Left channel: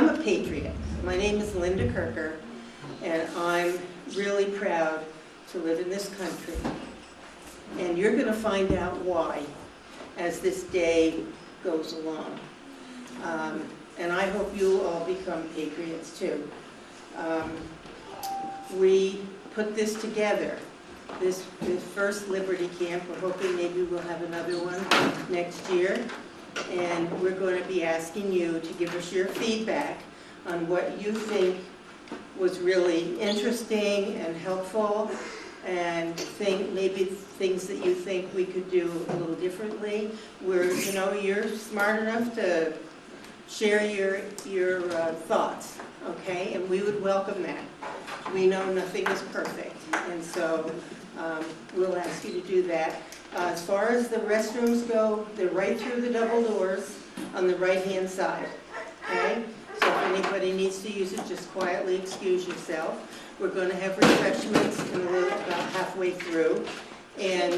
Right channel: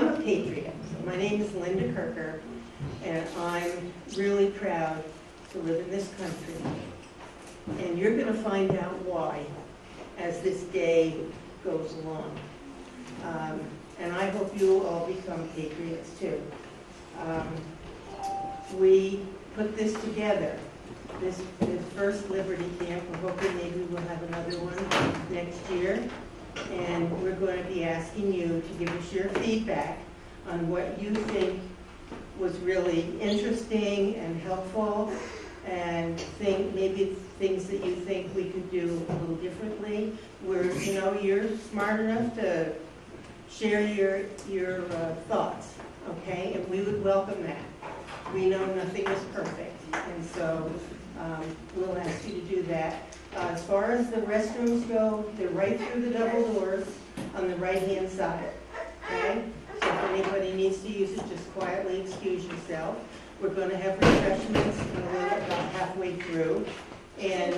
I'm a patriot. My name is Linda Kirker, and I'm really proud to live in this country. And you're going to find out why as this day goes along. And I hope you'll all become patriots too. We put this together, this first Liberty Camp. We're hoping maybe we'll have another one next year. And we're going to be asking you to give us your feedback on what you think was really interesting and helpful, and maybe things that you think we could do a little differently. You're smart enough to share your thoughts, okay? And we would welcome that. We know nothing is perfect, and so we'll ask you to do that. As far as the restrooms go, they're right through the double doors on the right-hand side, okay? So if anybody needs to use it, just quietly excuse yourself. We're going to have refreshments about halfway through, and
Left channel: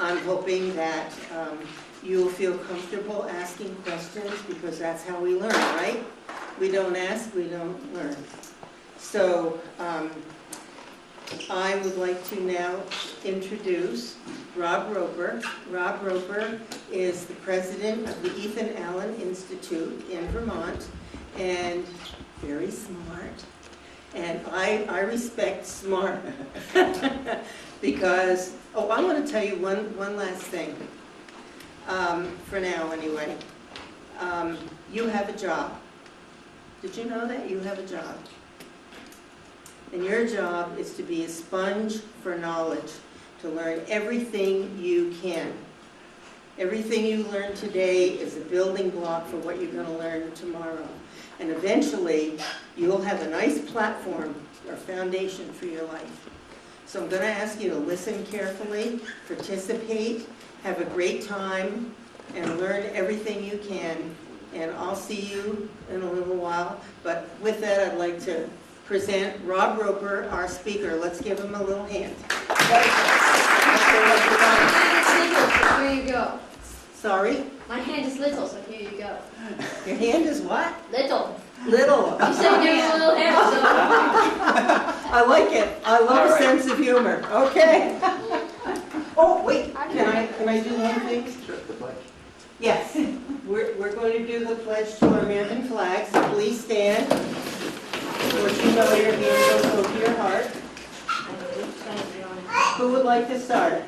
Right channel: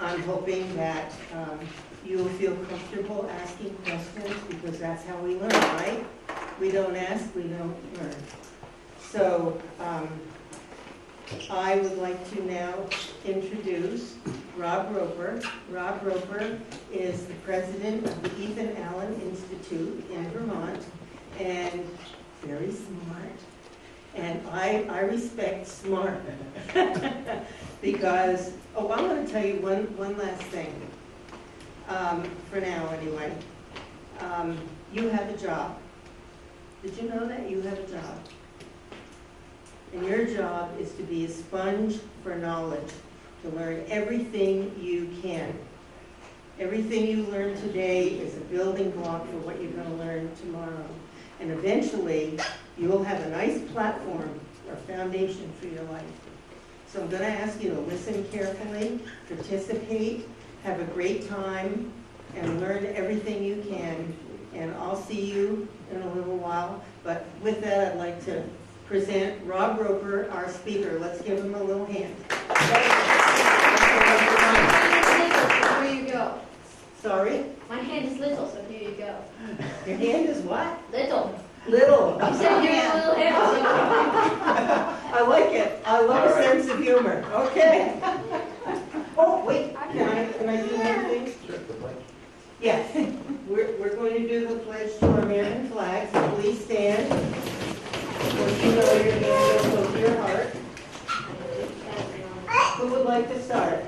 I'm hoping that you'll feel comfortable asking questions, because that's how we learn, right? We don't ask, we don't learn. So I would like to now introduce Rob Roper. Rob Roper is the president of the Ethan Allen Institute in Vermont, and very smart. And I respect smart because, I want to tell you one last thing, for now anyway. You have a job. Did you know that? You have a job. And your job is to be a sponge for knowledge, to learn everything you can. Everything you learn today is a building block for what you're going to learn tomorrow. And eventually, you'll have a nice platform or foundation for your life. So I'm going to ask you to listen carefully, participate, have a great time, and learn everything you can. And I'll see you in a little while. But with that, I'd like to present Rob Roper, our speaker. Let's give him a little hand. Here you go. Sorry? My hand is little, so here you go. Your hand is what? Little. Little. You said you have a little hand, so. I like it. I love a sense of humor. Okay. Oh, wait. Can I do one thing? Yes. We're going to do the pledge to our American flag, so please stand. Of course, you know your hand goes over your heart. Who would like to start?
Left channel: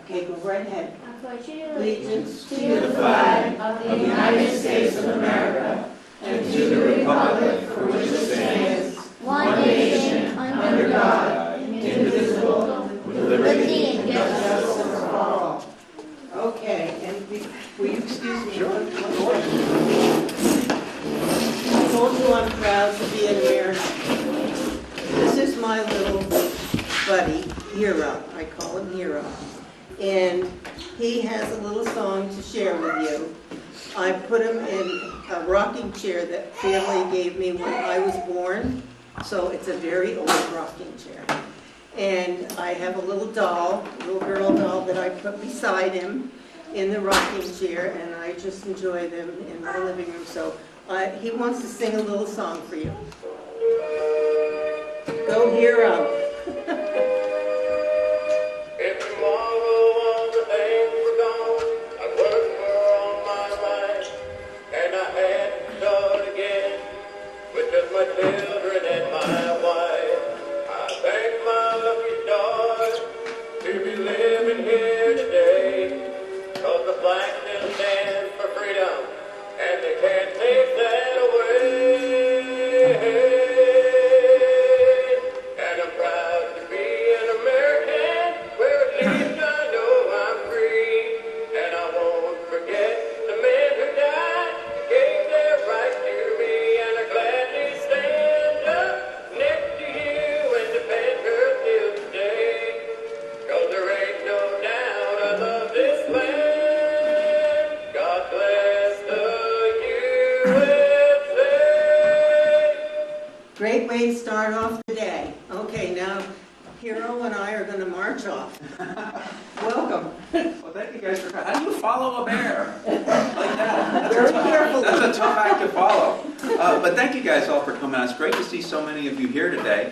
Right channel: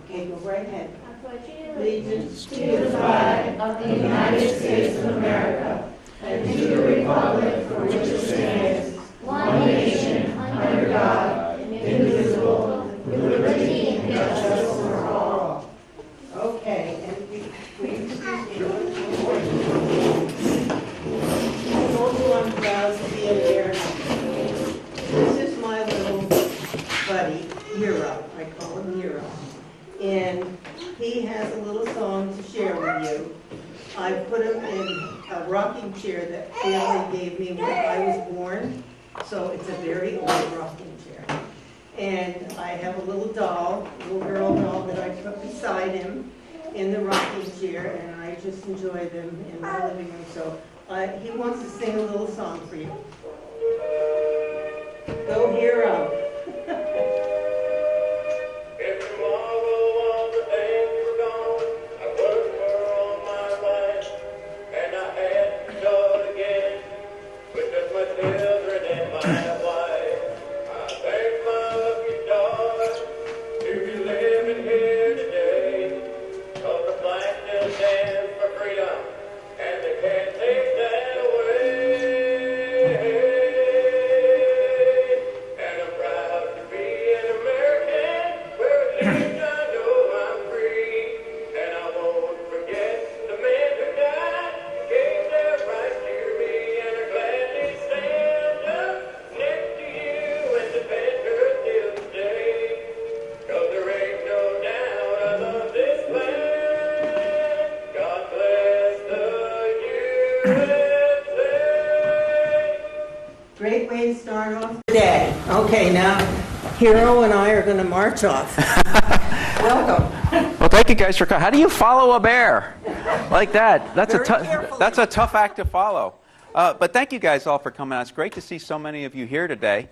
Okay, go right ahead. I pledge Allegiance to the flag of the United States of America and to the republic for which it stands, one nation, under God, indivisible, with liberty and justice for all. Okay, and will you excuse me? Sure. I told you I'm proud to be an American. This is my little buddy, Hero. I call him Hero. And he has a little song to share with you. I put him in a rocking chair that family gave me when I was born. So it's a very old rocking chair. And I have a little doll, a little girl doll that I put beside him in the rocking chair, and I just enjoy them in my living room. So he wants to sing a little song for you. Go Hero. Great way to start off the day. Okay, now Hero and I are going to march off. Welcome. Well, thank you guys for coming. How do you follow a bear like that? That's a tough act to follow. But thank you guys all for coming. It's great to see so many of you here today.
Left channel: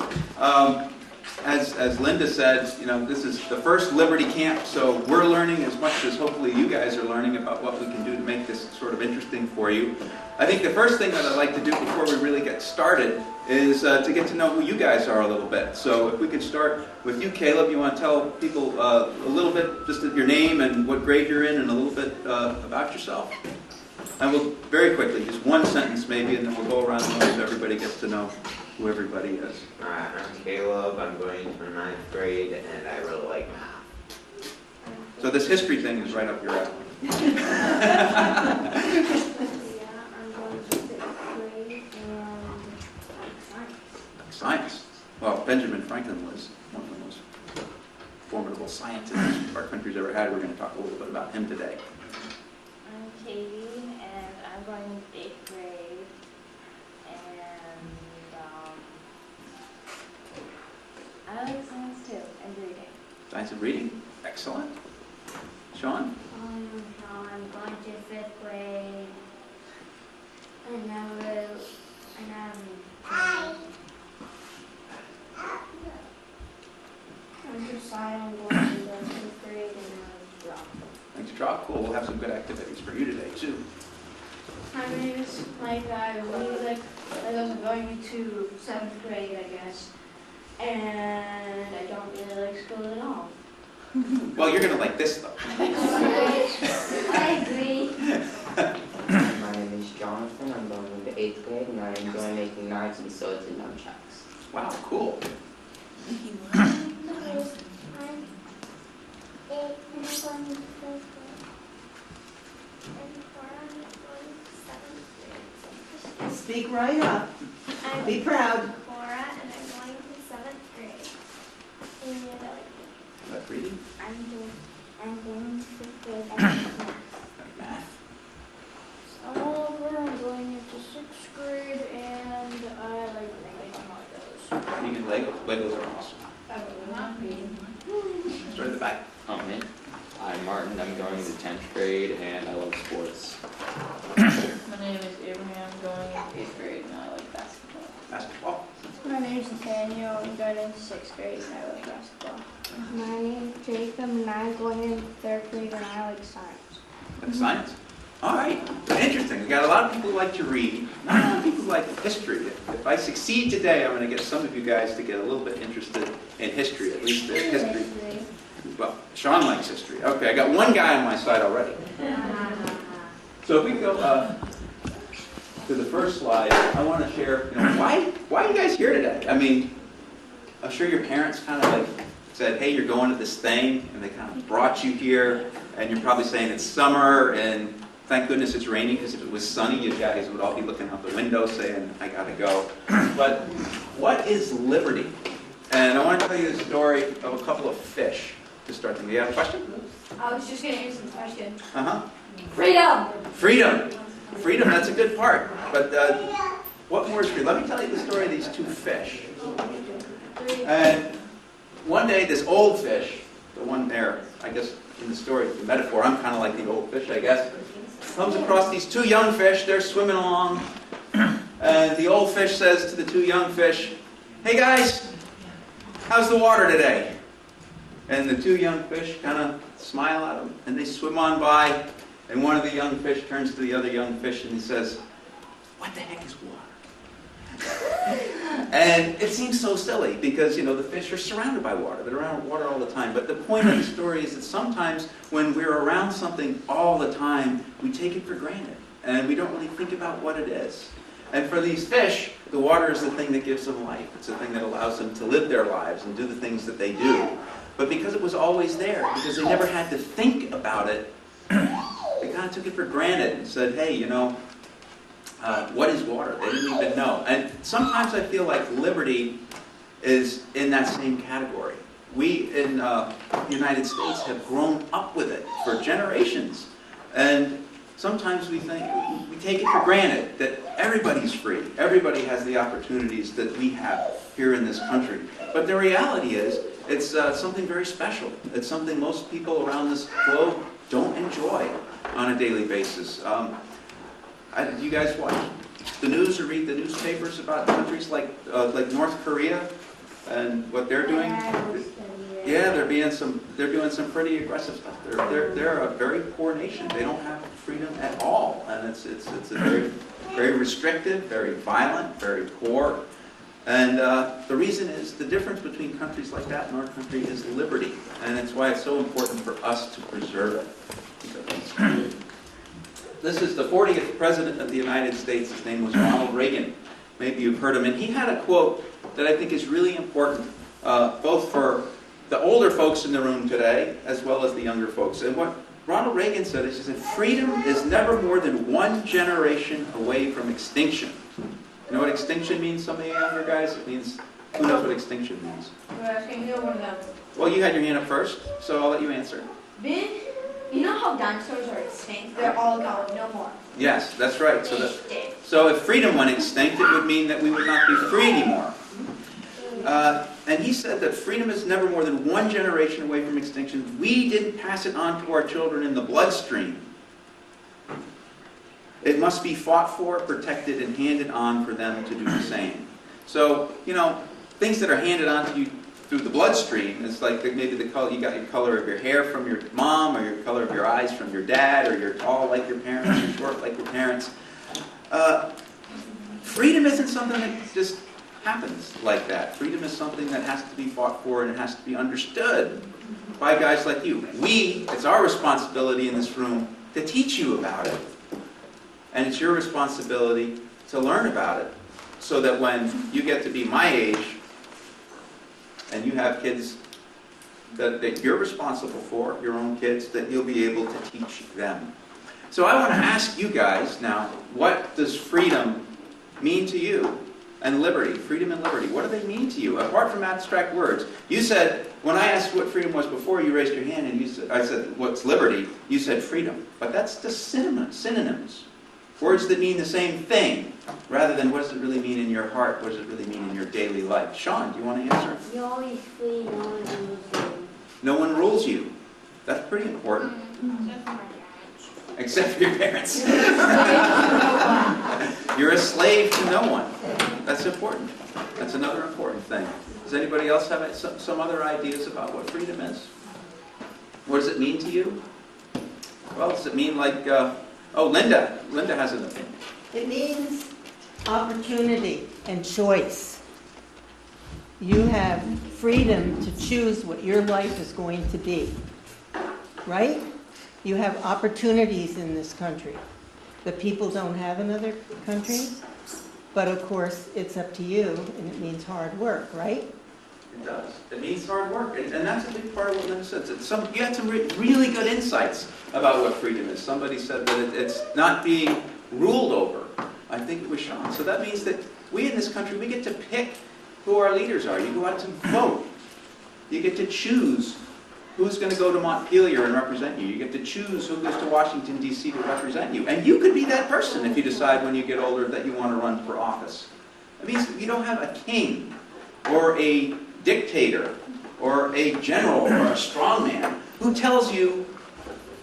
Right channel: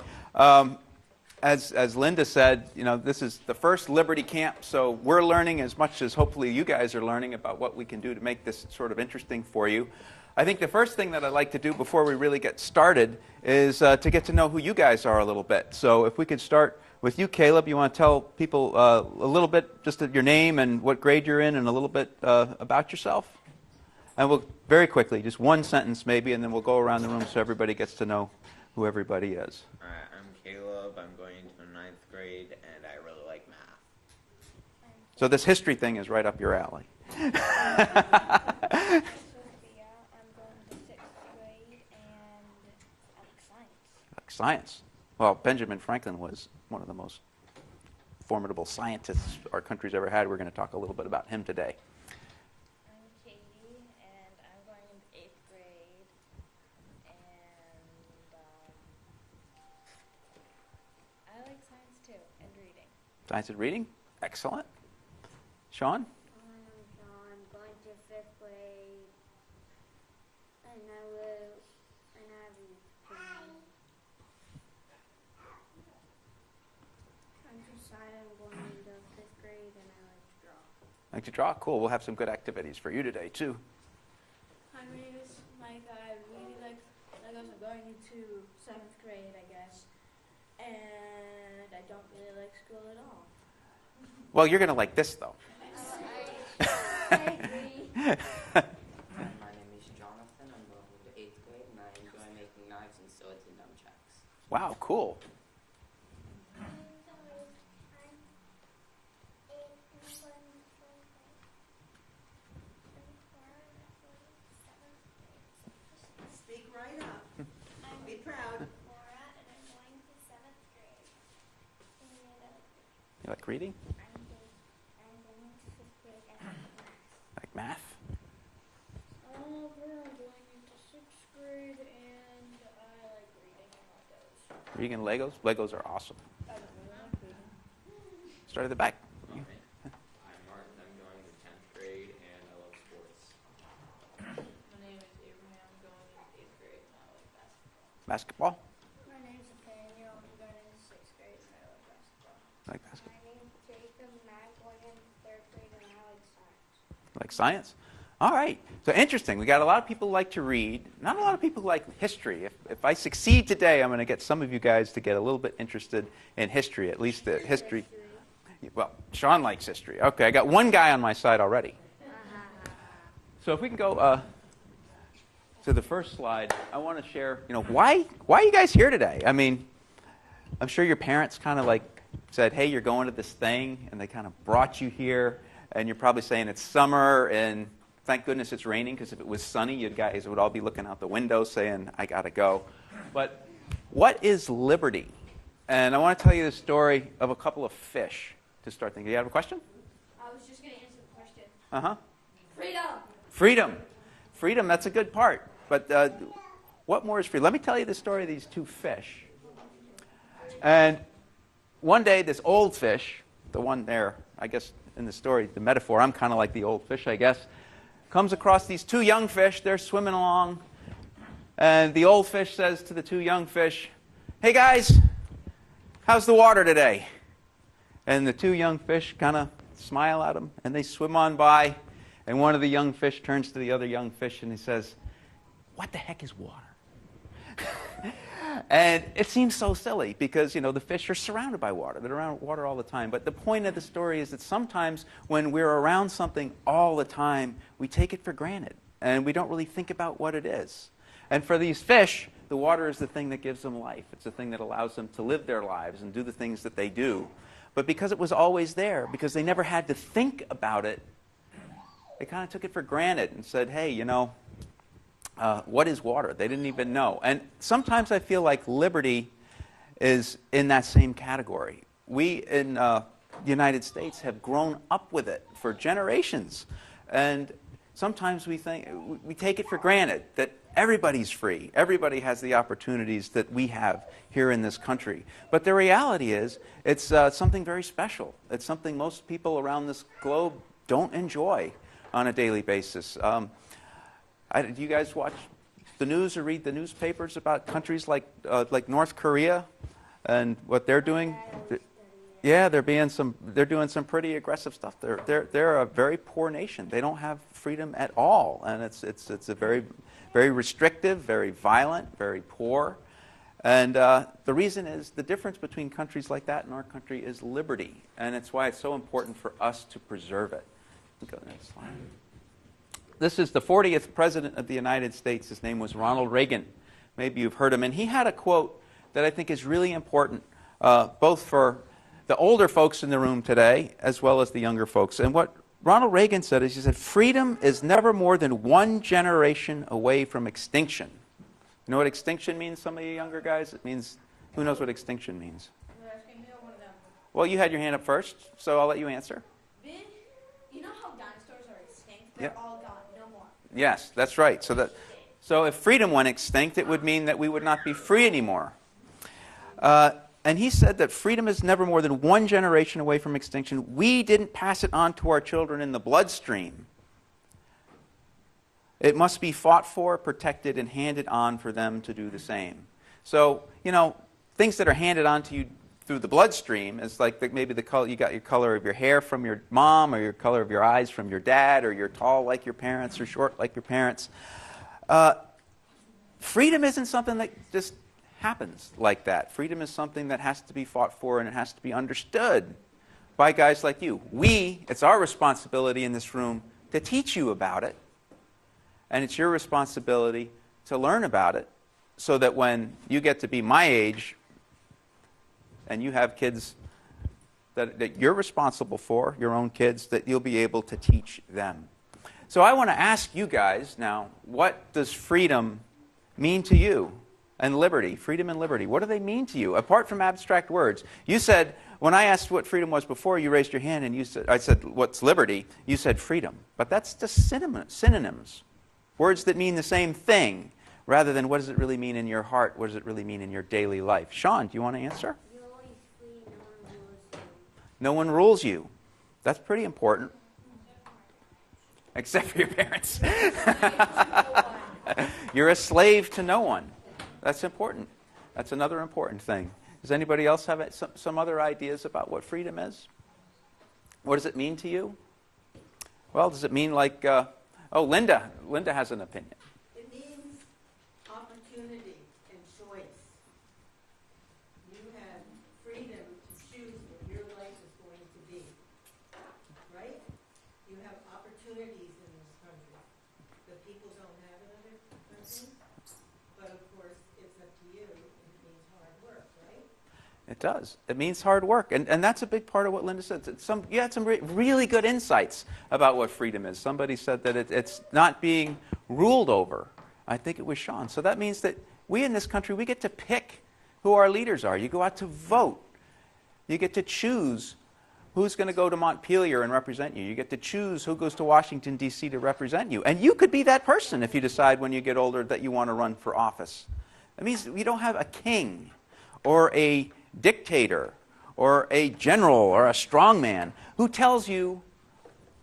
As Linda said, this is the first Liberty Camp, so we're learning as much as hopefully you guys are learning about what we can do to make this sort of interesting for you. I think the first thing that I'd like to do before we really get started is to get to know who you guys are a little bit. So if we could start with you, Caleb, you want to tell people a little bit, just your name and what grade you're in and a little bit about yourself? And we'll, very quickly, just one sentence maybe, and then we'll go around the room so everybody gets to know who everybody is. Alright, I'm Caleb, I'm going to 9th grade, and I really like math. So this history thing is right up your alley. Yeah, I'm going to 6th grade and Science. Well, Benjamin Franklin was one of the most formidable scientists our country's ever had. We're going to talk a little bit about him today. I'm Katie, and I'm going to 8th grade, and I like science too, and reading. Science and reading? Excellent. Sean? I'm going to 5th grade and I'm Josiah, I'm going to 10th grade and I'm draw. Like to draw? Cool. We'll have some good activities for you today, too. My name is Mike. I was going to 7th grade, I guess, and I don't really like school at all. Well, you're going to like this, though. I agree. My name is Jonathan. I'm going into 8th grade, and I enjoy making knives and swords and nunchucks. Wow, cool. Speak right up. Be proud. Cora, and I'm going to 7th grade. And About reading? I'm going to 5th grade and Like math? I'm Oliver. I'm going into 6th grade, and I like making Legos. Reading and Legos? Legos are awesome. I will not be. Start at the back. Me. I'm Martin. I'm going to 10th grade and I love sports. My name is Abraham, going in 8th grade, and I like basketball. Basketball? My name's Nathaniel. I'm going into 6th grade, and I like basketball. my name's Jacob, and I'm going in 3rd grade, and I like science. Like science? All right. So interesting. We got a lot of people who like to read. Not a lot of people who like history. If I succeed today, I'm going to get some of you guys to get a little bit interested in history, at least the history. Well, Sean likes history. Okay, I got one guy on my side already. So if we go to the first slide, I want to share, why are you guys here today? I mean, I'm sure your parents kind of like said, hey, you're going to this thing, and they kind of brought you here, and you're probably saying it's summer, and thank goodness it's raining, because if it was sunny, you guys would all be looking out the window saying, I gotta go. But what is liberty? And I want to tell you the story of a couple of fish to start with. Do you have a question? I was just going to answer the question. Uh-huh. Freedom! Freedom. Freedom, that's a good part. But what more is free? Let me tell you the story of these two fish. And one day, this old fish, the one there, I guess in the story, the metaphor, I'm kind of like the old fish, I guess, comes across these two young fish. They're swimming along. And the old fish says to the two young fish, hey guys, how's the water today? And the two young fish kind of smile at him, and they swim on by. And one of the young fish turns to the other young fish and he says, what the heck is water? And it seems so silly because, the fish are surrounded by water. They're around water all the time. But the point of the story is that sometimes when we're around something all the time, we take it for granted. And we don't really think about what it is. And for these fish, the water is the thing that gives them life. It's the thing that allows them to live their lives and do the things that they do. But because it was always there, because they never had to think about it, they kind of took it for granted and said, hey, what is water? They didn't even know. And sometimes I feel like liberty is in that same category. We in the United States have grown up with it for generations. And sometimes we take it for granted that everybody's free. Everybody has the opportunities that we have here in this country. But the reality is, it's something very special. It's something most people around this globe don't enjoy on a daily basis. Do you guys watch the news or read the newspapers about countries like North Korea and what they're doing? Yeah, they're doing some pretty aggressive stuff. They're a very poor nation. They don't have freedom at all, and it's a very restrictive, very violent, very poor. And the reason is the difference between countries like that and our country is liberty, and it's why it's so important for us to preserve it. This is the 40th President of the United States. His name was Ronald Reagan. Maybe you've heard him. And he had a quote that I think is really important, both for the older folks in the room today as well as the younger folks. And what Ronald Reagan said is, he said, freedom is never more than one generation away from extinction. You know what extinction means, some of you younger guys? It means, who knows what extinction means? Well, you had your hand up first, so I'll let you answer. You know how dinosaurs are extinct? They're all gone, no more. Yes, that's right. So if freedom went extinct, it would mean that we would not be free anymore. And he said that freedom is never more than one generation away from extinction. We didn't pass it on to our children in the bloodstream. It must be fought for, protected, and handed on for them to do the same. So, things that are handed on to you through the bloodstream, it's like maybe the color, you got your color of your hair from your mom, or your color of your eyes from your dad, or you're tall like your parents, or short like your parents. Freedom isn't something that just happens like that. Freedom is something that has to be fought for, and it has to be understood by guys like you. It's our responsibility in this room to teach you about it, and it's your responsibility to learn about it, so that when you get to be my age, and you have kids that you're responsible for, your own kids, that you'll be able to teach them. So I want to ask you guys now, what does freedom mean to you? And liberty, freedom and liberty, what do they mean to you, apart from abstract words? You said, when I asked what freedom was before, you raised your hand, and I said, what's liberty? You said freedom. But that's the synonyms. Words that mean the same thing, rather than what does it really mean in your heart, what does it really mean in your daily life. Sean, do you want to answer? You're always free, no one rules you. No one rules you. That's pretty important. Except for your parents. You're a slave to no one. That's important. That's another important thing. Does anybody else have some other ideas about what freedom is? What does it mean to you? Well, does it mean like, Linda. Linda has an opinion. It means opportunity and choice. You have freedom to choose what your life is going to be, right? You have opportunities in this country that people don't have in other countries, but of course it's up to you, and it means hard work, right? It does. It means hard work, and that's a big part of what Linda said. You had some really good insights about what freedom is. Somebody said that it's not being ruled over. I think it was Sean. So that means that we in this country, we get to pick who our leaders are. You go out to vote. You get to choose who's going to go to Montpelier and represent you. You get to choose who goes to Washington, D.C. to represent you. And you could be that person if you decide when you get older that you want to run for office. It means you don't have a king or a dictator or a general or a strongman who tells you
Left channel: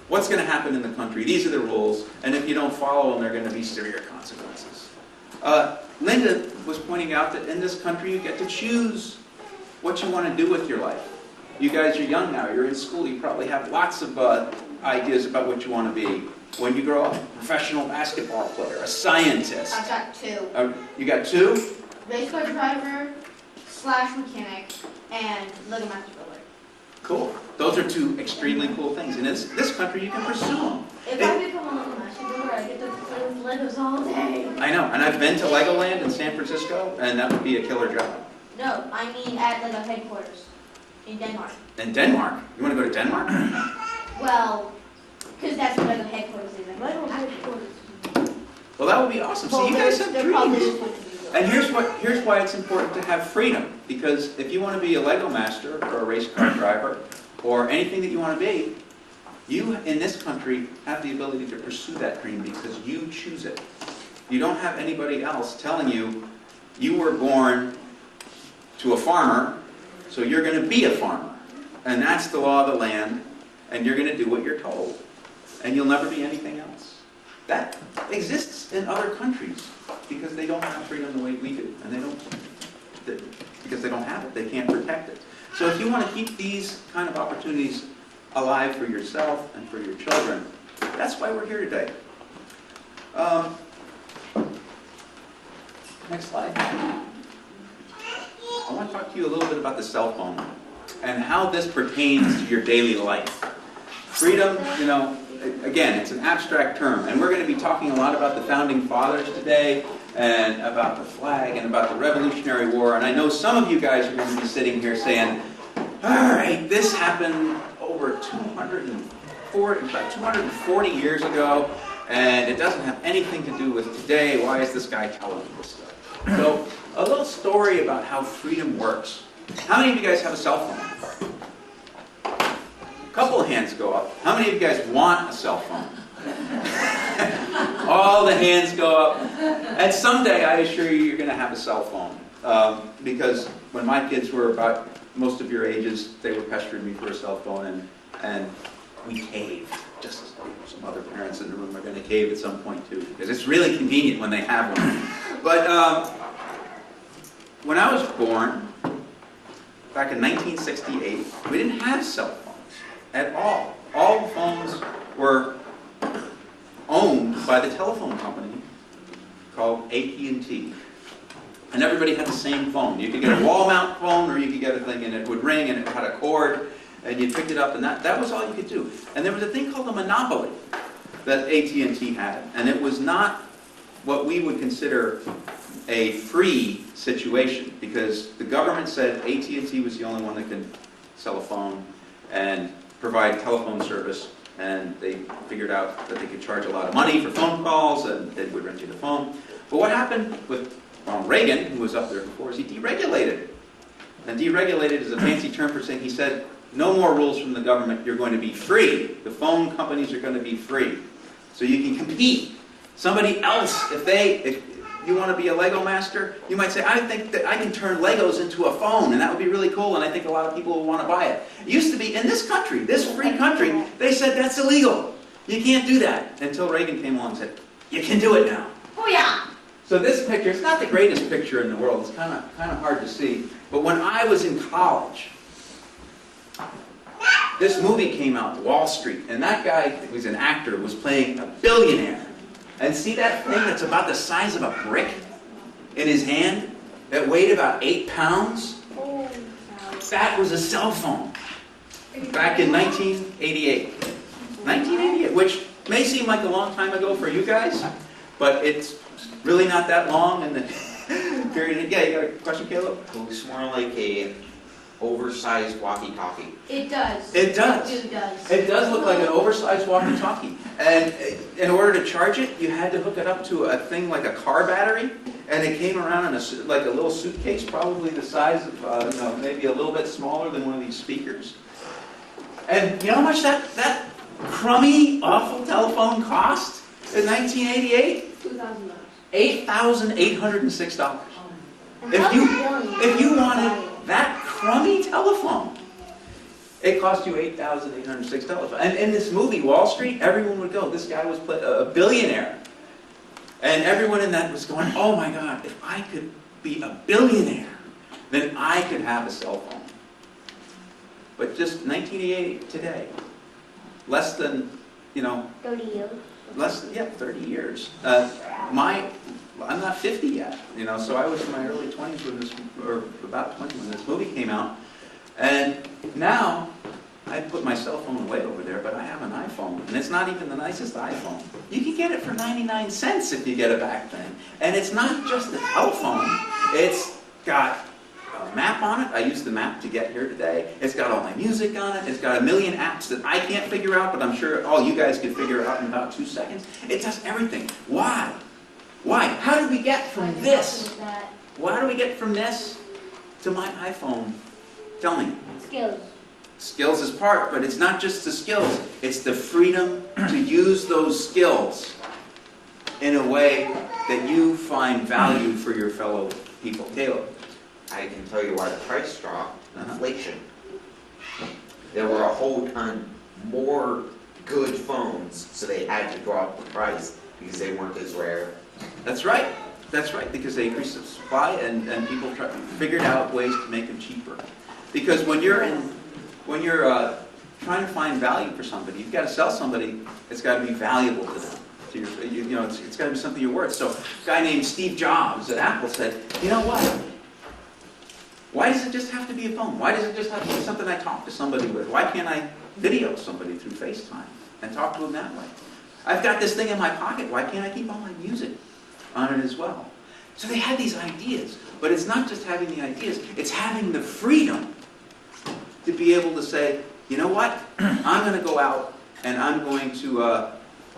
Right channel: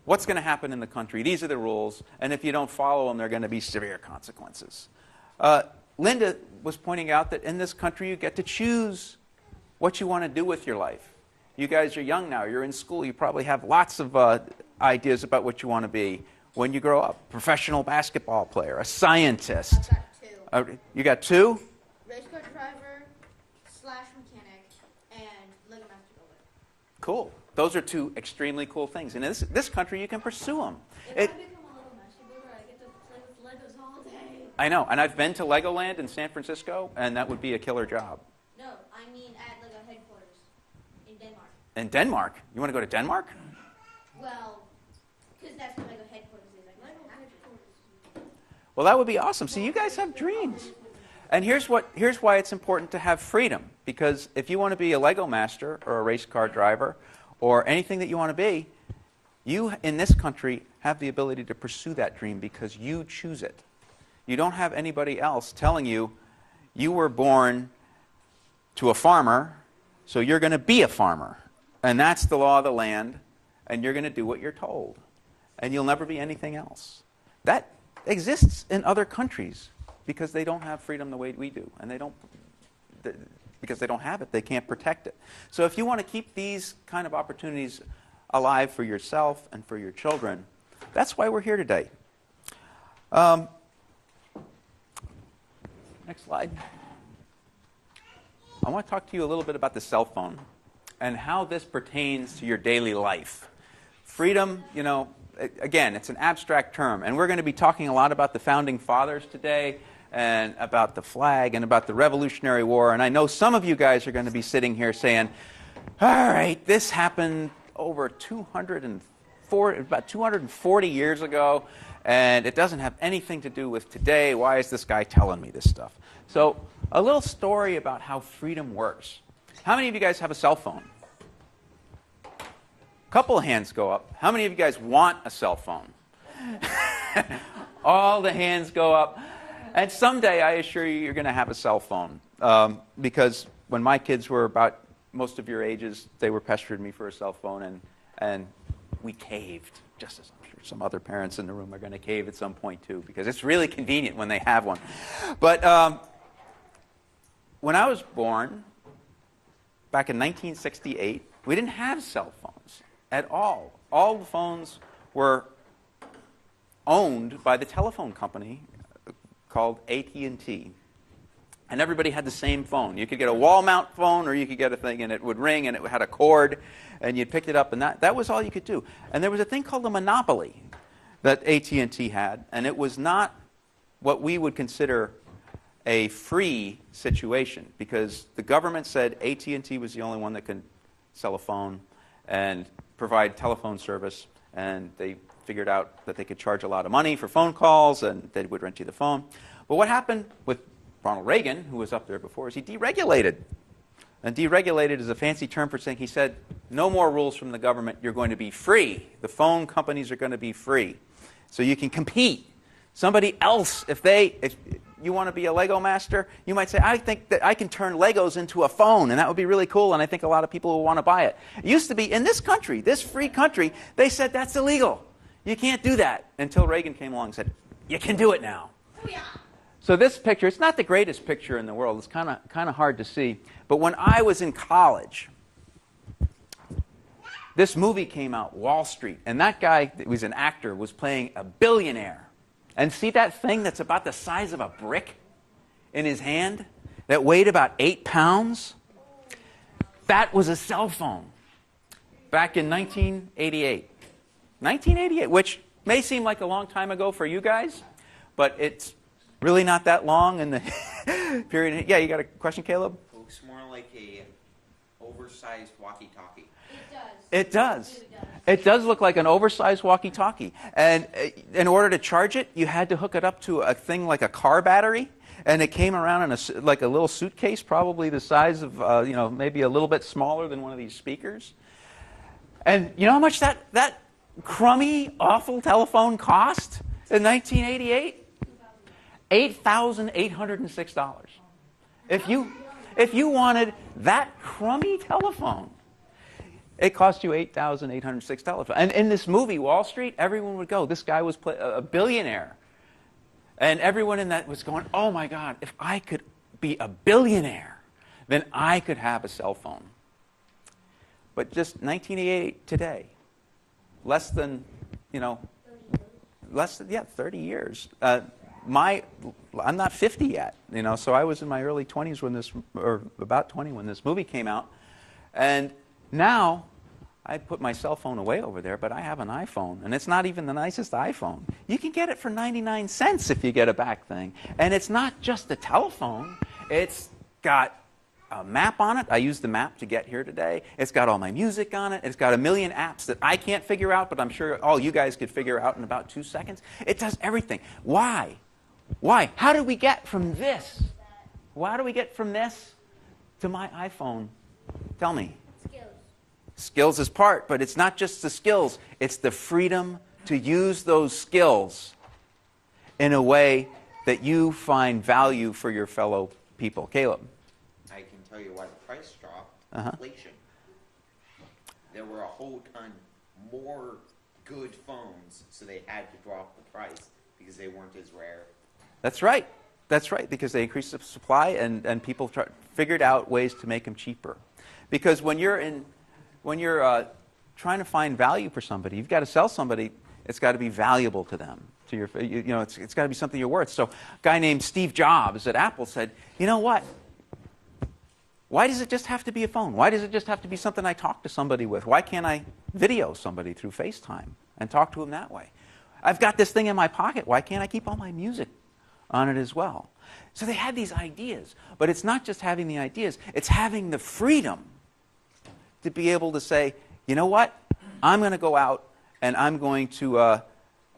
what's going to happen in the country. These are the rules, and if you don't follow them, there are going to be severe consequences. Linda was pointing out that in this country you get to choose what you want to do with your life. You guys are young now, you're in school, you probably have lots of ideas about what you want to be when you grow up. A professional basketball player, a scientist. I've got two. You got two? Race car driver / mechanic and Lego master builder. Cool. Those are two extremely cool things. And in this country, you can pursue them. If I become a Lego master builder, I get to play with Legos all day. I know. And I've been to Legoland in San Francisco, and that would be a killer job. No, I mean at Lego headquarters in Denmark. In Denmark? You want to go to Denmark? Well, because that's what Lego headquarters is. Like, Lego headquarters. Well, that would be awesome. See, you guys have They're probably dreams. just like to be And here's why it's important to have freedom. Because if you want to be a Lego master or a race car driver or anything that you want to be, you in this country have the ability to pursue that dream because you choose it. You don't have anybody else telling you you were born to a farmer, so you're going to be a farmer. And that's the law of the land, and you're going to do what you're told. and you'll never be anything else. That exists in other countries because they don't have freedom the way we do. And because they don't have it, they can't protect it. So if you want to keep these kind of opportunities alive for yourself and for your children, that's why we're here today. Next slide. I want to talk to you a little bit about the cell phone and how this pertains to your daily life. Freedom, again, it's an abstract term, and we're going to be talking a lot about the Founding Fathers today, and about the flag, and about the Revolutionary War, and I know some of you guys are going to be sitting here saying, all right, this happened over about 240 years ago, and it doesn't have anything to do with today. Why is this guy telling me this stuff? So, a little story about how freedom works. How many of you guys have a cell phone? A couple of hands go up. How many of you guys want a cell phone? All the hands go up. And someday, I assure you, you're going to have a cell phone. Because when my kids were about most of your ages, they were pestering me for a cell phone, and we caved. Just as some other parents in the room are going to cave at some point too, because it's really convenient when they have one. But when I was born, back in 1968, we didn't have cell phones at all. All the phones were owned by the telephone company called AT&T. And everybody had the same phone. You could get a wall mount phone, or you could get a thing and it would ring and it had a cord, and you picked it up, and that was all you could do. And there was a thing called a monopoly that AT&T had, and it was not what we would consider a free situation, because the government said AT&T was the only one that could sell a phone and provide telephone service, and they figured out that they could charge a lot of money for phone calls, and they would rent you the phone. But what happened with Ronald Reagan, who was up there before, is he deregulated. And deregulated is a fancy term for saying, he said, no more rules from the government, you're going to be free. The phone companies are going to be free. So you can compete. Somebody else, if you want to be a Lego master, you might say, I think that I can turn Legos into a phone, and that would be really cool, and I think a lot of people will want to buy it. It used to be, in this country, this free country, they said that's illegal. You can't do that. Until Reagan came along and said, you can do it now. Oh yeah. So this picture, it's not the greatest picture in the world. It's kind of hard to see. But when I was in college, this movie came out, Wall Street, and that guy who was an actor was playing a billionaire. And see that thing that's about the size of a brick in his hand that weighed about 8 pounds? That was a cell phone back in 1988. 1988, which may seem like a long time ago for you guys, but it's really not that long in the period. Yeah, you got a question, Caleb? It looks more like a oversized walkie-talkie. It does. It does. It does. It does look like an oversized walkie-talkie. And in order to charge it, you had to hook it up to a thing like a car battery, and it came around in like a little suitcase, probably the size of, maybe a little bit smaller than one of these speakers. And you know how much that crummy, awful telephone cost in 1988? $2,000. $8,806. If you wanted that crummy telephone, it cost you $8,806. And in this movie, Wall Street, everyone would go. This guy was a billionaire. And everyone in that was going, oh my God, if I could be a billionaire, then I could have a cell phone. But just 1988 today, less than, 30 years. less than, 30 years. I'm not 50 yet, so I was in my early 20s or about 20 when this movie came out. And now, I put my cell phone away over there, but I have an iPhone, and it's not even the nicest iPhone. You can get it for 99 cents if you get a back thing. And it's not just a telephone, it's got a map on it. I used the map to get here today. It's got all my music on it. It's got a million apps that I can't figure out, but I'm sure all you guys could figure out in about 2 seconds. It does everything. Why? Why? How did we get from this? Why do we get from this to my iPhone? Tell me. Skills. Skills is part, but it's not just the skills. It's the freedom to use those skills in a way that you find value for your fellow people. Caleb. I can tell you why the price dropped. Uh-huh. Inflation. There were a whole ton more good phones, so they had to drop the price because they weren't as rare. That's right. That's right, because they increased the supply and people figured out ways to make them cheaper. Because when you're trying to find value for somebody, you've got to sell somebody. It's got to be valuable to them. To your, it's got to be something you're worth. So, a guy named Steve Jobs at Apple said, "You know what? Why does it just have to be a phone? Why does it just have to be something I talk to somebody with? Why can't I video somebody through FaceTime and talk to them that way? I've got this thing in my pocket. Why can't I keep all my music on it as well?" So they had these ideas. But it's not just having the ideas. It's having the freedom to be able to say, you know what? I'm going to go out and I'm going to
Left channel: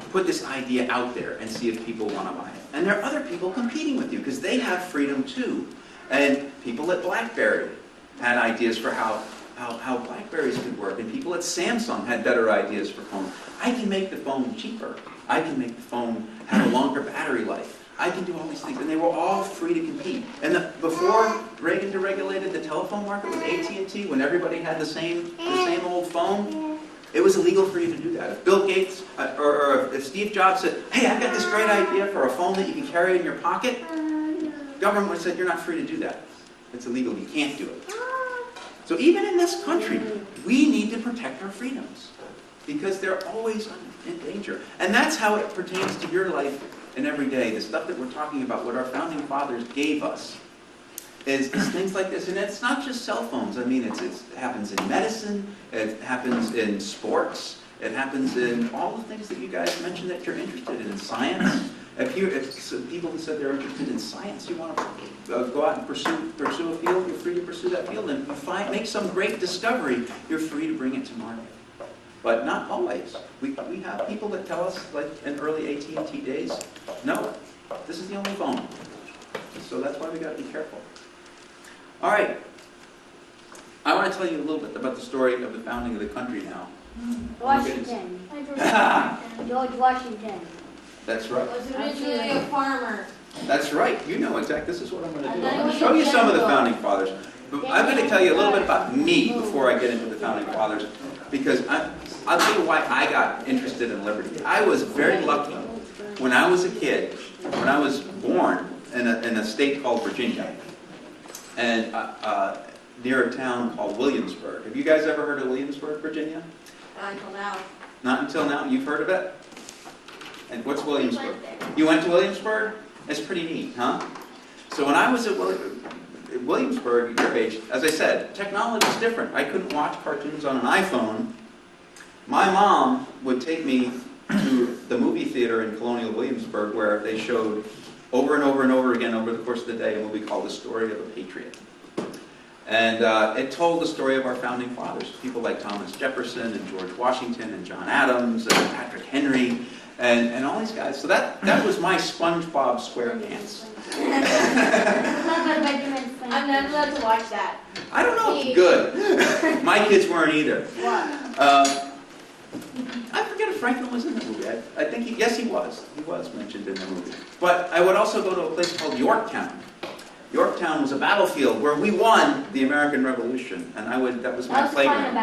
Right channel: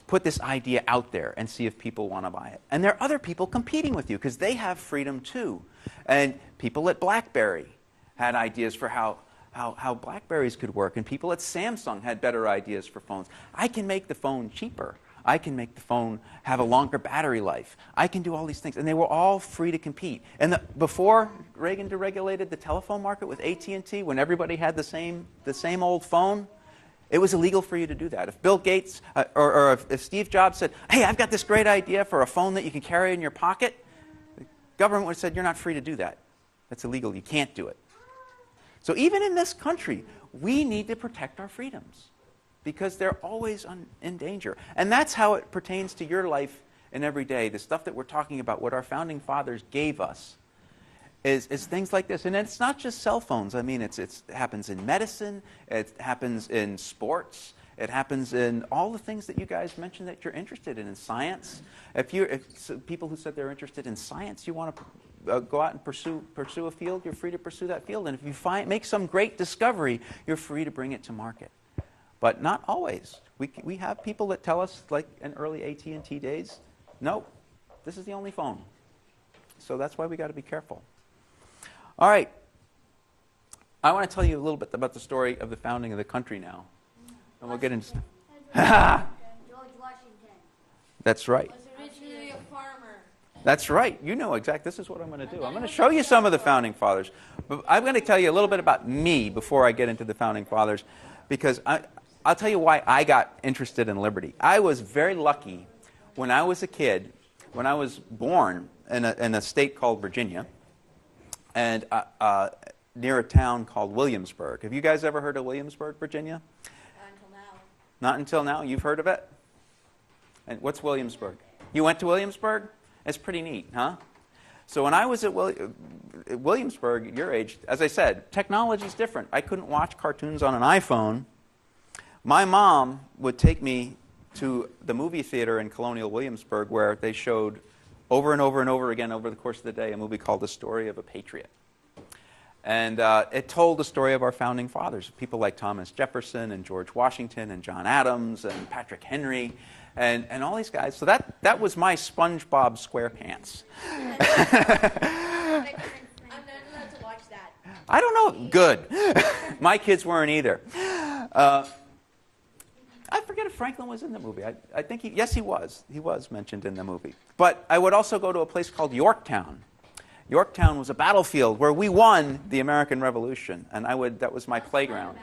put this idea out there and see if people want to buy it. And there are other people competing with you because they have freedom too. And people at BlackBerry had ideas for how Blackberries could work. And people at Samsung had better ideas for phones. I can make the phone cheaper. I can make the phone have a longer battery life. I can do all these things. And they were all free to compete. And before Reagan deregulated the telephone market with AT&T, when everybody had the same old phone, it was illegal for you to do that. If Bill Gates or if Steve Jobs said, "Hey, I've got this great idea for a phone that you can carry in your pocket," government would have said, "You're not free to do that. It's illegal. You can't do it." So even in this country, we need to protect our freedoms because they're always in danger. And that's how it pertains to your life and every day. The stuff that we're talking about, what our founding fathers gave us, is things like this. And it's not just cell phones. I mean, it happens in medicine. It happens in sports. It happens in all the things that you guys mentioned that you're interested in science. If people who said they're interested in science, you want to go out and pursue a field, you're free to pursue that field. And if you make some great discovery, you're free to bring it to market. But not always. We have people that tell us, like in early AT&T days, no, this is the only phone. So that's why we got to be careful. All right. I want to tell you a little bit about the story of the founding of the country now. Washington. George Washington. That's right. Was originally a farmer. That's right. You know exactly. This is what I'm going to do. I'm going to show you some of the founding fathers. But I'm going to tell you a little bit about me before I get into the founding fathers, because I'll tell you why I got interested in liberty. I was very lucky when I was a kid, when I was born in a state called Virginia, and near a town called Williamsburg. Have you guys ever heard of Williamsburg, Virginia? Not until now. Not until now. You've heard of it? And what's Williamsburg? You went to Williamsburg? It's pretty neat, huh? So when I was at Williamsburg, your age, as I said, technology is different. I couldn't watch cartoons on an iPhone. My mom would take me to the movie theater in Colonial Williamsburg where they showed over and over and over again over the course of the day a movie called The Story of a Patriot. And it told the story of our founding fathers, people like Thomas Jefferson and George Washington and John Adams and Patrick Henry and all these guys. So that was my SpongeBob SquarePants. I'm not allowed to watch that. I don't know. Good. My kids weren't either. I forget if Franklin was in the movie. I think yes, he was. He was mentioned in the movie. But I would also go to a place called Yorktown. Yorktown was a battlefield where we won the American Revolution, and that was my playground.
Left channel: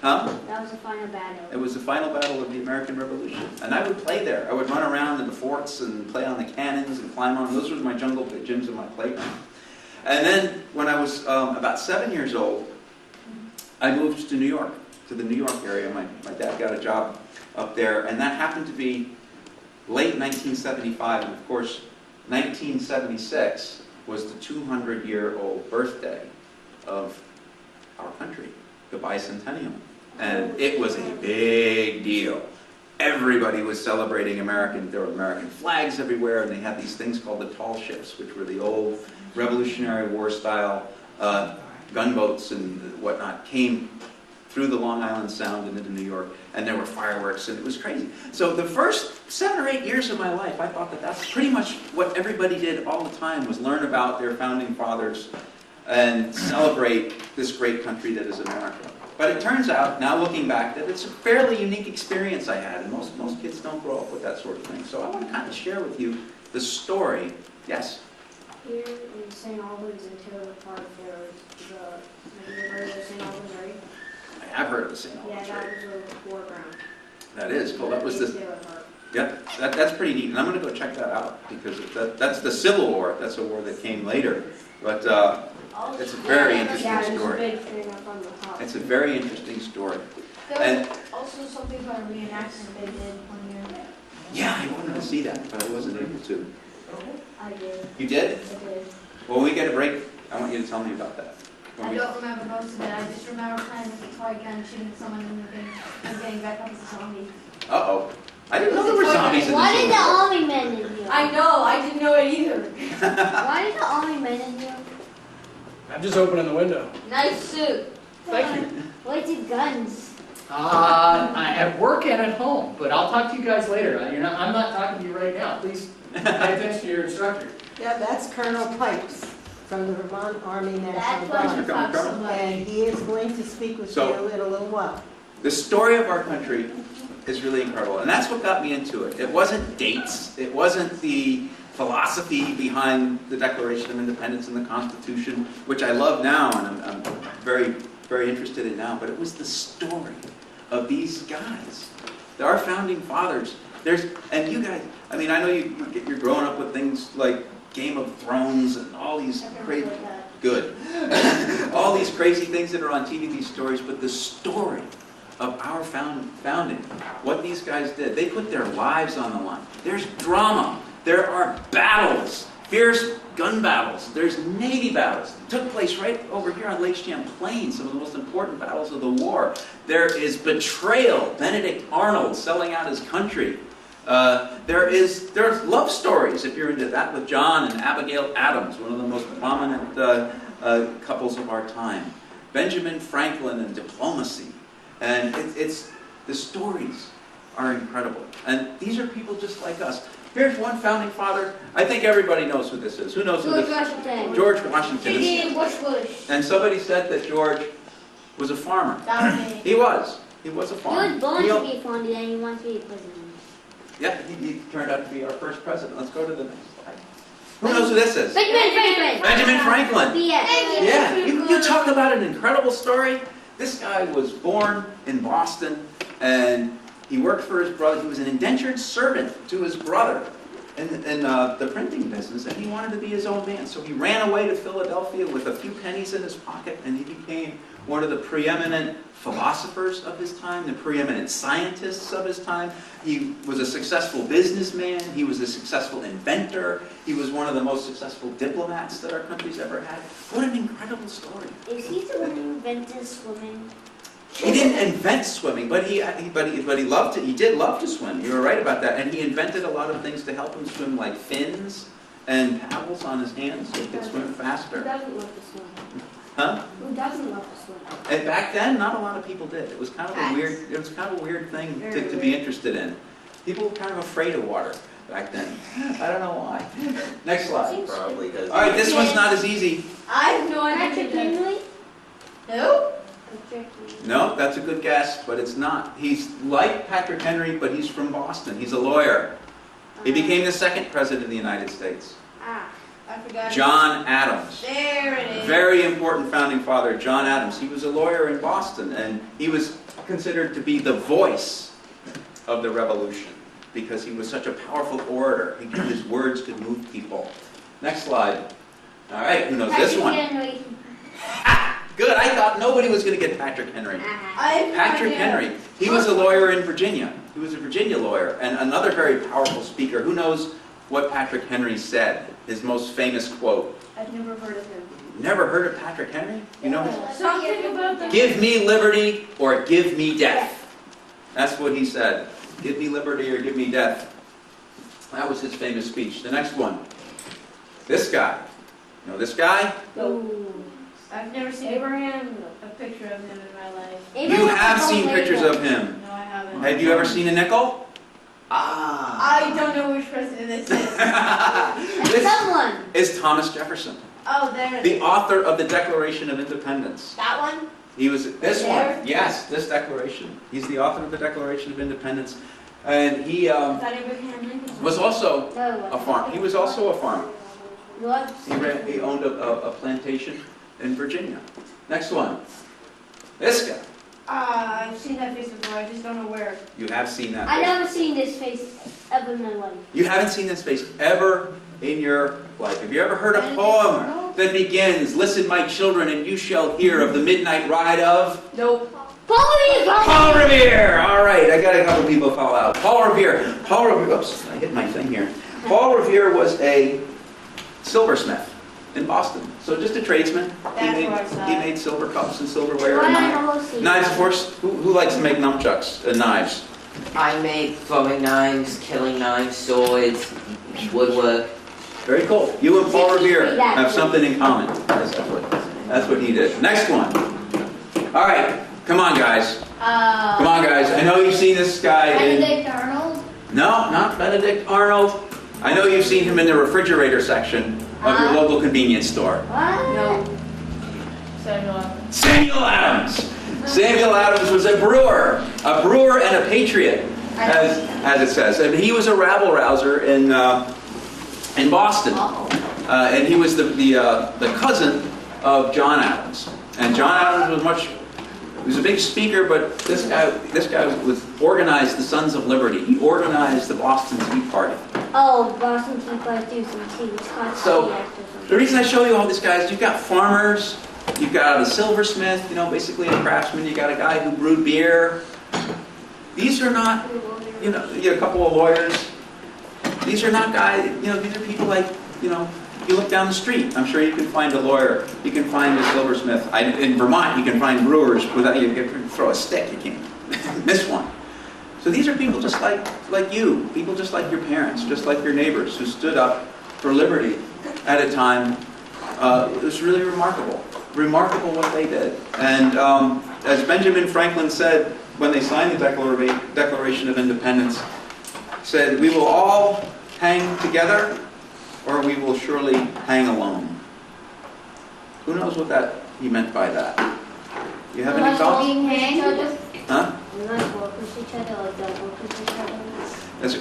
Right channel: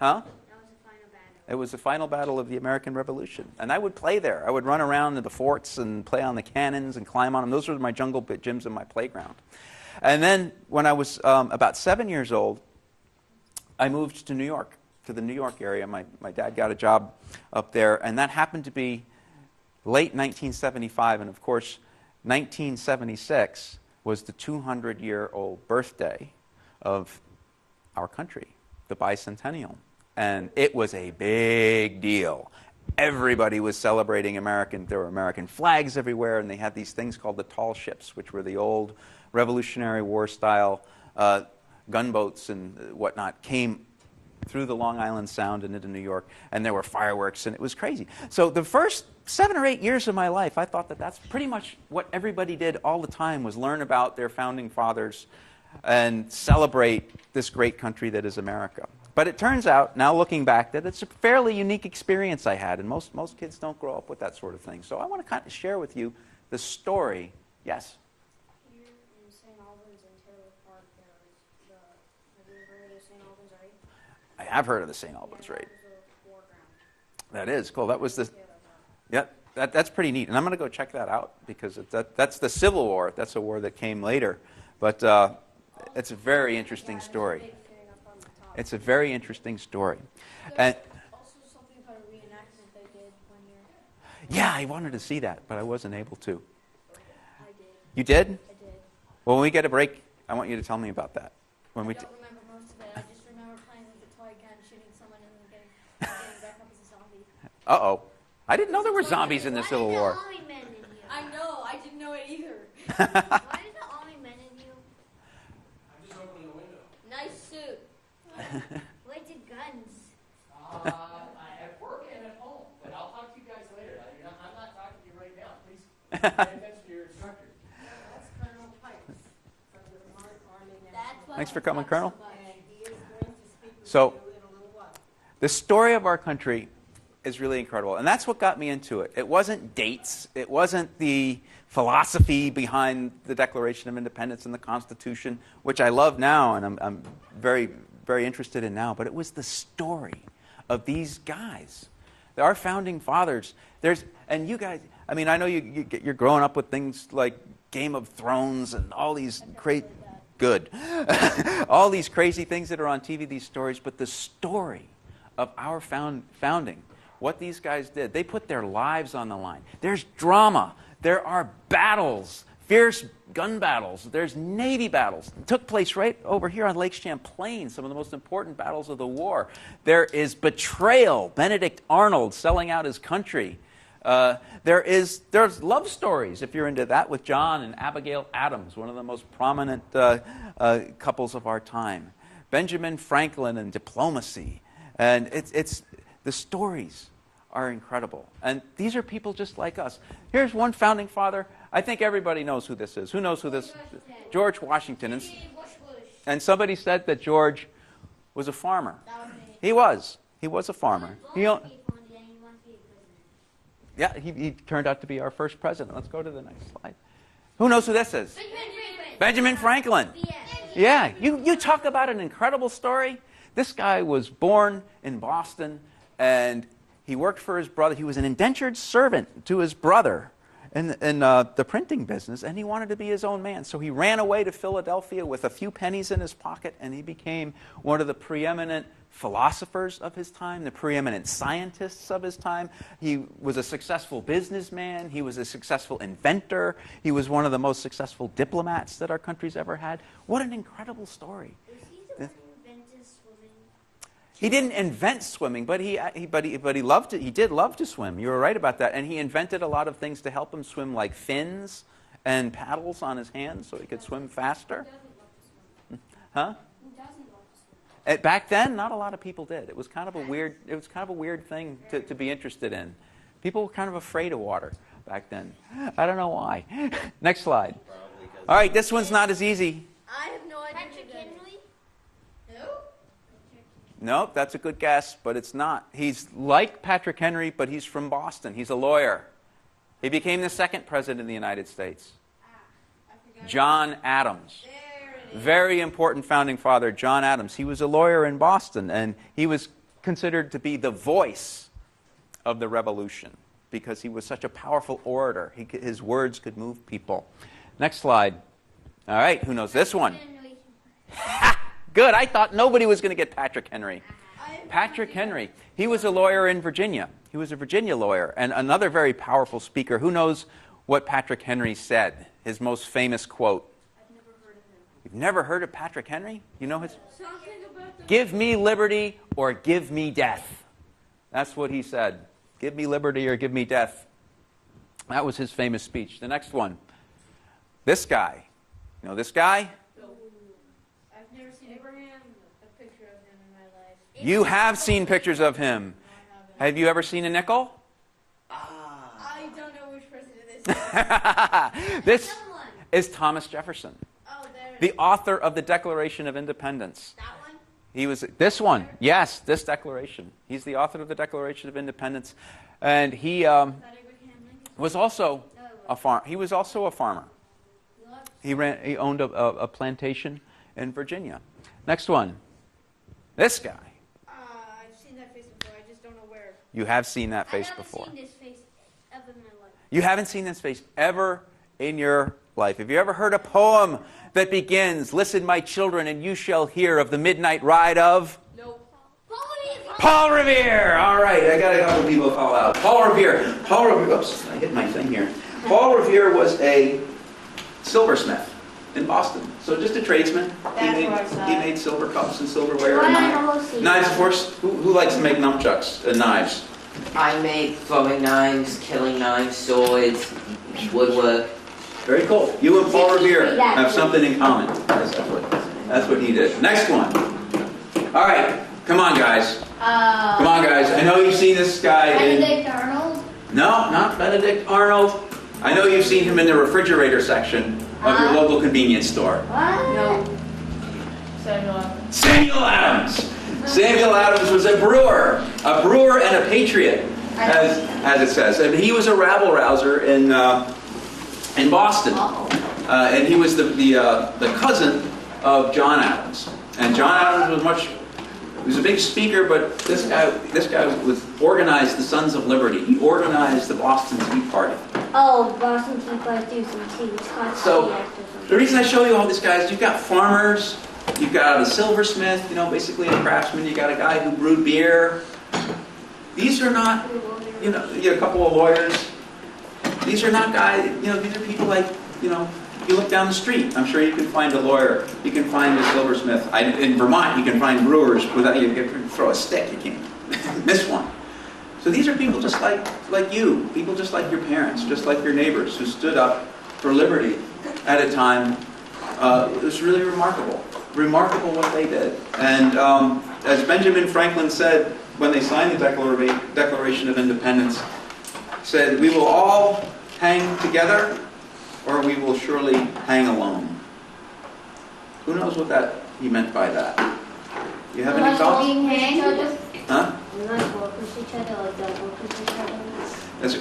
Huh? That was the final battle. It was the final battle of the American Revolution, and I would play there. I would run around in the forts and play on the cannons and climb on them. Those were my jungle gyms in my playground. And then when I was about 7 years old, I moved to New York, to the New York area. My dad got a job up there, and that happened to be late 1975, and of course, 1976 was the 200-year-old birthday of our country, the bicentennial. And it was a big deal. Everybody was celebrating American. There were American flags everywhere, and they had these things called the tall ships, which were the old Revolutionary War style gunboats and whatnot, came through the Long Island Sound and into New York, and there were fireworks, and it was crazy. So the first 7 or 8 years of my life, I thought that that's pretty much what everybody did all the time, was learn about their founding fathers and celebrate this great country that is America. But it turns out, now looking back, that it's a fairly unique experience I had, and most kids don't grow up with that sort of thing. So I want to kind of share with you the story. Yes? Here in St. Albans and Taylor Park, there was have you heard of St. Albans, right? I have heard of the St. Albans, Yeah, right? that was a war ground. That is cool. That was the. Yep, that's pretty neat, and I'm going to go check that out because that's the Civil War. That's a war that came later, but it's a very interesting story. It's a very interesting story. And Also something about a reenactment they did one year. yeah, I wanted to see that, but I wasn't able to. I did. You did? I did. Well, when we get a break, I want you to tell me about that. When I we, don't remember most of it. I just remember playing with a toy gun, shooting someone and getting back up as a zombie. uh-oh. I didn't know there were zombies in the Why did Civil the War. army men in here? I know. I didn't know it either. Why did the army men in here? I'm just opening the window. Nice suit. Thank you. Where's the guns? I at work and at home, but I'll talk to you guys later. I'm not talking to you right now. Please pay attention to your instructor. Yeah, that's Colonel Pipes from the Vermont Army National Thanks for Guard. coming, Colonel. And he is going to speak with So- you in a little while. The story of our country is really incredible, and that's what got me into it. It wasn't dates, it wasn't the philosophy behind the Declaration of Independence and the Constitution, which I love now and I'm very, very interested in now, but it was the story of these guys. Our founding fathers, and you guys, I mean, I know you're growing up with things like Game of Thrones and all these great, good, all these crazy things that are on TV, these stories, but the story of our founding, what these guys did, they put their lives on the line. There's drama. There are battles, fierce gun battles. There's Navy battles. It took place right over here on Lake Champlain, some of the most important battles of the war. There is betrayal, Benedict Arnold selling out his country. There's love stories, if you're into that, with John and Abigail Adams, one of the most prominent couples of our time. Benjamin Franklin and diplomacy. And the stories are incredible. And these are people just like us. Here's one founding father. I think everybody knows who this is. Who knows who George this is? Washington. George Washington. George Bush. And somebody said that George was a farmer. That was me. He was. He was a He farmer. was born He al- to be founded and he wants to be president. Yeah, he turned out to be our first president. Let's go to the next slide. Who knows who this is? Benjamin Franklin. Benjamin Franklin. BS. Yeah, you talk about an incredible story. This guy was born in Boston, and he worked for his brother. He was an indentured servant to his brother in the printing business, and he wanted to be his own man. So he ran away to Philadelphia with a few pennies in his pocket, and he became one of the preeminent philosophers of his time, the preeminent scientists of his time. He was a successful businessman. He was a successful inventor. He was one of the most successful diplomats that our country's ever had. What an incredible story. Is he the one who invented swimming? He didn't invent swimming, but he loved it. He did love to swim. You were right about that. And he invented a lot of things to help him swim, like fins and paddles on his hands so he could swim Who faster. doesn't love to swim? Huh? Who doesn't love to swim? And back then, not a lot of people did. It was kind of a weird. It was kind of a weird thing to be interested in. People were kind of afraid of water back then. I don't know why. Next slide. Probably doesn't. All right, this one's not as easy. I have no Patrick idea. Henry? Who? No, that's a good guess, but it's not. He's like Patrick Henry, but he's from Boston. He's a lawyer. He became the second president of the United States. Ah. I forgot. John Adams. There it is. Very important founding father, John Adams. He was a lawyer in Boston, and he was considered to be the voice of the revolution because he was such a powerful orator. His words could move people. Next slide. All right, who knows this one? Henry. Good, I thought nobody was going to get Patrick Henry. I have no Patrick idea. Henry. He was a lawyer in Virginia. He was a Virginia lawyer, and another very powerful speaker. Who knows what Patrick Henry said? His most famous quote. I've never heard of him. Never heard of Patrick Henry? You know his? Something about the. Give me liberty or give me death. That's what he said. Give me liberty or give me death. That was his famous speech. The next one. This guy. You know this guy? Ooh. I've never seen a picture of him in my life. You have seen pictures of him. No, I haven't. Have you ever seen a nickel? I don't know which president this is. This Someone. is Thomas Jefferson, Oh, there it the is. author of the Declaration of Independence. That one? He was this one. There? Yes, this declaration. He's the author of the Declaration of Independence, and he That Abraham Lincoln. was also No. a farm. He was also a farmer. What? He owned a plantation in Virginia. Next one. This guy. I've seen that face before, I just don't know where. You have seen that I face. never seen this face ever in my life. You haven't seen this face ever in your life. Have you ever heard a poem that begins, "Listen, my children, and you shall hear of the midnight ride of"? Nope. Paul Revere! All right, I got a couple people call out. Paul Revere. Oops, I hit my thing here. Paul Revere was a silversmith in Boston. So just a tradesman. He made silver cups and silverware and knives, of course. Who likes to make nunchucks and knives? I make throwing knives, killing knives, swords, woodwork. Very cool. You and Paul Revere have something in common. That's what he did. Next one. All right, come on, guys. Come on, guys. I know you've seen this guy. Benedict Arnold? No, not Benedict Arnold. I know you've seen him in the refrigerator section of your local convenience store. What? No. Samuel Adams. Samuel Adams. Samuel Adams was a brewer and a patriot, as it says. And he was a rabble-rouser in Boston. And he was the cousin of John Adams. And John Adams was a big speaker, but this guy organized the Sons of Liberty. He organized the Boston Tea Party. Oh, Boston Tea Party, some tea. So the reason I show you all these guys, you've got farmers, you've got a silversmith, basically a craftsman. You got a guy who brewed beer. These are not, you got a couple of lawyers. These are not guys, these are people like, you look down the street. I'm sure you can find a lawyer. You can find a silversmith. In Vermont, you can find brewers without you can throw a stick. You can't miss one. So these are people just like you, people just like your parents, just like your neighbors, who stood up for liberty at a time. It was really remarkable. Remarkable what they did. And as Benjamin Franklin said when they signed the Declaration of Independence, said, "We will all hang together, or we will surely hang alone." Who knows what he meant by that? You have any thoughts? Huh?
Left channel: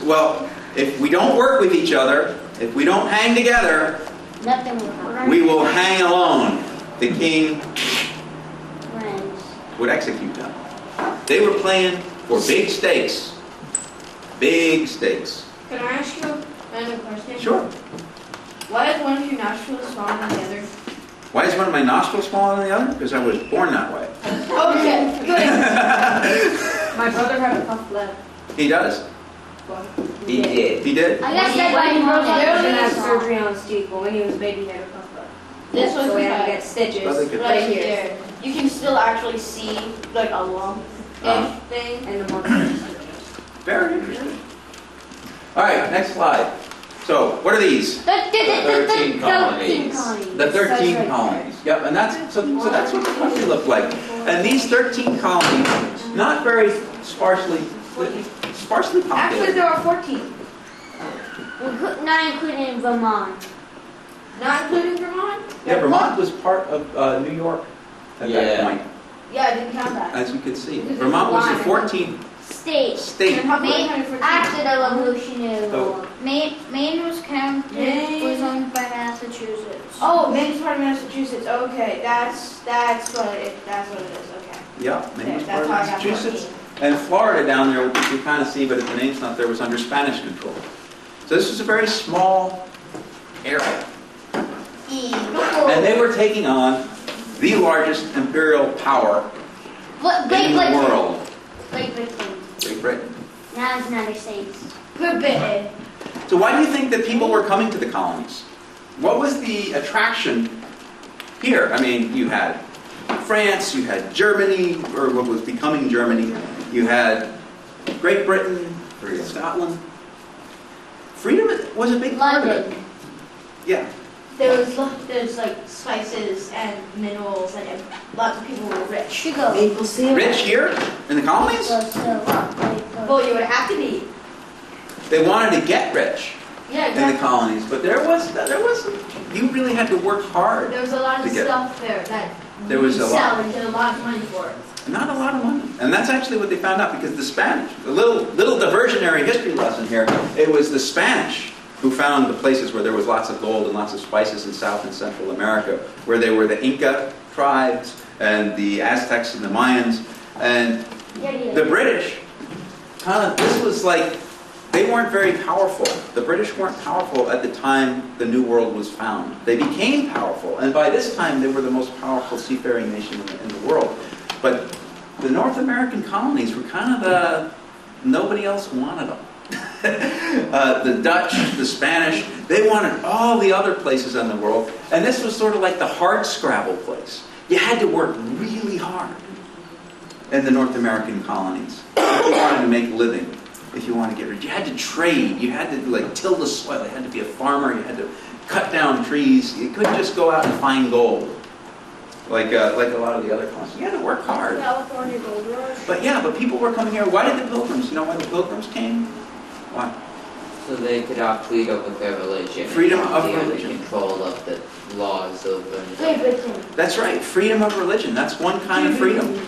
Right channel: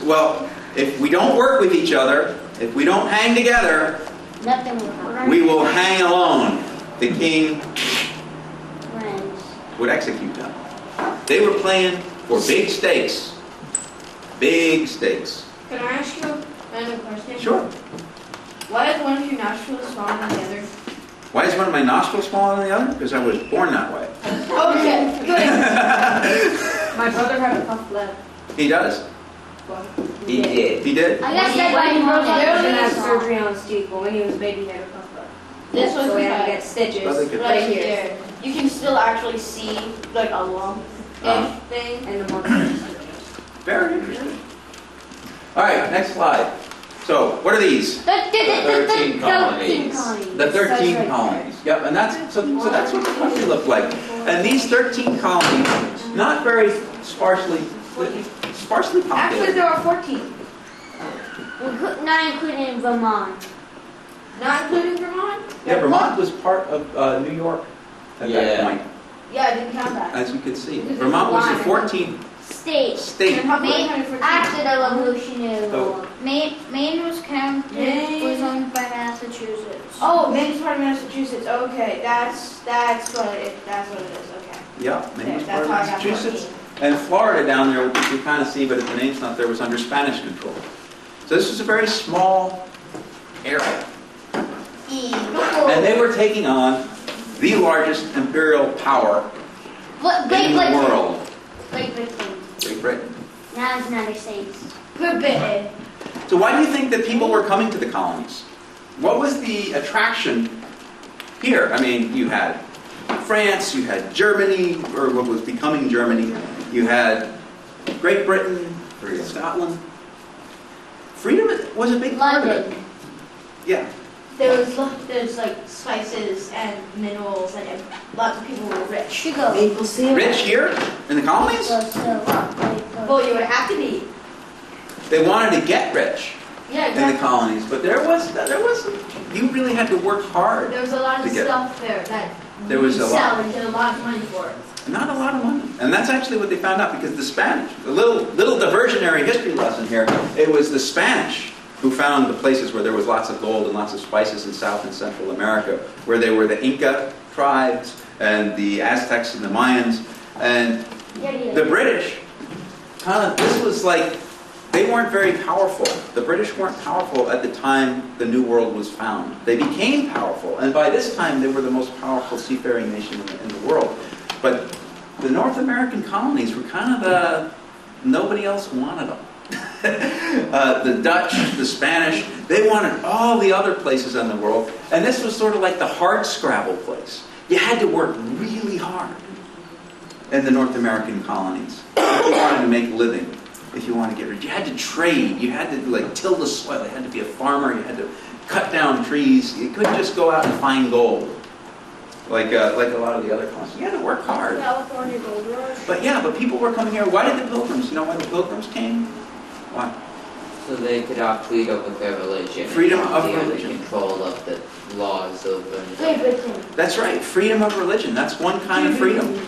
Well, if we don't work with each other, if we don't hang together, Nothing will happen. we will hang alone. The king would execute them. They were playing for big stakes. Big stakes. Can I ask you another question? Sure. Why is one of your nostrils smaller than the other? Why is one of my nostrils smaller than the other? Because I was born that way. Okay, good. My brother had a puff left. He does? He did. He did? I guess that's why he broke He out had the surgery on his teeth, but when he was a baby, he had a puff left. This was So we had to bad. get stitches Brother could- right Right here. there. You can still actually see like a lump thing. And the monster. Very interesting. All right, next slide. So, what are these? 13 colonies. The 13 colonies. Yep, and that's that's what the country looked like. And these 13 colonies, not very sparsely Actually, populated. there are 14. Not including Vermont. Not including Vermont? Yeah, Vermont was part of New York at that Yeah. point, Yeah, I didn't count that. as you can see. Because Vermont was the it's 14th State. state. And how come Maine- I counted 14? After the Revolutionary Oh. War. Maine was Maine. was owned by Massachusetts. Oh, Maine's part of Massachusetts. Okay, that's what it is. Okay. Yeah, Maine was That's part of how I got Massachusetts. 14. And Florida down there, which you kind of see, but the name's not there, was under Spanish control. So this was a very small area. And they were taking on the largest imperial power in the world, Great Britain. Great Britain. Now it's United States. Good bit. So why do you think that people were coming to the colonies? What was the attraction here? I mean, you had France, you had Germany, or what was becoming Germany, you had Great Britain, Scotland. Freedom was a big part of it. London. Yeah. There's like spices and minerals and lots of people were rich. Sugar. Rich here in the colonies? Well, you would have to be. They wanted to get rich Yeah, in the exactly. colonies, but there was you really had to work hard. There was a lot of To get- stuff there that There was you a sell lot. and get a lot of money for it. Not a lot of money. And that's actually what they found out, because the Spanish, a little diversionary history lesson here, it was the Spanish who found the places where there was lots of gold and lots of spices in South and Central America, where they were the Inca tribes and the Aztecs and the Mayans. And the British, this was like, they weren't very powerful. The British weren't powerful at the time the New World was found. They became powerful, and by this time they were the most powerful seafaring nation in the world. But the North American colonies were kind of nobody else wanted them. The Dutch, the Spanish, they wanted all the other places in the world, and this was sort of like the hard scrabble place. You had to work really hard in the North American colonies if you wanted to make a living. If you want to get rich, you had to trade. You had to like till the soil. You had to be a farmer. You had to cut down trees. You couldn't just go out and find gold, like a lot of the other colonies. You had to work hard. California Gold Rush. But people were coming here. Why did the Pilgrims? You know why the Pilgrims came? Why? So they could have freedom of their religion. Freedom and of be under religion. control of the laws of That's right. Freedom of religion. That's one kind of freedom.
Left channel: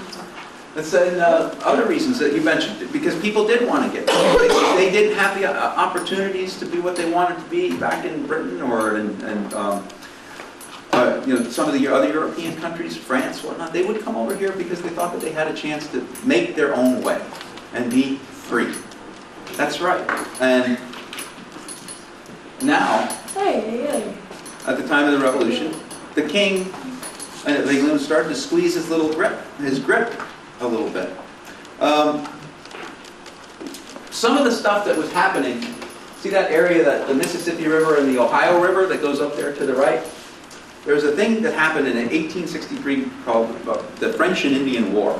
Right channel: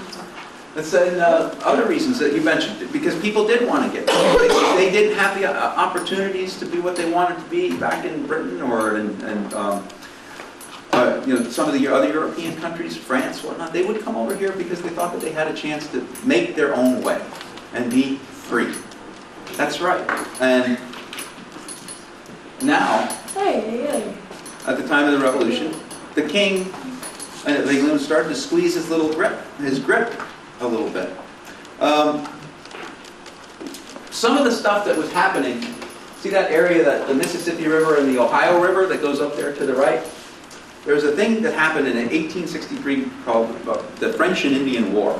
That's other reasons that you mentioned, because people did want to get there. They didn't have the opportunities to be what they wanted to be back in Britain or in some of the other European countries, France, whatnot. They would come over here because they thought that they had a chance to make their own way and be free. That's right. And now, at the time of the Revolution, the king of England started to squeeze his grip a little bit. Some of the stuff that was happening, see that area, the Mississippi River and the Ohio River that goes up there to the right? There was a thing that happened in 1863 called the French and Indian War.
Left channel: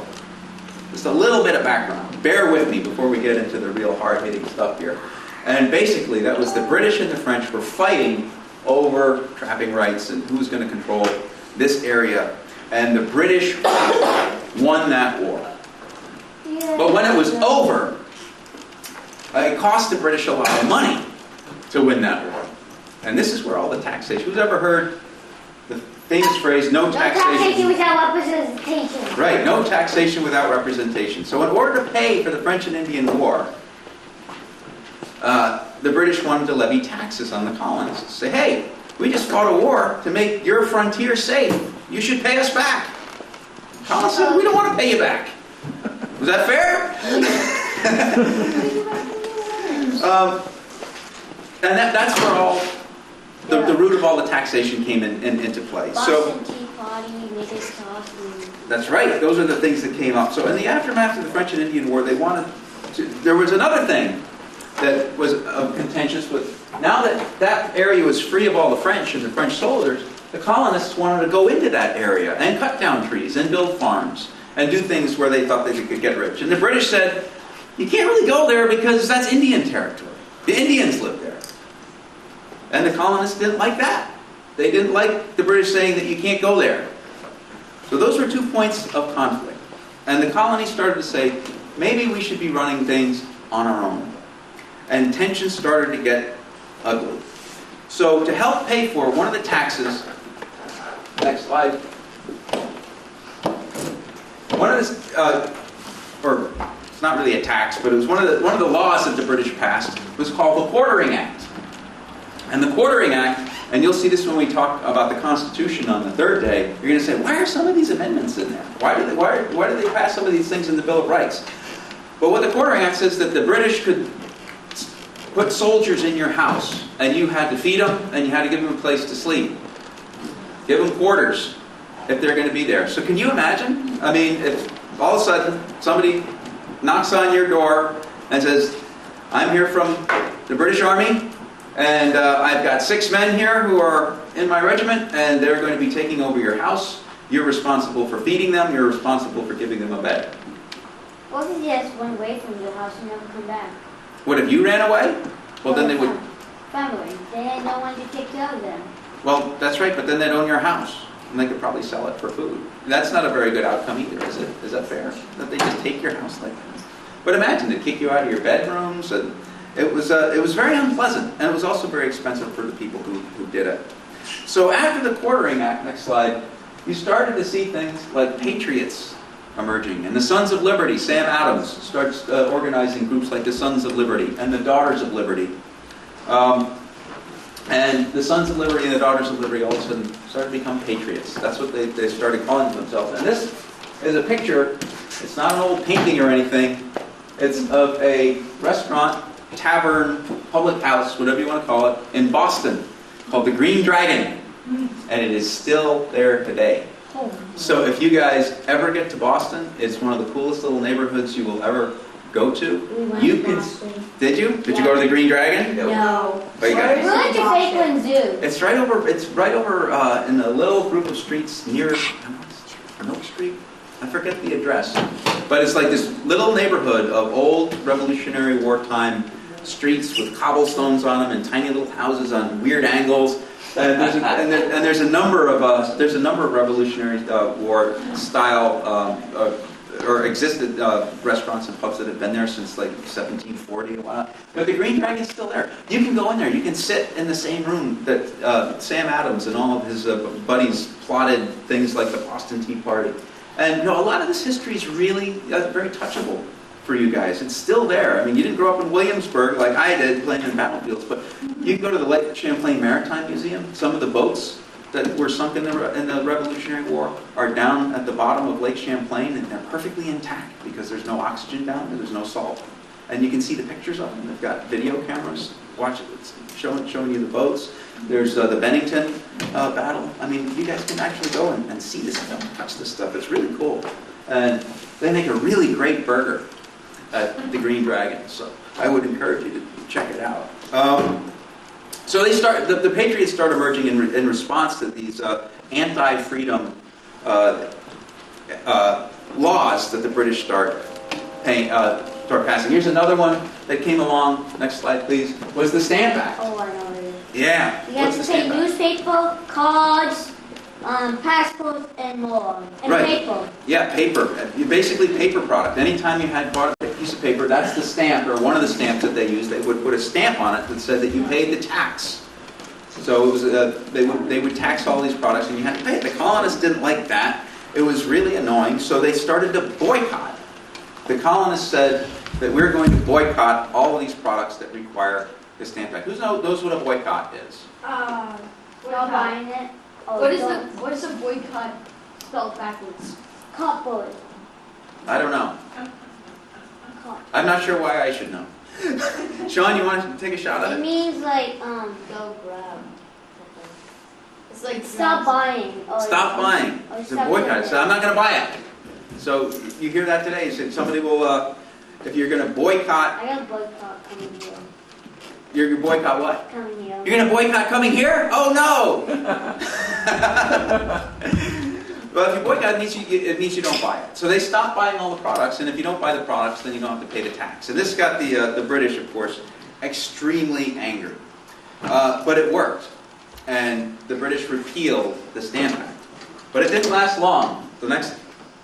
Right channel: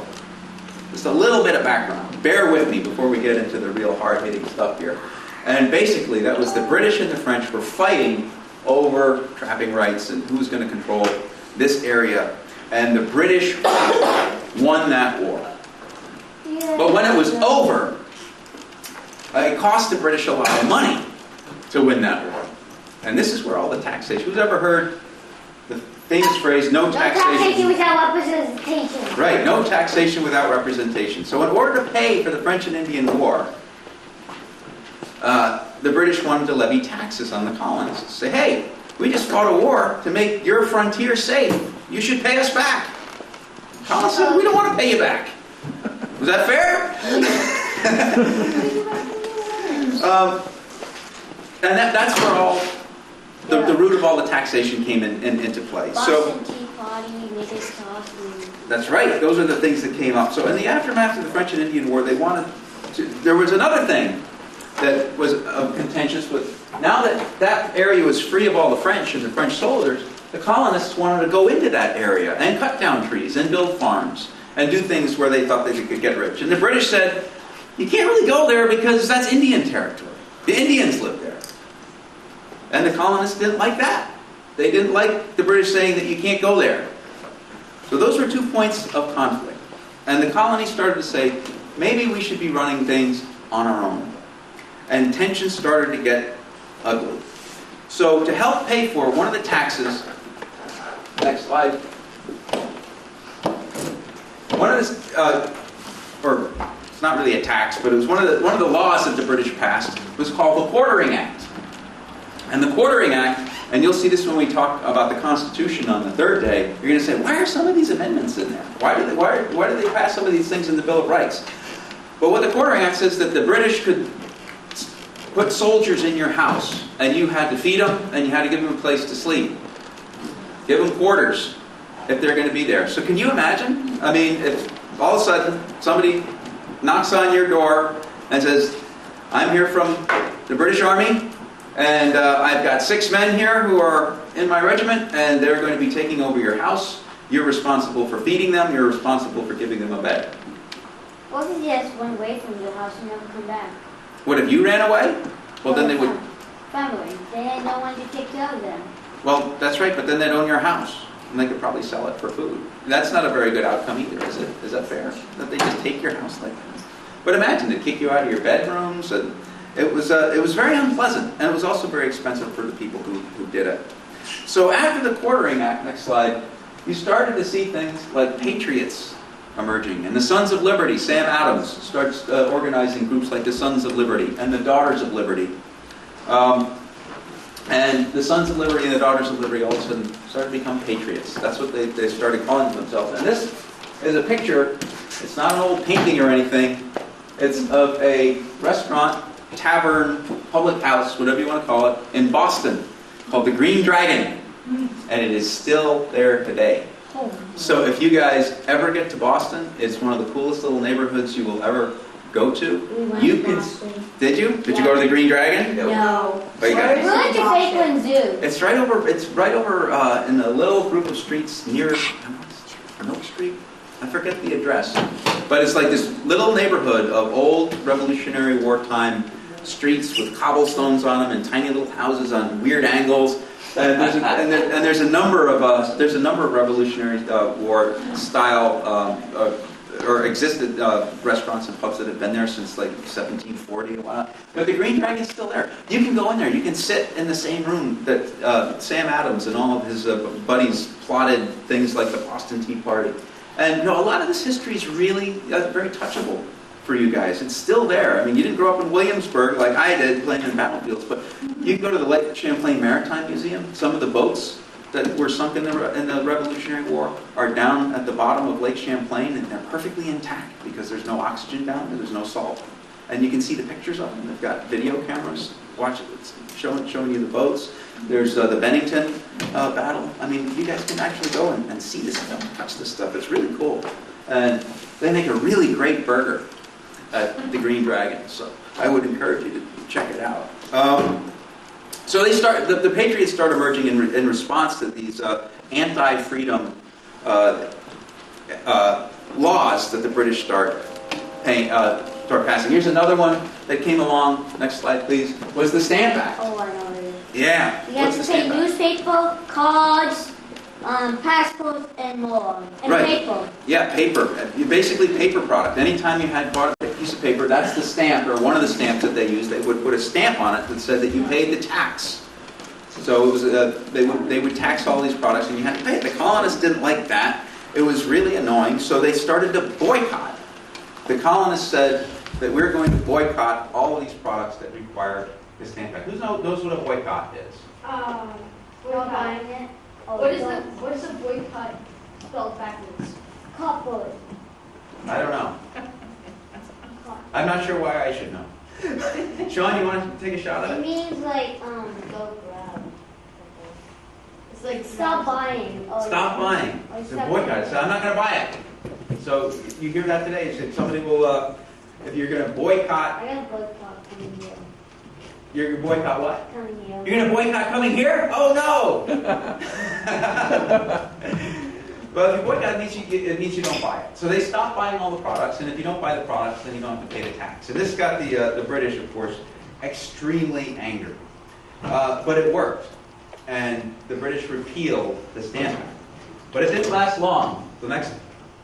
Just a little bit of background. Bear with me before we get into the real hard-hitting stuff here. And basically, that was the British and the French were fighting over trapping rights and who's going to control this area. And the British won that war. But when it was over, it cost the British a lot of money to win that war. And this is where all the taxation. Who's ever heard the famous phrase, no taxation without representation. Right, no taxation without representation. So in order to pay for the French and Indian War, the British wanted to levy taxes on the colonists. Say, hey, we just fought a war to make your frontier safe. You should pay us back. Colonists said, we don't want to pay you back. Was that fair? And that's where all the root of all the taxation came into play. So that's right. Those are the things that came up. So in the aftermath of the French and Indian War, they wanted to. There was another thing that was contentious with. Now that that area was free of all the French and the French soldiers, the colonists wanted to go into that area and cut down trees and build farms and do things where they thought they could get rich. And the British said, you can't really go there because that's Indian territory. The Indians live there. And the colonists didn't like that. They didn't like the British saying that you can't go there. So those were 2 points of conflict. And the colonies started to say, maybe we should be running things on our own. And tensions started to get ugly. So to help pay for one of the taxes, next slide, one of the, or it's not really a tax, but it was one of the laws that the British passed was called the Quartering Act. And the Quartering Act, and you'll see this when we talk about the Constitution on the third day, you're going to say, why are some of these amendments in there? Why do they pass some of these things in the Bill of Rights? But what the Quartering Act says that the British could put soldiers in your house, and you had to feed them, and you had to give them a place to sleep. Give them quarters if they're going to be there. So can you imagine? I mean, if all of a sudden somebody knocks on your door and says, I'm here from the British Army, and I've got 6 men here who are in my regiment, and they're going to be taking over your house. You're responsible for feeding them. You're responsible for giving them a bed. What if they just went away from the house and never come back? What, if you ran away? Well, then they would... Family. They had no one to take care of them. Well, that's right, but then they'd own your house, and they could probably sell it for food. That's not a very good outcome either, is it? Is that fair? That they just take your house like that? But imagine, they'd kick you out of your bedrooms, and it was very unpleasant, and it was also very expensive for the people who did it. So after the Quartering Act, next slide, you started to see things like patriots emerging. And the Sons of Liberty, Sam Adams starts organizing groups like the Sons of Liberty and the Daughters of Liberty. And the Sons of Liberty and the Daughters of Liberty all of a sudden started to become patriots. That's what they started calling themselves. And this is a picture It's not an old painting or anything. It's of a restaurant, tavern, public house, whatever you want to call it, in Boston, called the Green Dragon. And it is still there today. So if you guys ever get to Boston, it's one of the coolest little neighborhoods you will ever go to. We went You to can. Boston. Did you? Did you go to the Green Dragon? No. Oh, you got it. We went to Fakeland Zoo. It's right over. It's right over in a little group of streets near Milk Street. I forget the address, but it's like this little neighborhood of old Revolutionary wartime streets with cobblestones on them and tiny little houses on weird angles. And there's a number of Revolutionary War style or existed restaurants and pubs that have been there since like 1740 and whatnot. But the Green Dragon's still there. You can go in there. You can sit in the same room that Sam Adams and all of his buddies plotted things like the Boston Tea Party. And a lot of this history is really very touchable for you guys. It's still there. I mean, you didn't grow up in Williamsburg like I did playing in battlefields, but you can go to the Lake Champlain Maritime Museum. Some of the boats that were sunk in the Revolutionary War are down at the bottom of Lake Champlain, and they're perfectly intact because there's no oxygen down there, there's no salt. And you can see the pictures of them. They've got video cameras showing you the boats. There's the Bennington battle. I mean, you guys can actually go and see this stuff, touch this stuff. It's really cool. And they make a really great burger at the Green Dragon. So I would encourage you to check it out. So the Patriots start emerging in response to these anti-freedom laws that the British start passing. Here's another one that came along. Next slide, please. Was the Stamp Act. Oh, I know it is. Yeah. You have to pay newspaper, cards, passports, and more. And Right. paper. Yeah, paper. Basically paper product. Anytime you had bought a piece of paper, that's the stamp, or one of the stamps that they used. They would put a stamp on it that said that you paid the tax. So it was they would tax all these products, and you had to pay it. The colonists didn't like that. It was really annoying, so they started to boycott. The colonists said that we're going to boycott all of these products that require the Stamp Act. Who knows what a boycott is? Not buying it. Oh, What is a boycott spelled backwards? Cupboard. I don't know. I'm not sure why I should know. Sean, you want to take a shot at It it? means like, go grab. It's like Stop buying. Or Stop buying. or It's a stop boycott. doing So I'm not going to buy it. So you hear that today? So somebody will, if you're going to boycott, I got a boycott coming here. you're going to boycott what? Coming here. You're going to boycott coming here? Oh no! Well, if you boycott, it means you don't buy it. So they stop buying all the products, and if you don't buy the products, then you don't have to pay the tax. And this got the British, of course, extremely angry. But it worked, and the British repealed the Stamp Act. But it didn't last long. The next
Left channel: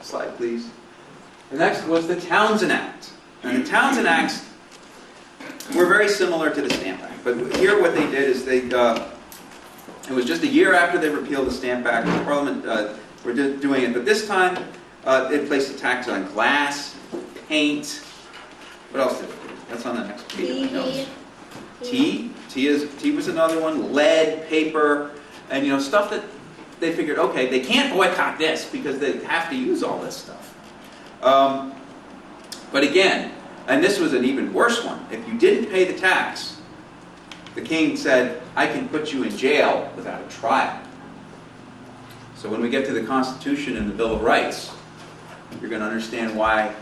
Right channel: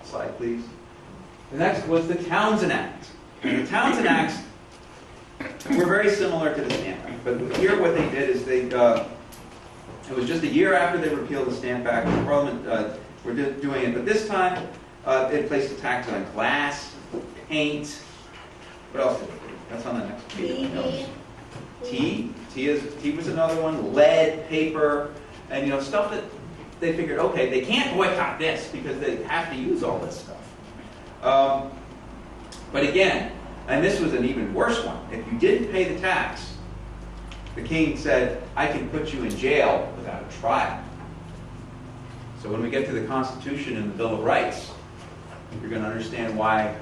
slide, please. The next was the Townshend Act. And the Townshend Acts were very similar to the Stamp Act. But here what they did is it was just a year after they repealed the Stamp Act, the Parliament were doing it. But this time, it placed a tax on glass, paint. What else did it do? That's on the next page. TV. Tea was another one. Lead, paper, and stuff that they figured, okay, they can't boycott this because they have to use all this stuff. But again, and this was an even worse one. If you didn't pay the tax, the king said, I can put you in jail without a trial. So when we get to the Constitution and the Bill of Rights, you're going to understand why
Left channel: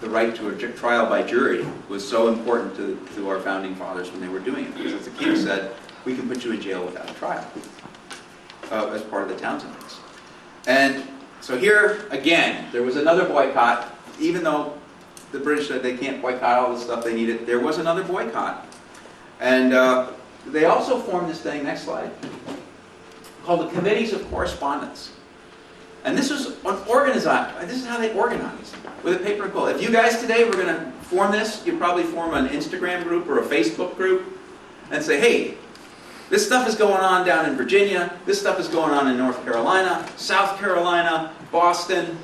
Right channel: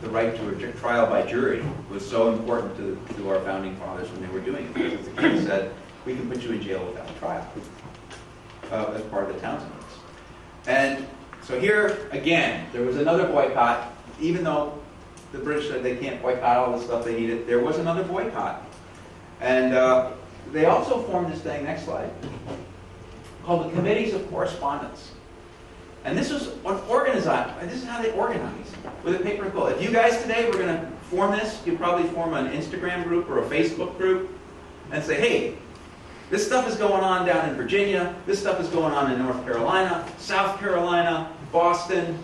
the right to a trial by jury was so important to our founding fathers when they were doing it. Because the king said, we can put you in jail without a trial as part of the Townshend Acts. And so here, again, there was another boycott. Even though the British said they can't boycott all the stuff they needed, there was another boycott. And they also formed this thing, next slide, called the Committees of Correspondence. And this is this is how they organize, with a paper and quill. If you guys today were going to form this, you'd probably form an Instagram group or a Facebook group and say, hey, this stuff is going on down in Virginia, this stuff is going on in North Carolina, South Carolina, Boston.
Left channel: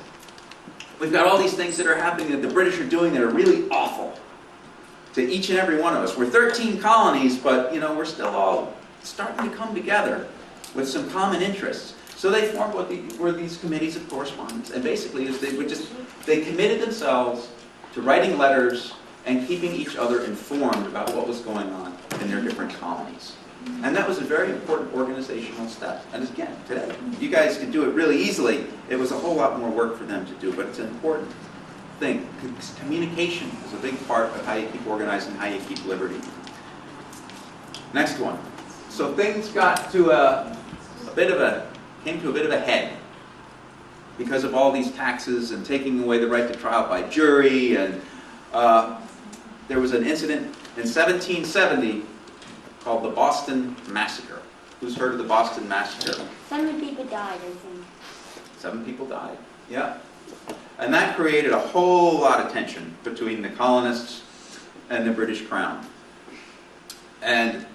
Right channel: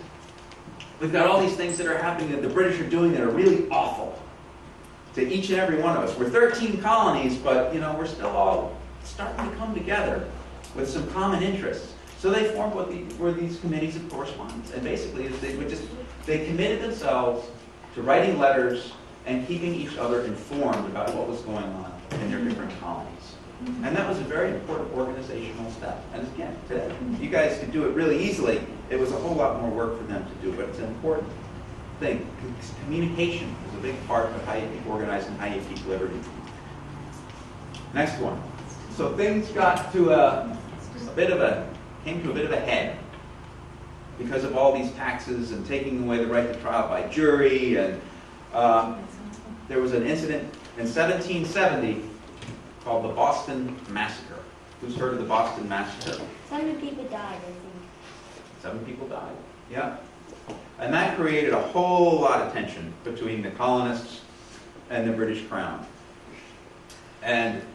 We've got all these things that are happening that the British are doing that are really awful to each and every one of us. We're 13 colonies, but we're still all starting to come together with some common interests. So they formed what were these committees of correspondence. And basically, is they committed themselves to writing letters and keeping each other informed about what was going on in their different colonies. And that was a very important organizational step. And again, today, you guys could do it really easily. It was a whole lot more work for them to do, but it's an important thing. Communication is a big part of how you keep organized and how you keep liberty. Next one. So things got to came to a bit of a head because of all these taxes and taking away the right to trial by jury. And there was an incident in 1770 called the Boston Massacre. Who's heard of the Boston Massacre? 7 people died, I think. 7 people died. Yeah. And that created a whole lot of tension between the colonists and the British Crown. And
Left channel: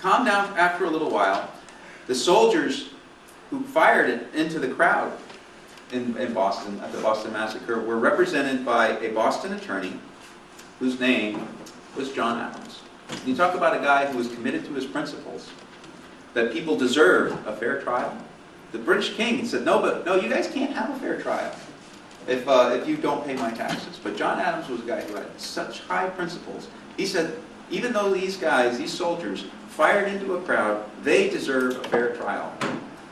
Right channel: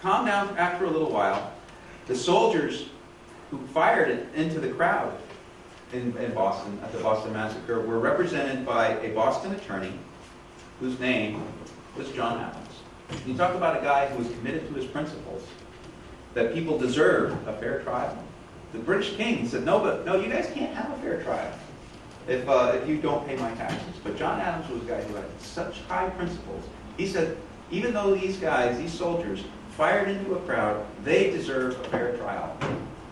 calmed down after a little while. The soldiers who fired it into the crowd in Boston at the Boston Massacre were represented by a Boston attorney whose name was John Albans. You talk about a guy who was committed to his principles, that people deserve a fair trial. The British king said, no, you guys can't have a fair trial if you don't pay my taxes. But John Adams was a guy who had such high principles. He said, even though these guys, these soldiers, fired into a crowd, they deserve a fair trial.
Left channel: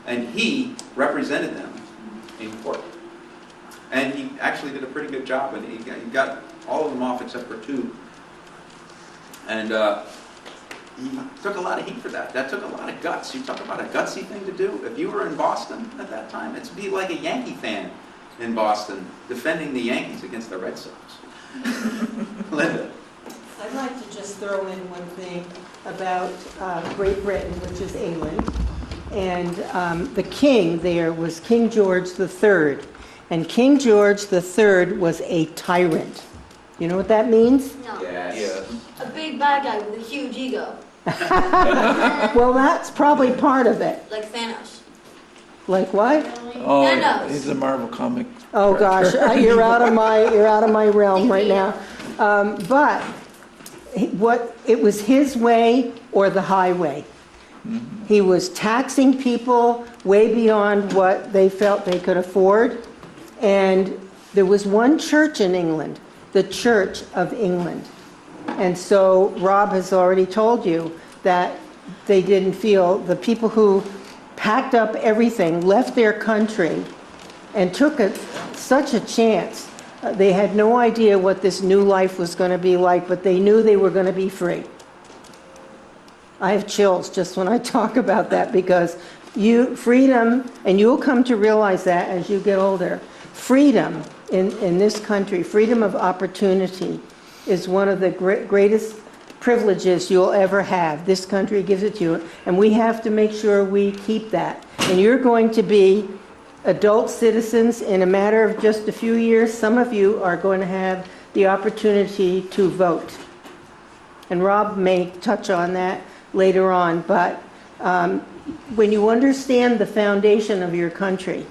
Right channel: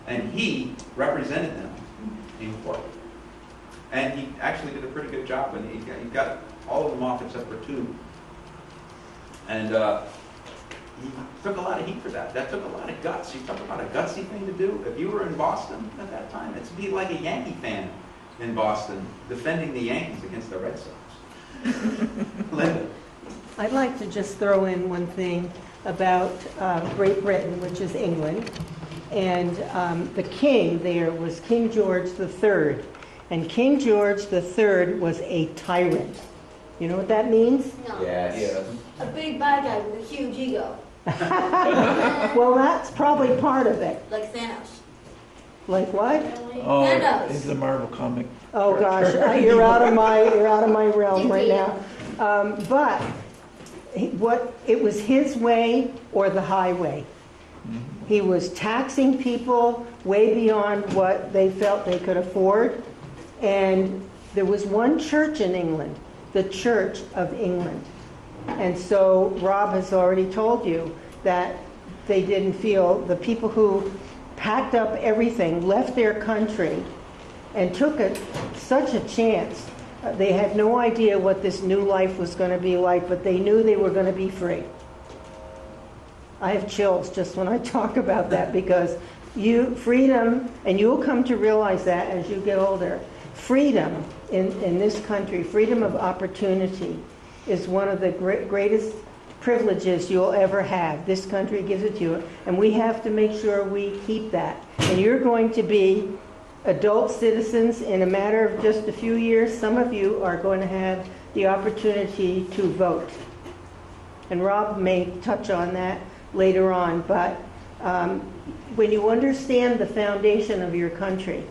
And he represented them in court. And he actually did a pretty good job, and he got all of them off except for 2. And he took a lot of heat for that. That took a lot of guts. You talk about a gutsy thing to do. If you were in Boston at that time, it'd be like a Yankee fan in Boston defending the Yankees against the Red Sox. Linda. I'd like to just throw in one thing about Great Britain, which is England. And the king there was King George III. And King George III was a tyrant. You know what that means? No. Yes. A big bad guy with a huge ego, Well, that's probably part of it. like Thanos. Like what? Oh, Thanos. he's a Marvel comic. Oh gosh, you're out of my realm right now. But it was his way or the highway. He was taxing people way beyond what they felt they could afford. And there was one church in England, the Church of England. And so Rob has already told you that they didn't feel, the people who packed up everything, left their country, and took such a chance. They had no idea what this new life was going to be like, but they knew they were going to be free. I have chills just when I talk about that, because freedom, and you'll come to realize that as you get older, freedom in this country, freedom of opportunity, is one of the greatest privileges you'll ever have. This country gives it to you, and we have to make sure we keep that. And you're going to be adult citizens in a matter of just a few years. Some of you are going to have the opportunity to vote. And Rob may touch on that later on, but when you understand the foundation of your country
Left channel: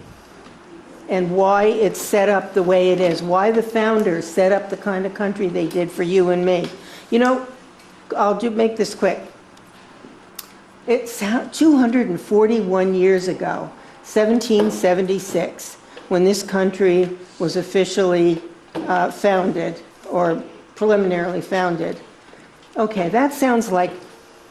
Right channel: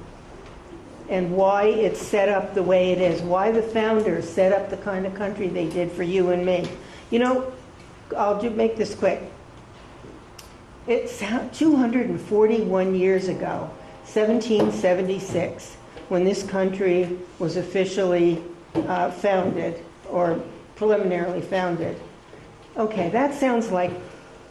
and why it's set up the way it is, why the founders set up the kind of country they did for you and me. You know, I'll make this quick. It's 241 years ago, 1776, when this country was officially founded, or preliminarily founded. Okay, that sounds like,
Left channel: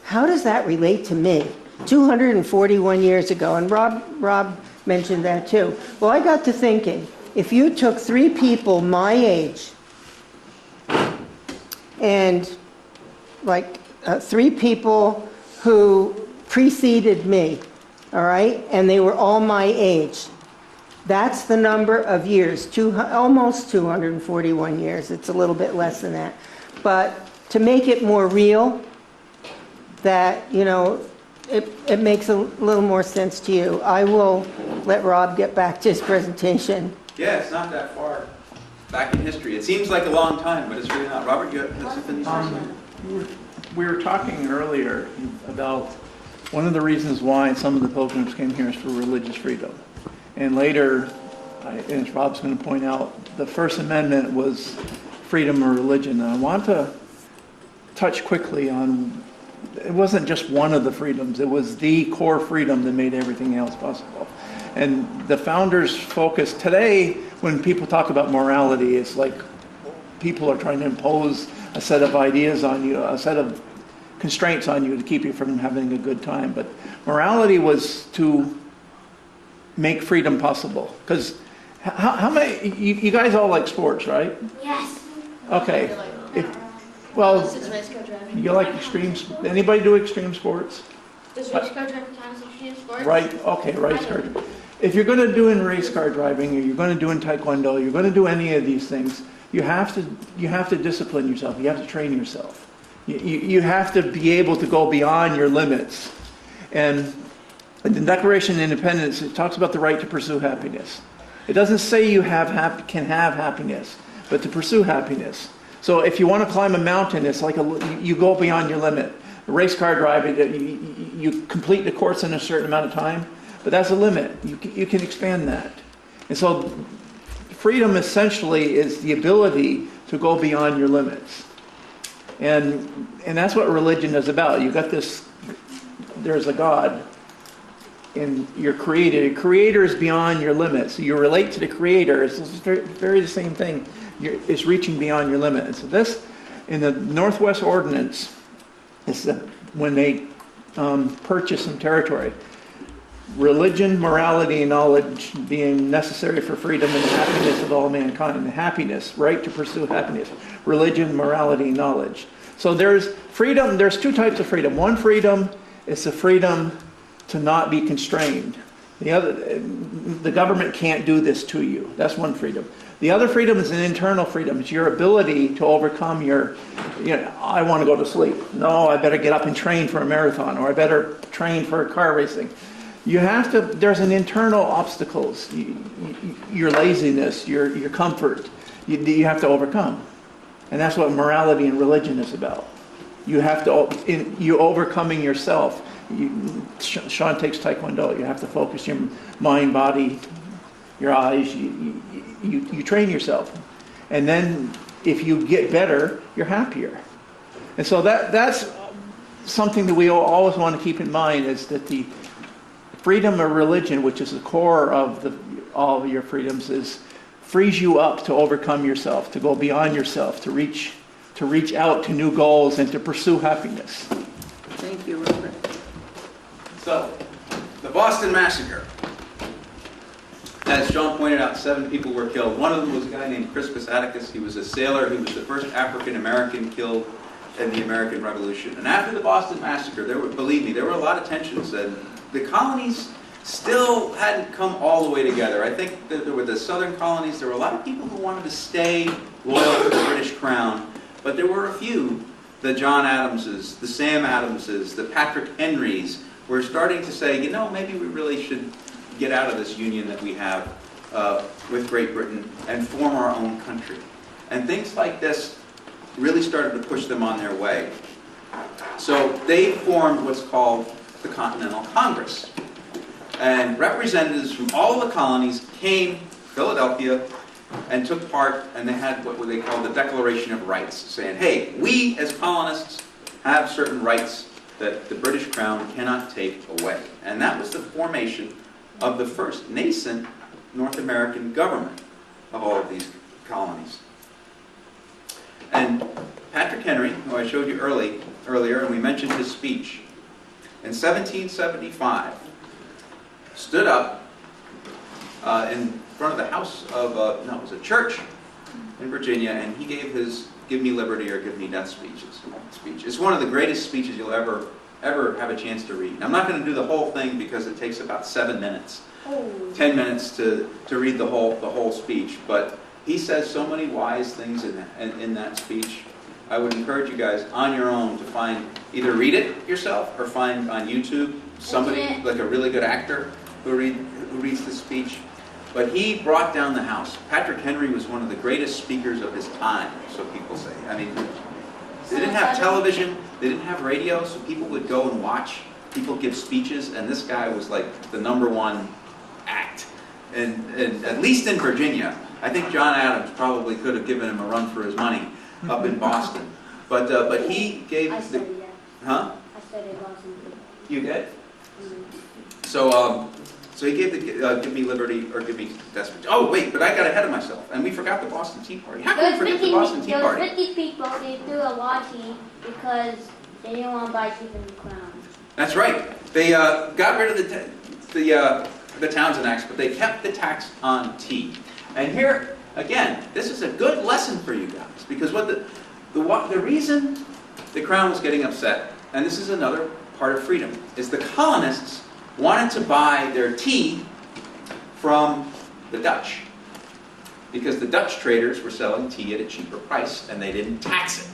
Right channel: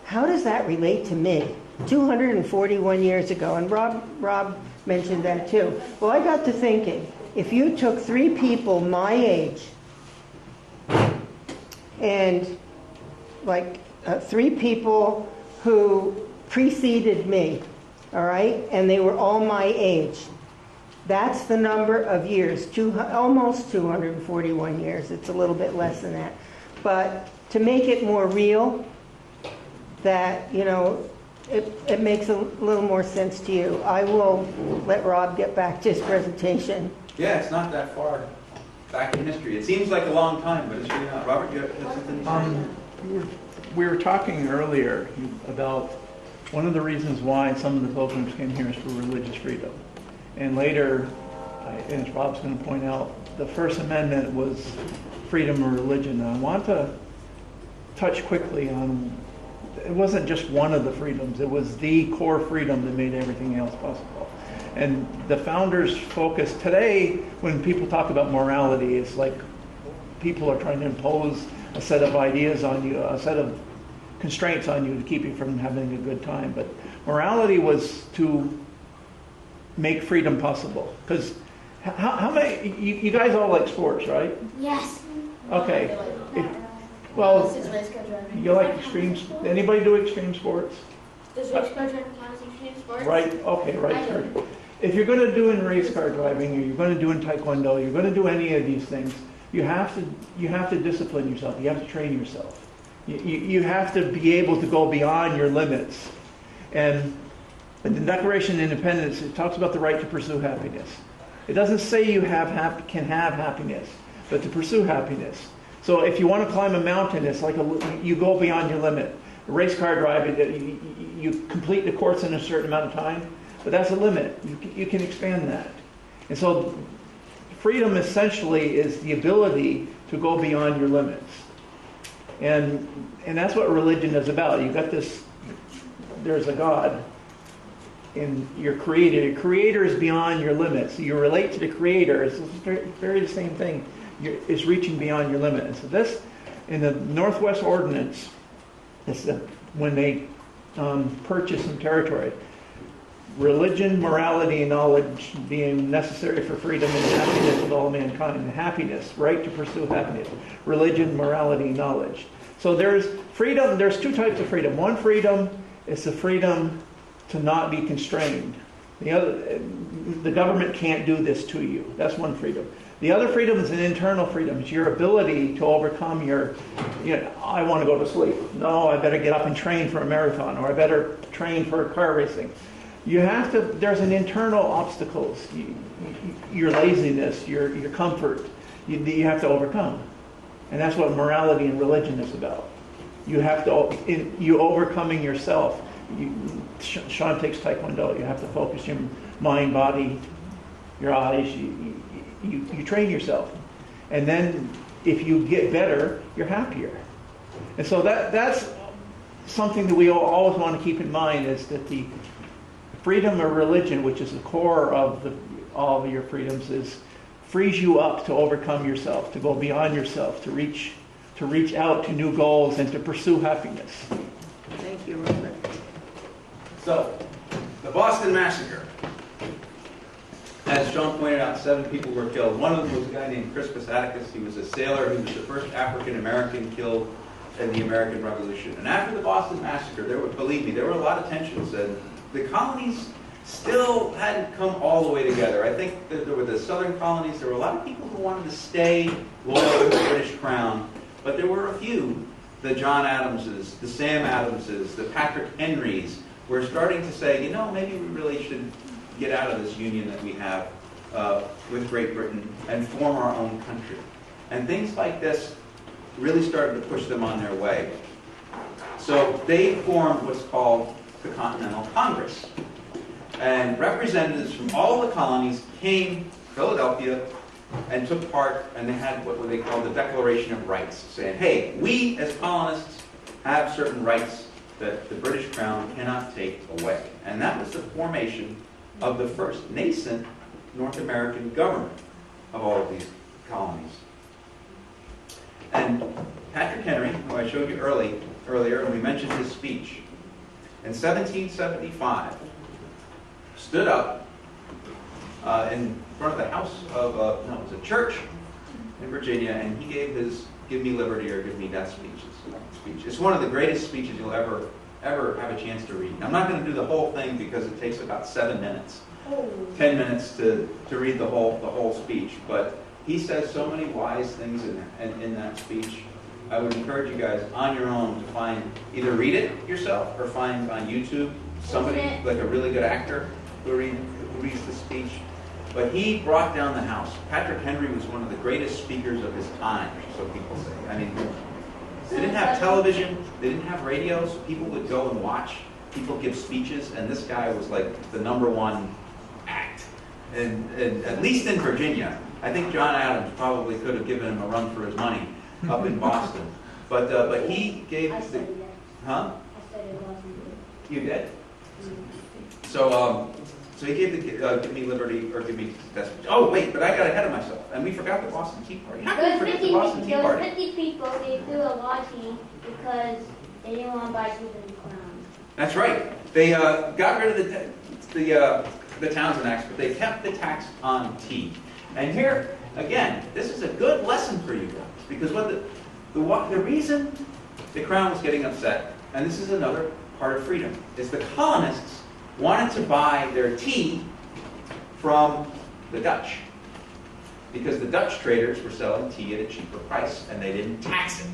how does that relate to me? 241 years ago, and Rob mentioned that too. Well, I got to thinking, if you took 3 people my age, and like 3 people who preceded me, all right, and they were all my age, that's the number of years, almost 241 years. It's a little bit less than that. But to make it more real, that, you know, it makes a little more sense to you. I will let Rob get back to his presentation. Yeah, it's not that far back in history. It seems like a long time, but it's really not. Robert, you have something to say? We were talking earlier about one of the reasons why some of the pilgrims came here is for religious freedom. And later, as Rob's going to point out, the First Amendment was freedom of religion. And I want to touch quickly on it wasn't just one of the freedoms. It was the core freedom that made everything else possible. And the founders focused, today when people talk about morality, it's like people are trying to impose a set of ideas on you, a set of constraints on you to keep you from having a good time. But morality was to make freedom possible. Because how many, you guys all like sports, right? Yes. Okay. Well, This is race car driving. you like extreme, anybody do extreme sports? Does race car driving count as extreme sports? Right, okay, race car. If you're going to do in race car driving, or you're going to do in taekwondo, you're going to do any of these things, you have to discipline yourself. You have to train yourself. You have to be able to go beyond your limits. And in the Declaration of Independence, it talks about the right to pursue happiness. It doesn't say you can have happiness, but to pursue happiness. So if you want to climb a mountain, it's like you go beyond your limit. Race car driving, you complete the course in a certain amount of time, but that's a limit. You can expand that. And so freedom essentially is the ability to go beyond your limits. And that's what religion is about. You've got this, there's a God, and you're created. A creator is beyond your limits. You relate to the creator. It's very the same thing. It's reaching beyond your limit. And so this, in the Northwest Ordinance, it's when they purchase some territory. Religion, morality, and knowledge being necessary for freedom and happiness of all mankind. Happiness, right to pursue happiness. Religion, morality, knowledge. So there's freedom, there's two types of freedom. One freedom is the freedom to not be constrained. The government can't do this to you. That's one freedom. The other freedom is an internal freedom. It's your ability to overcome your, I want to go to sleep. No, I better get up and train for a marathon, or I better train for car racing. You have to, there's an internal obstacles, your laziness, your comfort, you have to overcome. And that's what morality and religion is about. You have to, you overcoming yourself. Sean takes taekwondo. You have to focus your mind, body, your eyes. You train yourself. And then if you get better, you're happier. And so that's something that we always want to keep in mind, is that the freedom of religion, which is the core of all of your freedoms, frees you up to overcome yourself, to go beyond yourself, to reach out to new goals and to pursue happiness. Thank you, Robert. So, the Boston Massacre. As John pointed out, 7 people were killed. One of them was a guy named Crispus Attucks. He was a sailor. He was the first African-American killed in the American Revolution. And after the Boston Massacre, believe me, there were a lot of tensions. And the colonies still hadn't come all the way together. I think that there were the southern colonies. There were a lot of people who wanted to stay loyal to the British Crown. But there were a few, the John Adamses, the Sam Adamses, the Patrick Henrys, were starting to say, maybe we really should get out of this union that we have with Great Britain and form our own country. And things like this really started to push them on their way. So they formed what's called the Continental Congress. And representatives from all the colonies came to Philadelphia and took part, and they had what they call the Declaration of Rights, saying, hey, we as colonists have certain rights that the British Crown cannot take away. And that was the formation of the first nascent North American government of all of these colonies. And Patrick Henry, who I showed you earlier, and we mentioned his speech, in 1775, stood up in front of the house of, it was a church in Virginia, and he gave his "Give Me Liberty" or "Give Me Death" speech. It's one of the greatest speeches you'll ever have a chance to read. I'm not going to do the whole thing because it takes about 7 minutes, 10 minutes to read the whole speech. But he says so many wise things in that speech. I would encourage you guys on your own to either read it yourself or find on YouTube somebody like a really good actor who reads the speech. But he brought down the house. Patrick Henry was one of the greatest speakers of his time, so people say. I mean, they didn't have television, they didn't have radio, so people would go and watch people give speeches, and this guy was like the #1 act. And at least in Virginia. I think John Adams probably could have given him a run for his money up in Boston. But he gave I studied it. Huh? I You did? So he gave the give me liberty or give me death speech. Oh wait, but I got ahead of myself, and we forgot the Boston Tea Party. How can we forget the Boston Tea Those Party? 50 people, they threw a law tea because they didn't want to buy tea from the crown. That's right. They got rid of the Townsend Acts, but they kept the tax on tea. And here again, this is a good lesson for you guys, because the reason the crown was getting upset, and this is another part of freedom, is the colonists wanted to buy their tea from the Dutch, because the Dutch traders were selling tea at a cheaper price and they didn't tax it.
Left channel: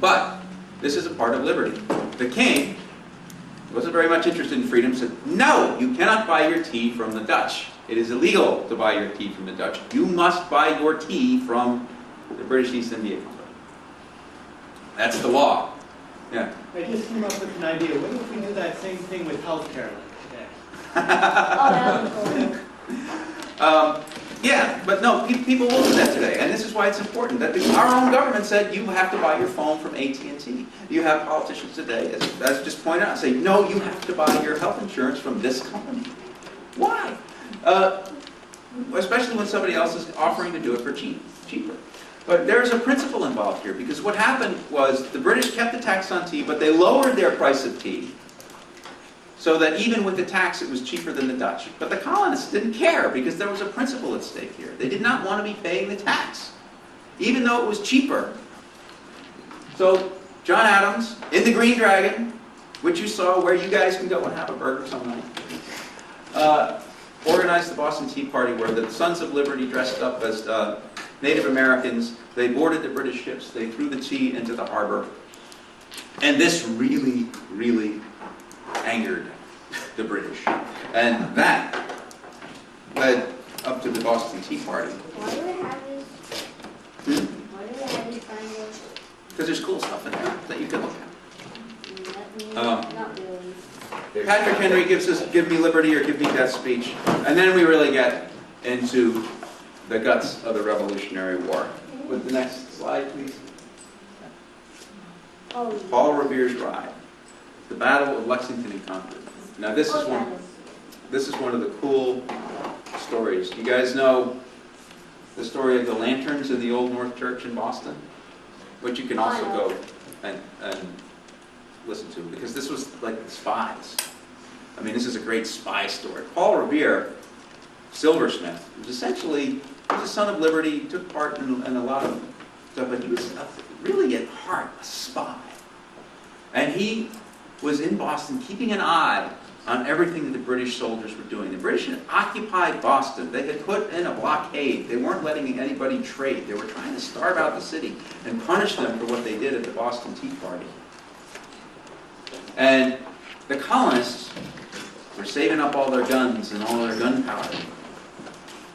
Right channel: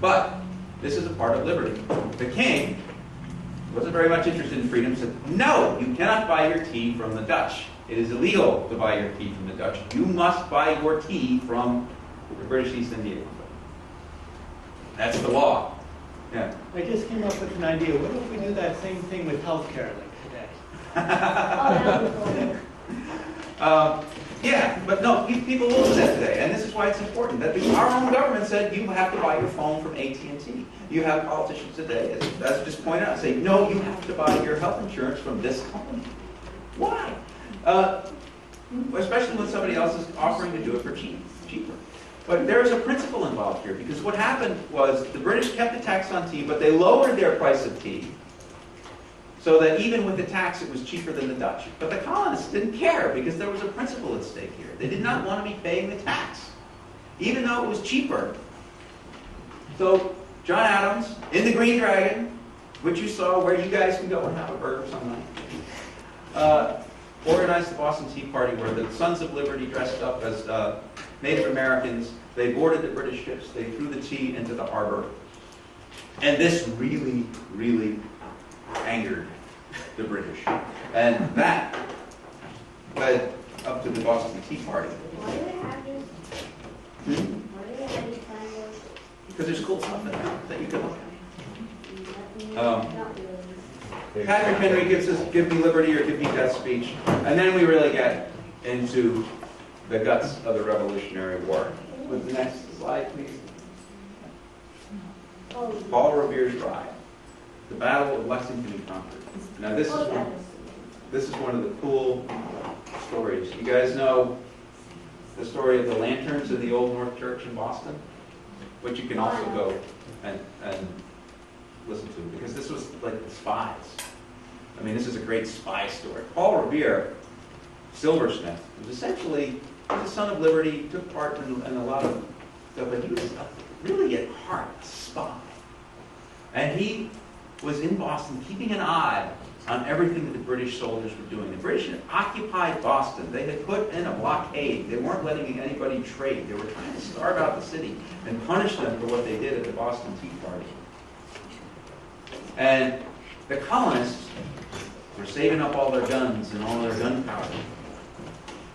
But this is a part of liberty. The king wasn't very much interested in freedom, said, no, you cannot buy your tea from the Dutch. It is illegal to buy your tea from the Dutch. You must buy your tea from the British East India Company. That's the law. Yeah. I just came up with an idea. What if we do that same thing with healthcare today? Oh, that was cool. Yeah, but no, people will do that today, and this is why it's important. That our own government said you have to buy your phone from AT&T. You have politicians today, as just pointed out, say, no, you have to buy your health insurance from this company. Why? Especially when somebody else is offering to do it for cheaper. But there's a principle involved here, because what happened was the British kept the tax on tea, but they lowered their price of tea, so that even with the tax, it was cheaper than the Dutch. But the colonists didn't care, because there was a principle at stake here. They did not want to be paying the tax, even though it was cheaper. So John Adams, in the Green Dragon, which you saw where you guys can go and have a burger some night, organized the Boston Tea Party, where the Sons of Liberty dressed up as Native Americans. They boarded the British ships. They threw the tea into the harbor. And this really, really angered the British. And that led up to the Boston Tea Party. Why do we have this? Why do we have this kind of? Because there's cool stuff in there that you can look at. Not really. Patrick Henry gives us give me liberty or give me death speech. And then we really get into the guts of the Revolutionary War. With the next slide, please. Oh, Paul Revere's Ride. The Battle of Lexington and Concord. Now this is one of the cool stories. You guys know the story of the lanterns in the Old North Church in Boston? Which you can also go and listen to, because this was like the spies. I mean, this is a great spy story. Paul Revere, silversmith, was essentially a son of liberty, took part in a lot of stuff, but he was really at heart a spy. And he was in Boston keeping an eye on everything that the British soldiers were doing. The British had occupied Boston. They had put in a blockade. They weren't letting anybody trade. They were trying to starve out the city and punish them for what they did at the Boston Tea Party. And the colonists were saving up all their guns and all their gunpowder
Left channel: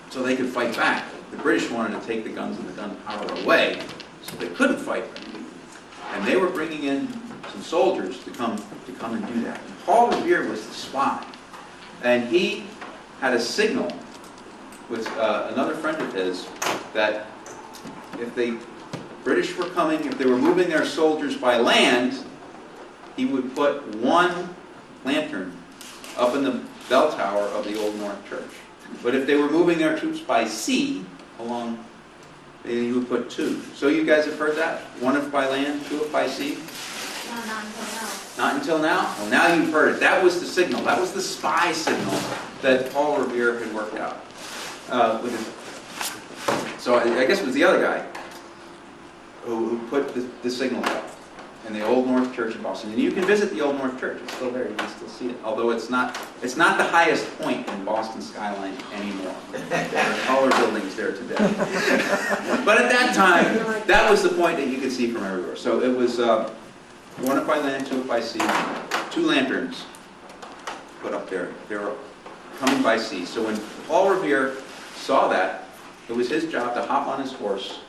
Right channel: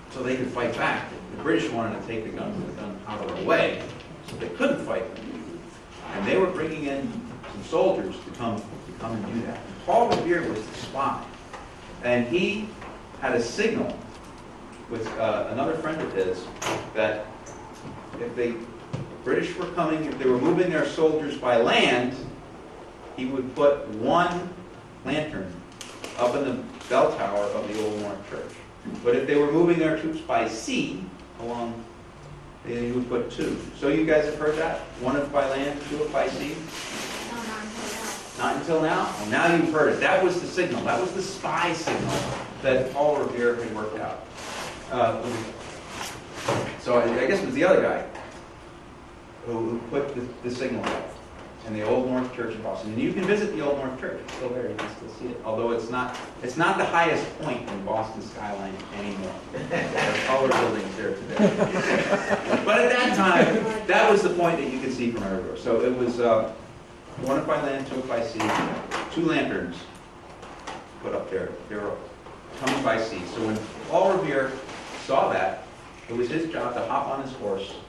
so they could fight back. The British wanted to take the guns and the gunpowder away so they couldn't fight. And they were bringing in some soldiers to come and do that. Paul Revere was the spy, and he had a signal with another friend of his that if the British were coming, if they were moving their soldiers by land, he would put one lantern up in the bell tower of the Old North Church. But if they were moving their troops by sea along, he would put two. So you guys have heard that? One up by land, two up by sea? Not until now? Well, now you've heard it. That was the signal. That was the spy signal that Paul Revere had worked out. So I guess it was the other guy who put the signal up in the Old North Church in Boston. And you can visit the Old North Church. It's still there. You can still see it. Although it's not the highest point in Boston skyline anymore. There are taller buildings there today. But at that time, that was the point that you could see from everywhere. So it was one up by land, two up by sea, two lanterns put up there. They were coming by sea. So when Paul Revere saw that, it was his job to hop on his horse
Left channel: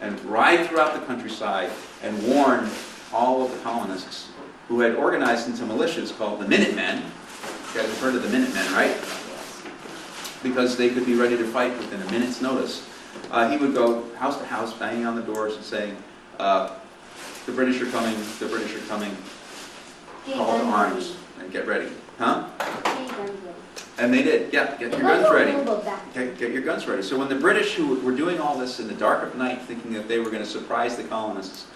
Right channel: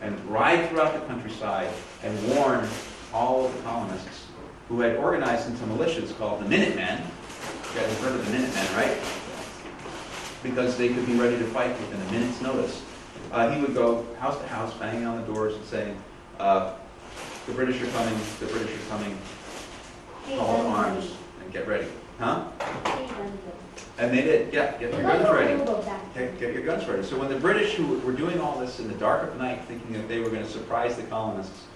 and ride throughout the countryside and warn all of the colonists who had organized into militias called the Minutemen. You guys have heard of the Minutemen, right? Because they could be ready to fight within a minute's notice. He would go house to house, banging on the doors and saying, the British are coming, the British are coming. call to arms and get ready. Huh? Three guns. And they did, yeah, get your They're guns ready. available back then. Get your guns ready. So when the British, who were doing all this in the dark of night, thinking that they were going to surprise the colonists,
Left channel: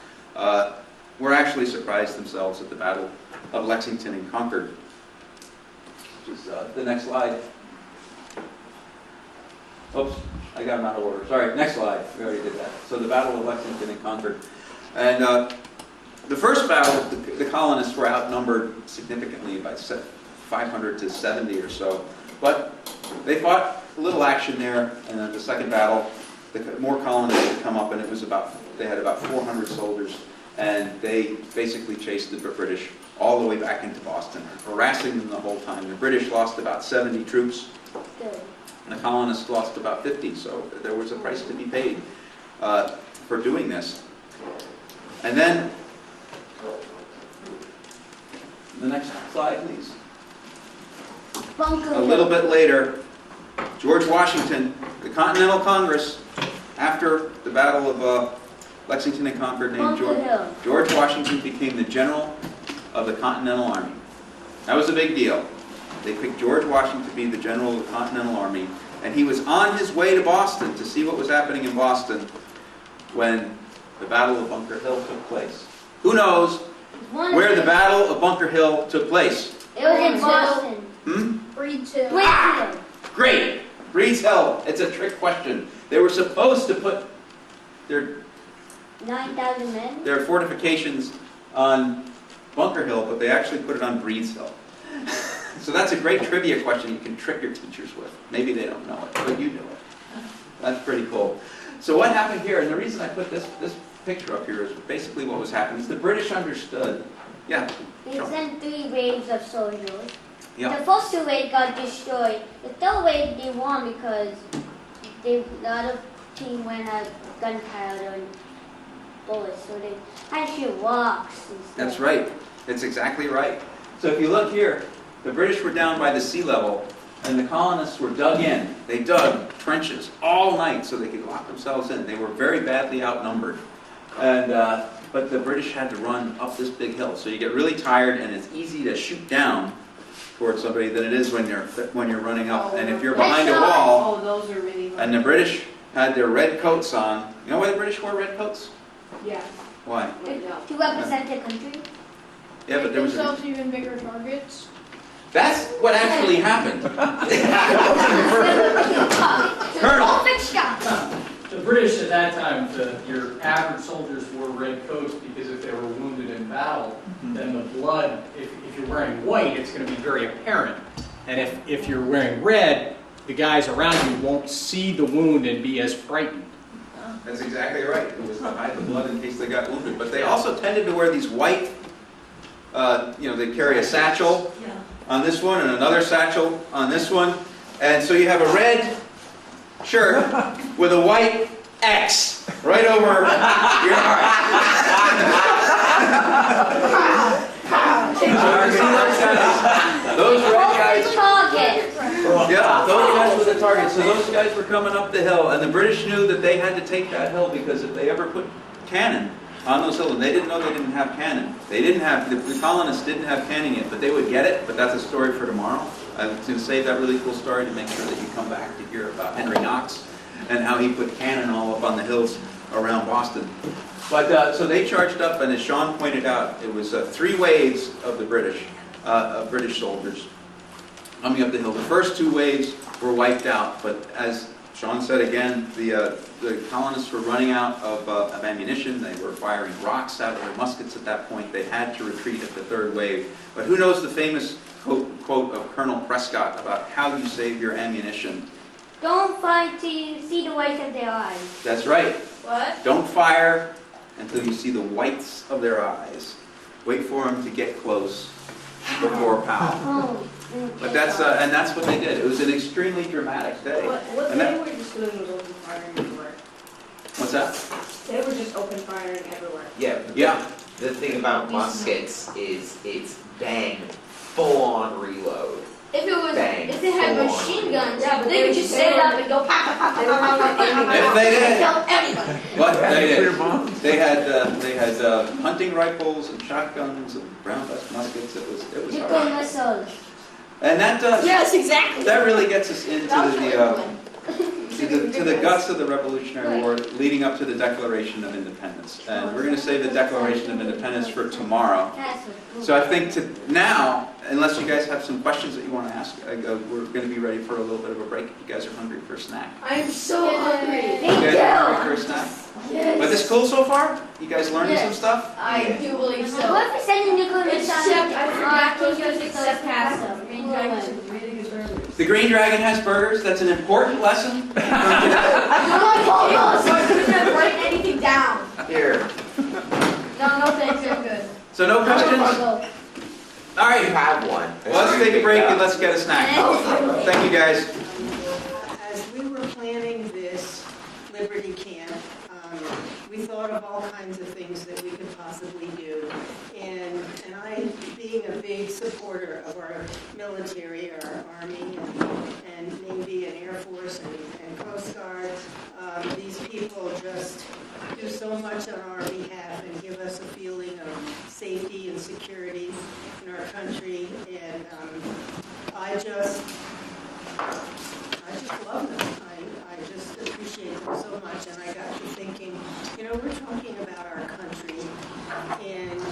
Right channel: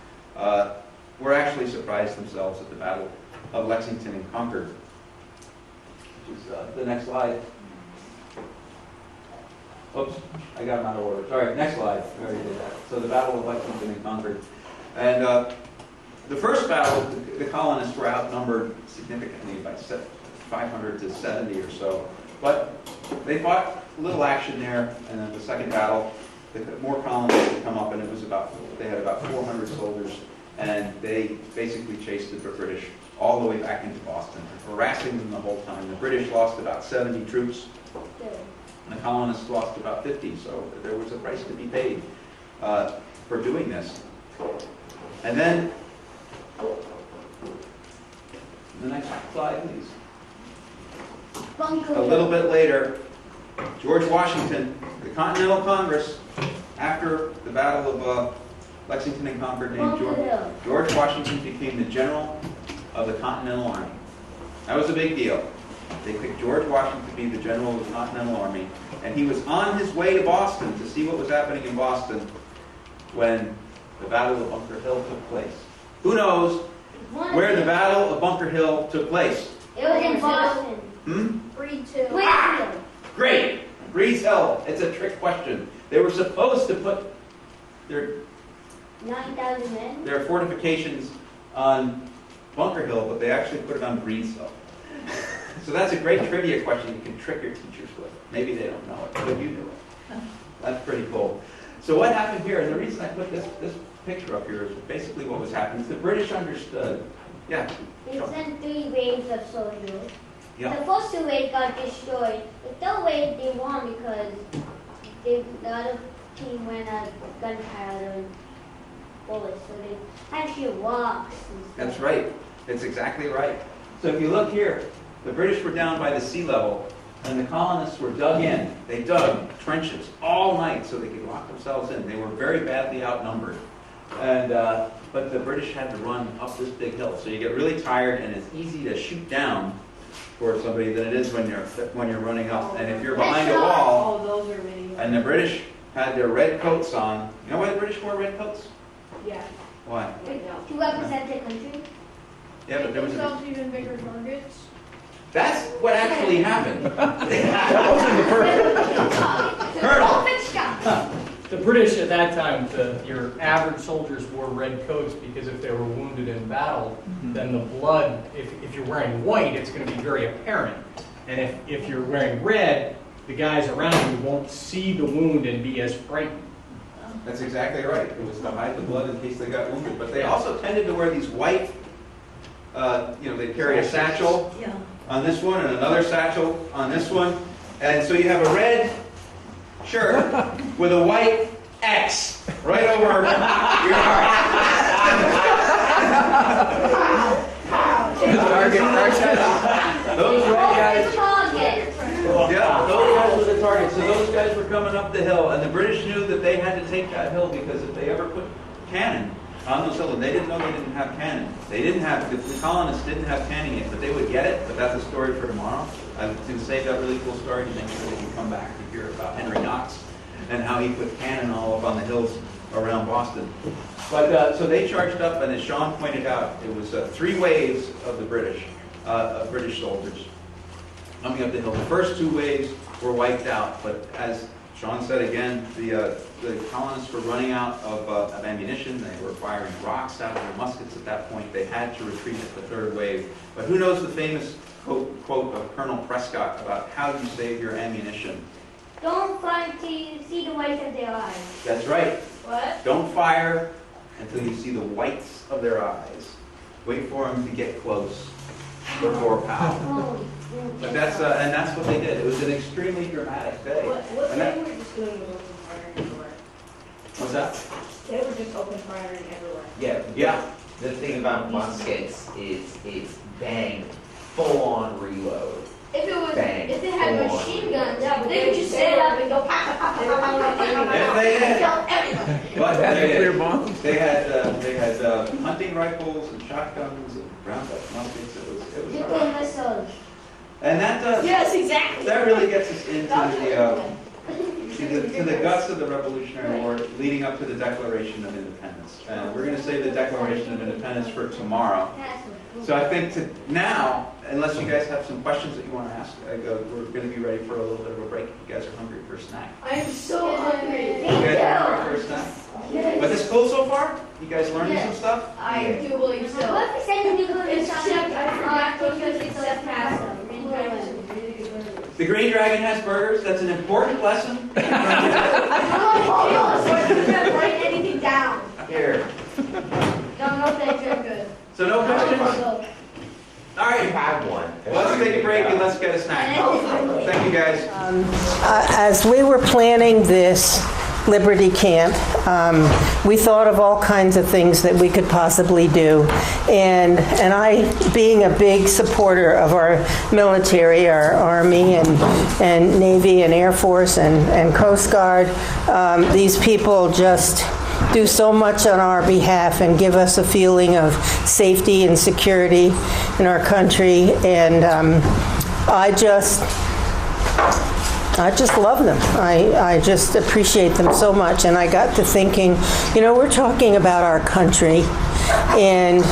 were actually surprised themselves at the Battle of Lexington and Concord. Which is the next slide. Oops, I got them out of order. Sorry, next slide. We already did that. So the Battle of Lexington and Concord. And the first battle, the colonists were outnumbered significantly by 500 to 70 or so. But they fought a little action there, and then the second battle, more colonists had come up, and they had about 400 soldiers, and they basically chased the British all the way back into Boston, harassing them the whole time. The British lost about 70 troops, Good. and the colonists lost about 50, so there was a price to be paid for doing this. And then, the next slide, please. Bunker A little bit later, George Washington, the Continental Congress, after the Battle of Lexington and Concord, named Bunker Hill. George Washington became the general of the Continental Army. That was a big deal. They picked George Washington to be the general of the Continental Army, and he was on his way to Boston to see what was happening in Boston when the Battle of Bunker Hill took place. Who knows where the Battle of Bunker Hill took place? It was in Boston. Breed 2. Wakefield. Great! Breeze Hill. It's a trick question. They were supposed to put their 9,000 men. There are fortifications on Bunker Hill, but they actually put it on Breeze Hill. So that's a great trivia question you can trick your teachers with. Maybe they don't know it, but you knew it. That's pretty cool. So what happened here, and the reason I put this picture up here is basically what was happening, is the British understood. Yeah. They sent 3 waves of soldiers. Yeah. The first 2 waves got destroyed. The third wave they won because the other team went out gunpowder and bullets, so they had to shoot rocks and stuff. That's right. That's exactly right. So if you look here, the British were down by the sea level, and the colonists were dug in. They dug trenches all night so they could lock themselves in. They were very badly outnumbered. And, but the British had to run up this big hill. So you get really tired, and it's easy to shoot down towards somebody than it is when you're running up. And if you're behind a wall, those are really and the British had their red coats on. You know why the British wore red coats? Yeah. Why? To represent their country. Yeah, but there was a... themselves even bigger targets. That's what actually happened. Colonel. Open shot. The British at that time, your average soldiers wore red coats because if they were wounded in battle, then the blood, if you're wearing white, it's going to be very apparent. And if you're wearing red, the guys around you won't see the wound and be as frightened. That's exactly right. It was to hide the blood in case they got wounded. But they also tended to wear these white, they'd carry a satchel on this one and another satchel on this one. And so you have a red shirt with a white X right over your heart. Those red guys. Yeah, those guys were the target. So those guys were coming up the hill, and the British knew that they had to take that hill because if they ever put cannon on those hills, and they didn't know they didn't have cannon. The colonists didn't have cannon yet, but they would get it. But that's a story for tomorrow. I'm going to save that really cool story to make sure that you come back to hear about Henry Knox and how he put cannon all up on the hills around Boston. But so they charged up, and as Sean pointed out, it was 3 waves of the British soldiers coming up the hill. The first 2 waves were wiped out, but as Sean said again, the colonists were running out of ammunition. They were firing rocks out of their muskets at that point. They had to retreat at the 3rd wave. But who knows the famous quote of Colonel Prescott about how you save your ammunition? Don't fight till you see the whites of their eyes. That's right. What? Don't fire until you see the whites of their eyes. Wait for them to get close before pow. Oh, But that's what they did. It was an extremely dramatic day. What And they that- were just doing was open firing everywhere. What's that? They were just open firing everywhere. Yeah. Yeah. The thing about muskets is it's bang, full on reload. If it was, Bang. if it had Full on machine reload. guns, Yeah, but they could just set it up and go pop, pop, pop, pop, pop, pop, pop, pop, If they did. kill everybody. But they did. They had hunting rifles and shotguns and brown bust muskets. It was You all go right. missiles. And that Yes, exactly. that really gets us into That was to the guts of the Revolutionary War, leading up to the Declaration of Independence. And we're going to save the Declaration of Independence for tomorrow. That's a So I think now, unless you guys have some questions that you want to ask, we're going to be ready for a little bit of a break. If you guys are hungry for a snack. I'm so hungry. You guys are hungry for a snack? Yes. But this cool so far? You guys learning some stuff? I do believe so. What if we send you to go to Except I forgot those guys except pasta. Green Dragon's really good burgers. The Green Dragon has burgers. That's an important lesson from today. I couldn't write anything down. Here. No, thanks, you're good. So no questions? All You right. have one. Let's take a break and let's get a snack. Thank you, guys. As we were planning this Liberty Camp, we thought of all kinds of things that we could possibly do. And I, being a big supporter of our military, our Army and Navy and Air Force and Coast Guard, these people just do so much on our behalf and give us a feeling of safety and security in our country. And I just love them. I just appreciate them so much. And I got to thinking, we're talking about our country, and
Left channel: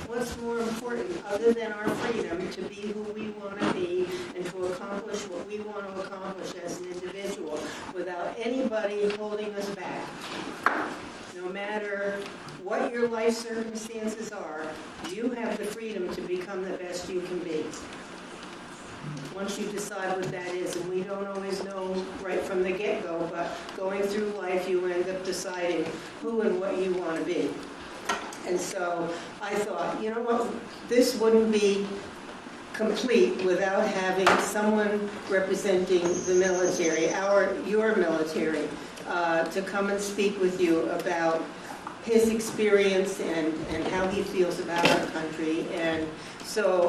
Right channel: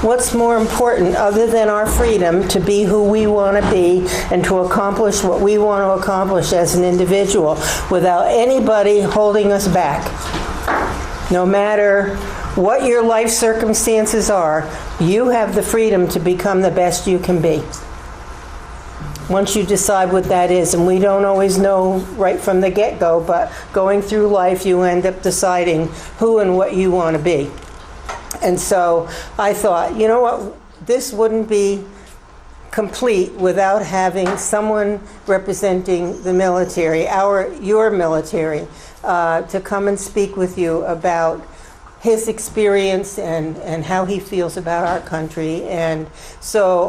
what's more important other than our freedom to be who we want to be and to accomplish what we want to accomplish as an individual without anybody holding us back. No matter what your life circumstances are, you have the freedom to become the best you can be. Once you decide what that is, and we don't always know right from the get-go, but going through life, you end up deciding who and what you want to be. And so I thought, you know what, this wouldn't be complete without having someone representing the military, your military, to come and speak with you about his experience and how he feels about our country. And so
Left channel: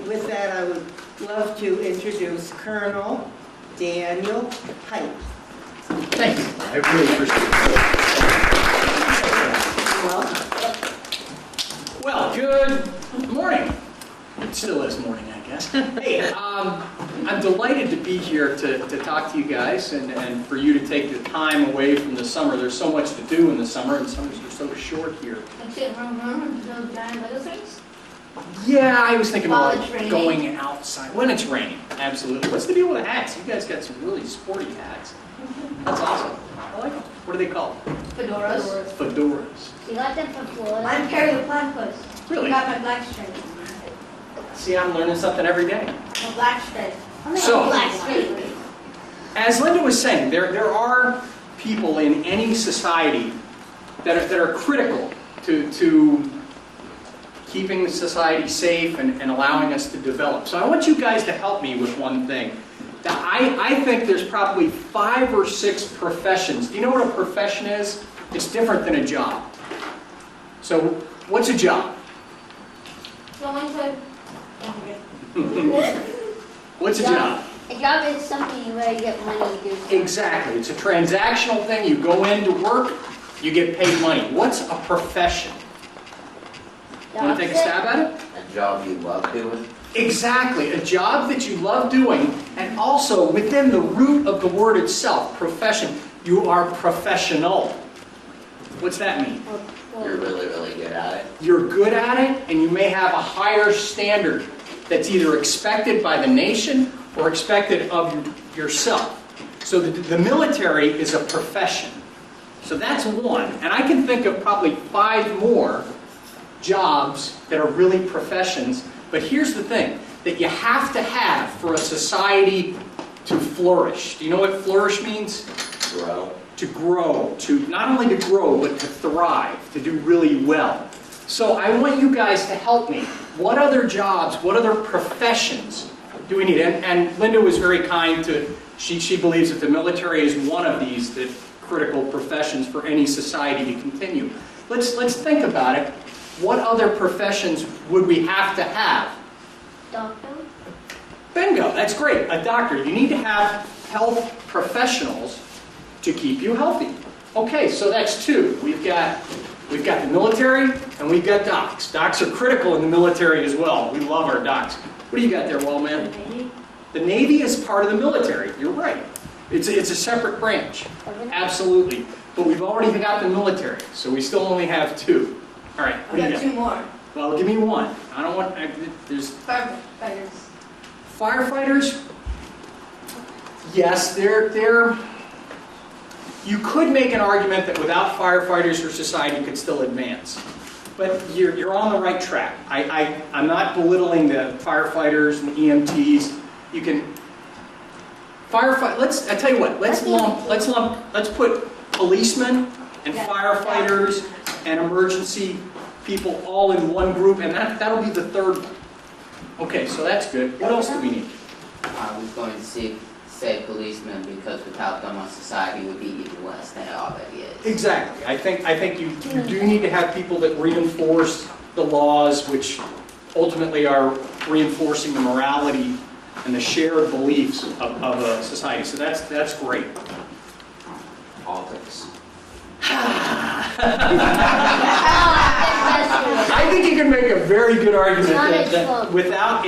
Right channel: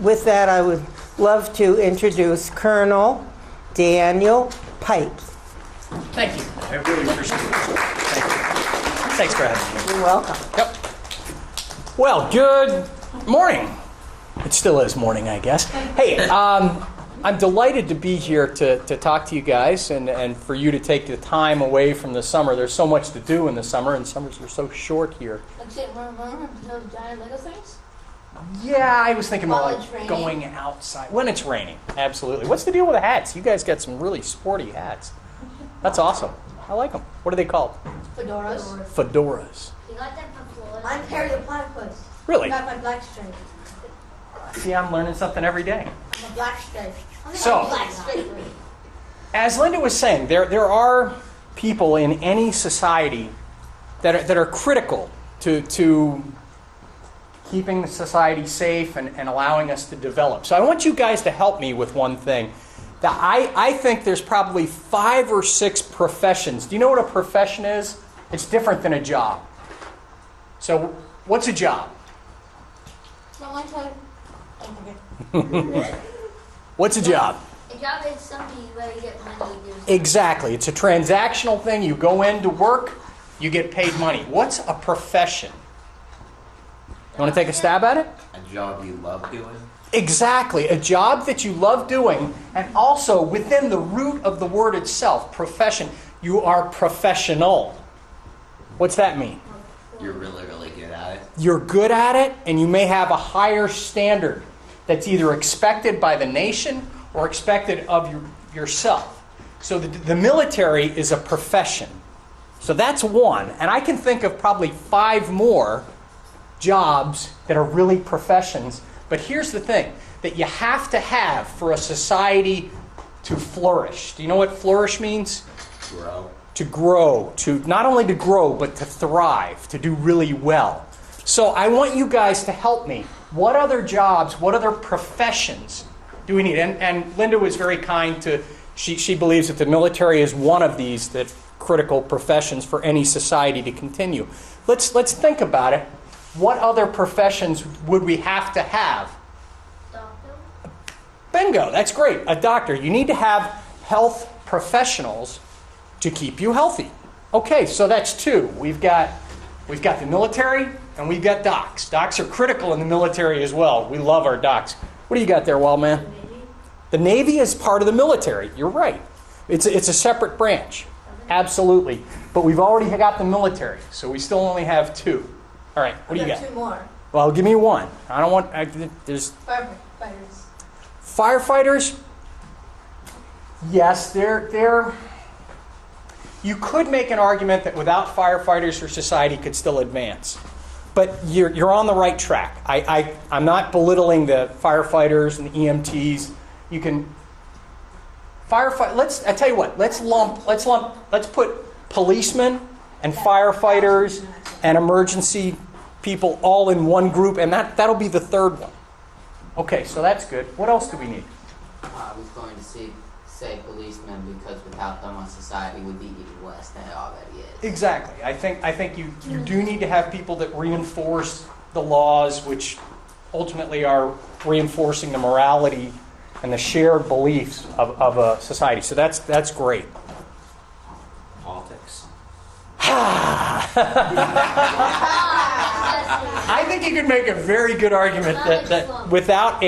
with that, I would love to introduce Colonel Daniel Pipes. Thank you. I really appreciate it. Thanks, guys. You're welcome. Yep. Well, good morning. It still is morning, I guess. Hey, I'm delighted to be here to talk to you guys and for you to take the time away from the summer. There's so much to do in the summer, and summers are so short here. Except from no giant little things. Yeah, I was thinking While about it's raining. going outside. When it's raining, absolutely. What's the deal with the hats? You guys got some really sporty hats. That's awesome. I like them. What are they called? Fedoras. Fedoras. You got them from Florida? I'm Carrie the Platypus. Really? I got my black stripe. See, I'm learning something every day. My black stripe. So- Black stripe. As Linda was saying, there are people in any society that are critical to keeping the society safe and allowing us to develop. So I want you guys to help me with one thing. That I think there's probably 5 or 6 professions. Do you know what a profession is? It's different than a job. So what's a job? Someone said, What's a job? A job is something where you get money to do. Exactly. It's a transactional thing. You go into work, you get paid money. What's a profession? Want to take a stab at it? A job you love doing. Exactly. A job that you love doing, and also within the root of the word itself, profession, you are professional. What's that mean? You're really, really good at it. You're good at it, and you may have a higher standard that's either expected by the nation or expected of yourself. So the military is a profession. So that's one. And I can think of probably 5 more jobs that are really professions. But here's the thing that you have to have for a society to flourish. Do you know what flourish means? Grow. To grow, to not only to grow, but to thrive, to do really well. So I want you guys to help me. What other jobs, what other professions do we need? And Linda was very kind to, she believes that the military is one of these that critical professions for any society to continue. Let's think about it. What other professions would we have to have? Doctor? Bingo, that's great. A doctor. You need to have health professionals to keep you healthy. Okay, so that's two. We've got the military and we've got docs. Docs are critical in the military as well. We love our docs. What do you got there, Wellman? The Navy is part of the military. You're right. It's a separate branch. Absolutely. But we've already got the military, so we still only have two. All right, what do you got? Two more. Well, give me one. I don't want. There's Firefighters. firefighters. Yes, they're. You could make an argument that without firefighters, your society could still advance. But you're on the right track. I'm not belittling the firefighters and the EMTs. You can firefight. I tell you what. Let's put policemen and firefighters and emergency people all in one group, and that'll be the third one. Okay, so that's good. What else do we need? I was going to say policemen, because without them our society would be even worse than it already is. Exactly. I think you do need to have people that reinforce the laws, which ultimately are reinforcing the morality and the shared beliefs of a society. So that's great. Politics. I think you can make a very good argument that without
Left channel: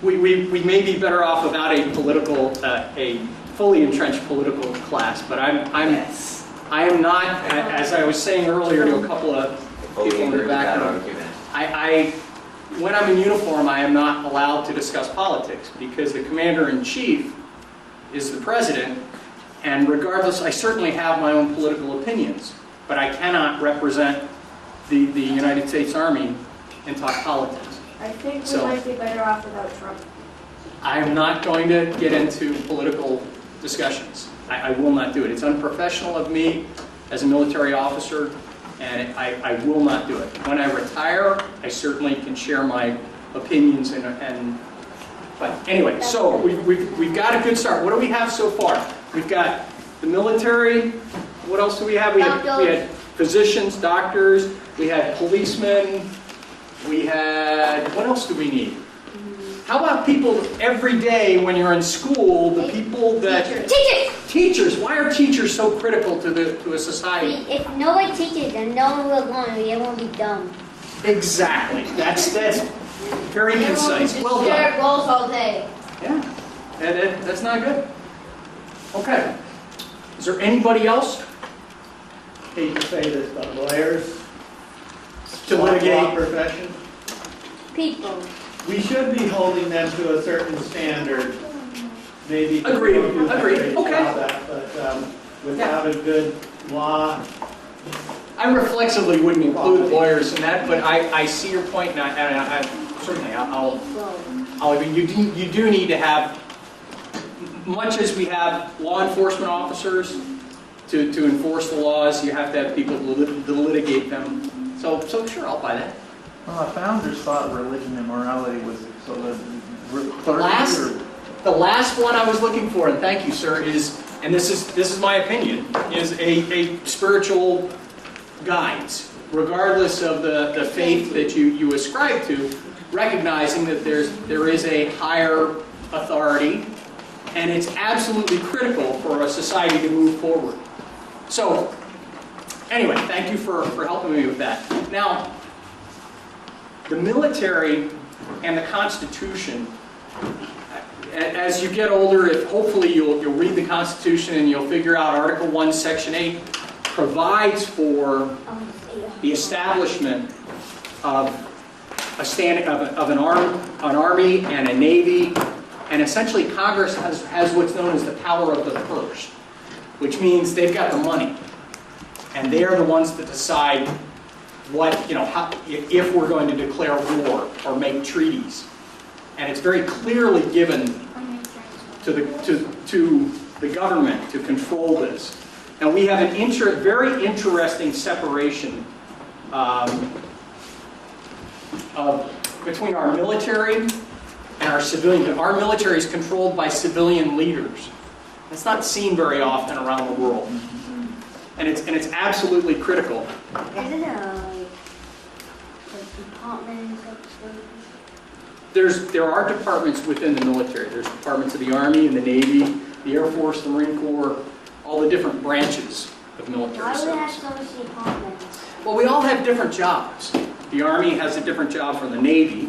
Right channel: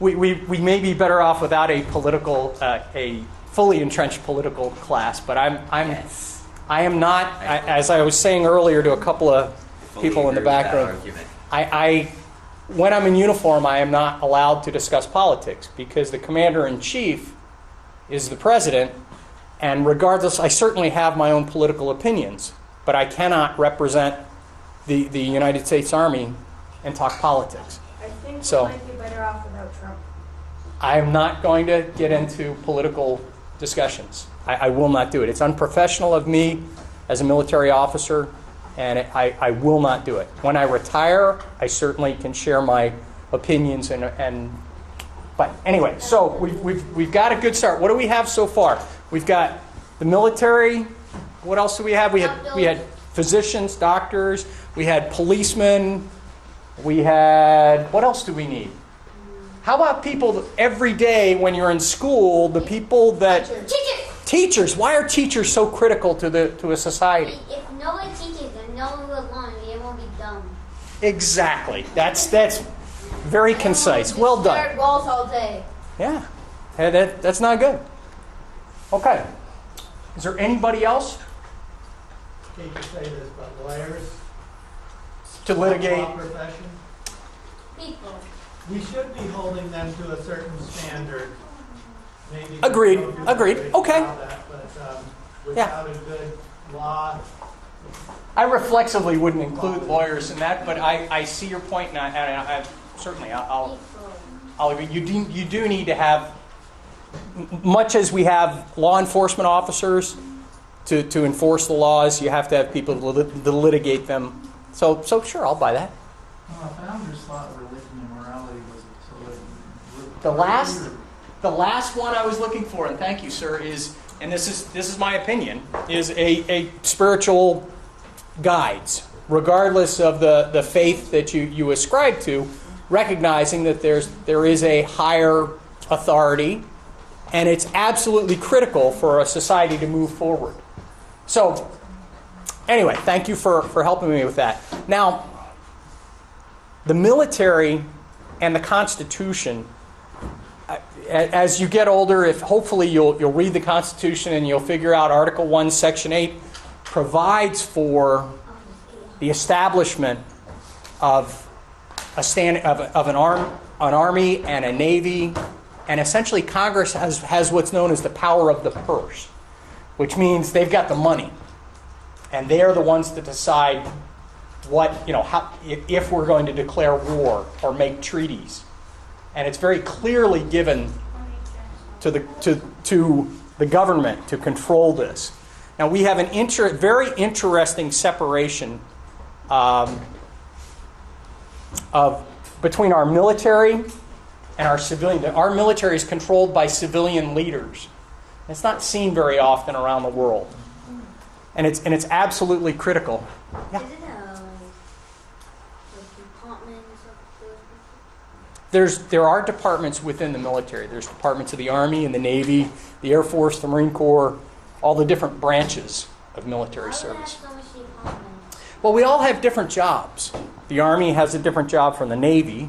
we may be better off without a fully entrenched political class. But I am not, as I was saying earlier to a couple of people in the back room. When I'm in uniform, I am not allowed to discuss politics because the commander-in-chief is the president, and regardless, I certainly have my own political opinions, but I cannot represent the United States Army and talk politics. I think So- we might be better off without Trump. I am not going to get into political discussions. I will not do it. It's unprofessional of me as a military officer, and I will not do it. When I retire, I certainly can share my opinions but anyway, so we've got a good start. What do we have so far? We've got the military. What else do we have? We had physicians, doctors. We had policemen. We had, what else do we need? How about people every day when you're in school, the people that... Teachers. Why are teachers so critical to a society? If nobody teaches them, no one will learn. Everyone will be dumb. Exactly. That's very concise. Well done. Stare at walls all day. Yeah. And that's not good. Okay. Is there anybody else Hate to say this, but lawyers, to law litigate? profession, People. we should be holding them to a certain standard. Maybe Agreed. don't do Agreed. great Okay. job at, but without a good law, I reflexively wouldn't include lawyers in that, but I see your point, and I certainly you do need to have, much as we have law enforcement officers to enforce the laws, you have to have people to litigate them. So sure, I'll buy that. founders thought religion and morality was so that The last one I was looking for, and thank you, sir, is, and this is my opinion, is a spiritual guides, regardless of the faith that you ascribe to, recognizing that there is a higher authority, and it's absolutely critical for a society to move forward. So, anyway, thank you for helping me with that. Now, the military and the Constitution, as you get older, hopefully you'll read the Constitution and you'll figure out Article 1, Section 8 provides for the establishment of an army and a navy, and essentially Congress has what's known as the power of the purse, which means they've got the money, and they're the ones that decide if we're going to declare war or make treaties, and it's very clearly given to the government to control this. Now we have a very interesting separation between our military and our civilian. Our military is controlled by civilian leaders. It's not seen very often around the world, and it's absolutely critical. Isn't it departments of There are departments within the military. There's departments of the Army and the Navy, the Air Force, the Marine Corps, all the different branches. military Why would it have service. so much departments? Well, we all have different jobs. The Army has a different job from the Navy.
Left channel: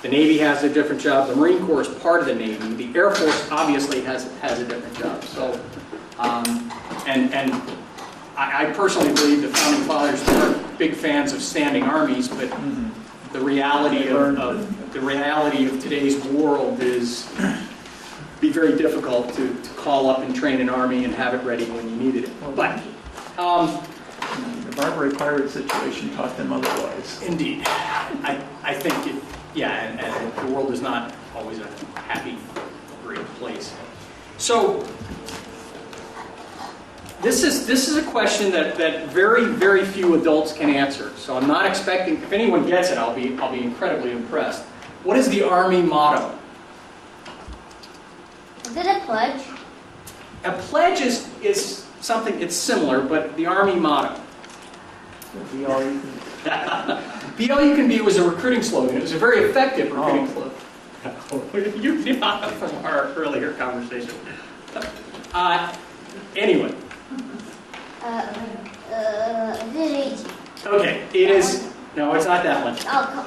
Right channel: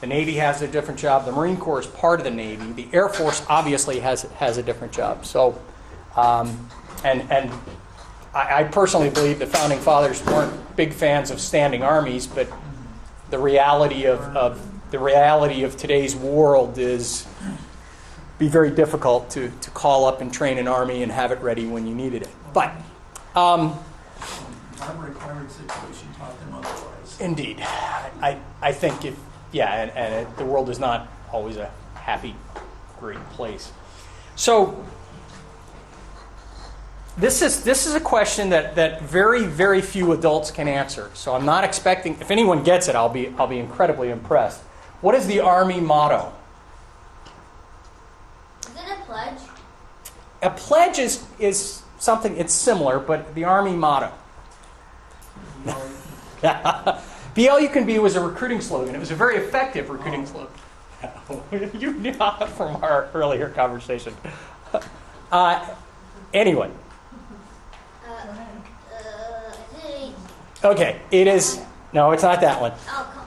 The Navy has a different job. The Marine Corps is part of the Navy. The Air Force obviously has a different job. So, and I personally believe the Founding Fathers weren't big fans of standing armies, but the reality of today's world is be very difficult to call up and train an army and have it ready when you needed it. But The Barbary Pirate situation taught them otherwise. indeed, I think it, yeah, and the world is not always a happy, great place. So this is a question that very, very few adults can answer. So I'm not expecting, if anyone gets it, I'll be incredibly impressed. What is the Army motto? Is it a pledge? A pledge is something, it's similar, but the Army motto. Be all you can be was a recruiting slogan. It was a very effective recruiting slogan. You know from our earlier conversation. Anyway. Is it easy? Okay, it is. No, it's not that one. Oh, come on.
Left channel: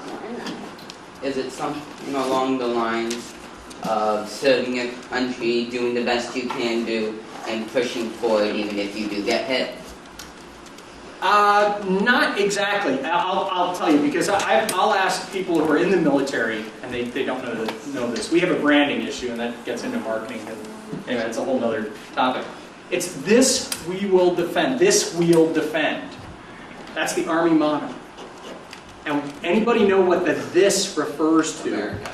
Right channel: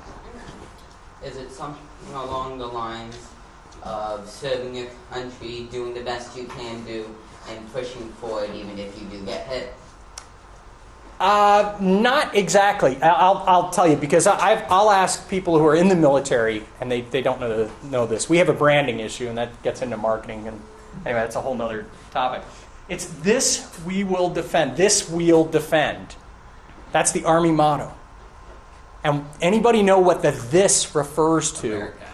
Is it something along the lines of serving your country, doing the best you can do, and pushing forward even if you do get hit? Not exactly. I'll tell you, because I'll ask people who are in the military, and they don't know this. We have a branding issue, and that gets into marketing. And anyway, that's a whole other topic. It's this we will defend. This we'll defend. That's the Army motto. And anybody know what the this refers to? America.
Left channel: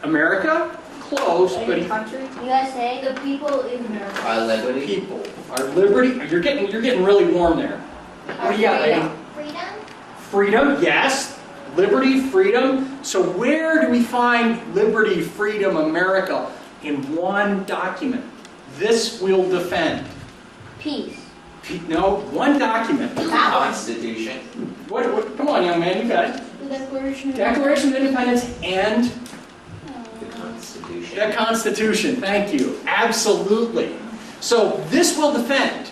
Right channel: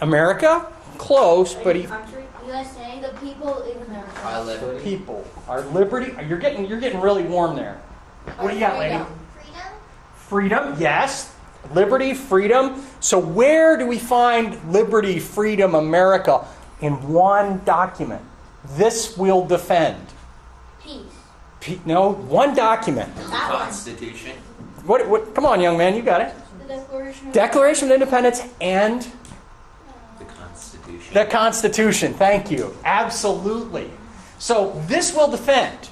America? Close, but USA, the people in America. Our liberty? people. Our liberty. You're getting really warm there. What do you got, lady? Freedom? Freedom, yes. Liberty, freedom. So where do we find liberty, freedom, America? In one document. This we'll defend. Peace. No, one document. Constitution. What? Come on, young man, you got it. The Declaration. Declaration of Independence and The Constitution. the Constitution. Thank you. Absolutely. So this will defend.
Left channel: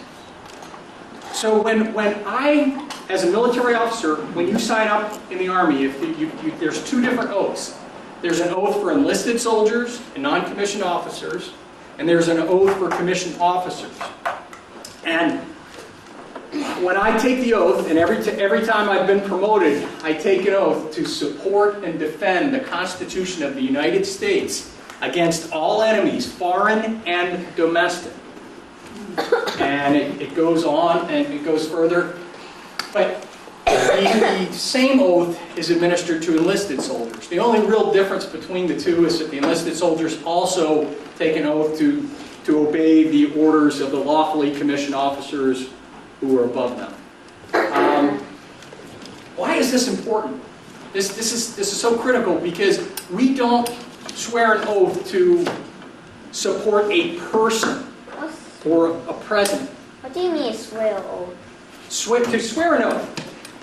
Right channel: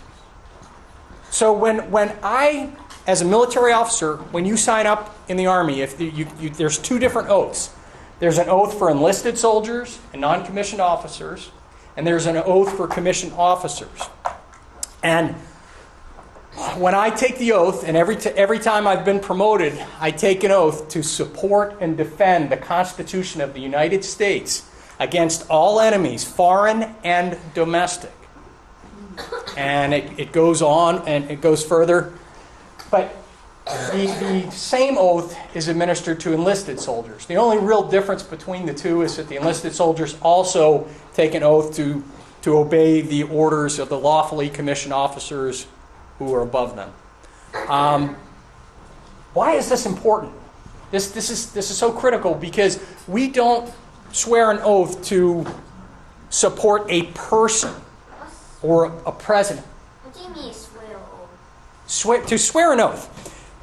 So when I, as a military officer, when you sign up in the Army, there's two different oaths. There's an oath for enlisted soldiers and non-commissioned officers, and there's an oath for commissioned officers. And when I take the oath, and every time I've been promoted, I take an oath to support and defend the Constitution of the United States against all enemies, foreign and domestic. And it goes on and it goes further. But the same oath is administered to enlisted soldiers. The only real difference between the two is that the enlisted soldiers also take an oath to obey the orders of the lawfully commissioned officers who are above them. Why is this important? This is so critical because we don't swear an oath to support a person or a president. What do you mean swear oath? To swear an oath.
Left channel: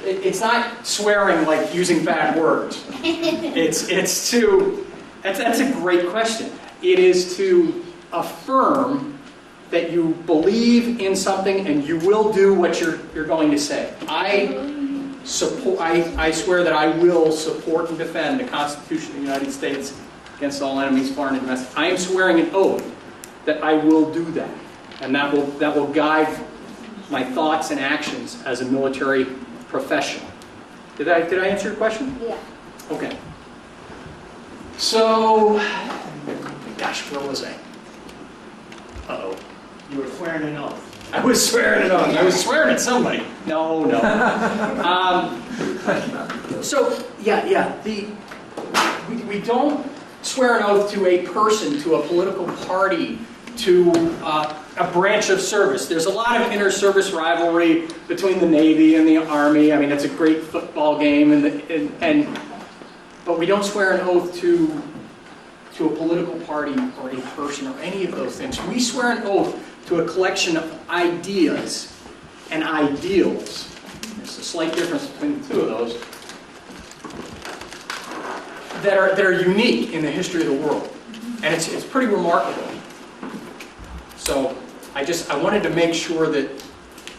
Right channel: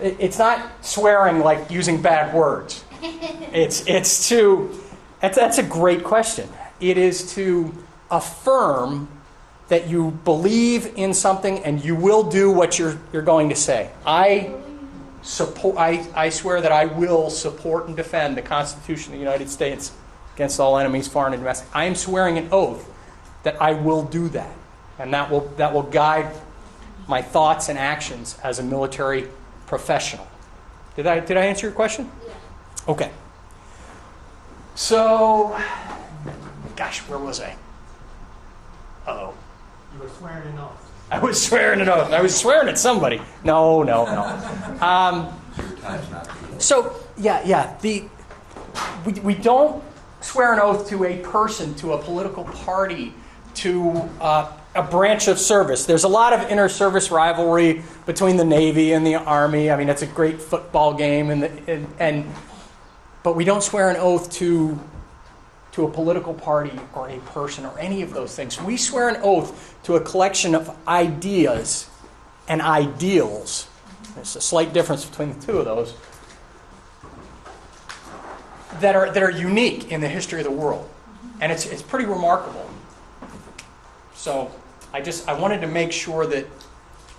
It's not swearing like using bad words. It's to. That's a great question. It is to affirm that you believe in something and you will do what you're going to say. I swear that I will support and defend the Constitution of the United States against all enemies, foreign and domestic. I am swearing an oath that I will do that, and that will guide my thoughts and actions as a military professional. Did I answer your question? Yeah. Okay. So, gosh, where was I? Uh-oh. You were swearing an oath. I was swearing an oath. I was swearing at somebody. No. So, yeah. We don't swear an oath to a person, to a political party, to a branch of service. There's a lot of inter-service rivalry between the Navy and the Army. I mean, it's a great football game, but we don't swear an oath to a political party or a person or any of those things. We swear an oath to a collection of ideas and ideals. There's a slight difference between the two of those that are unique in the history of the world, and it's pretty remarkable. So I wanted to make sure that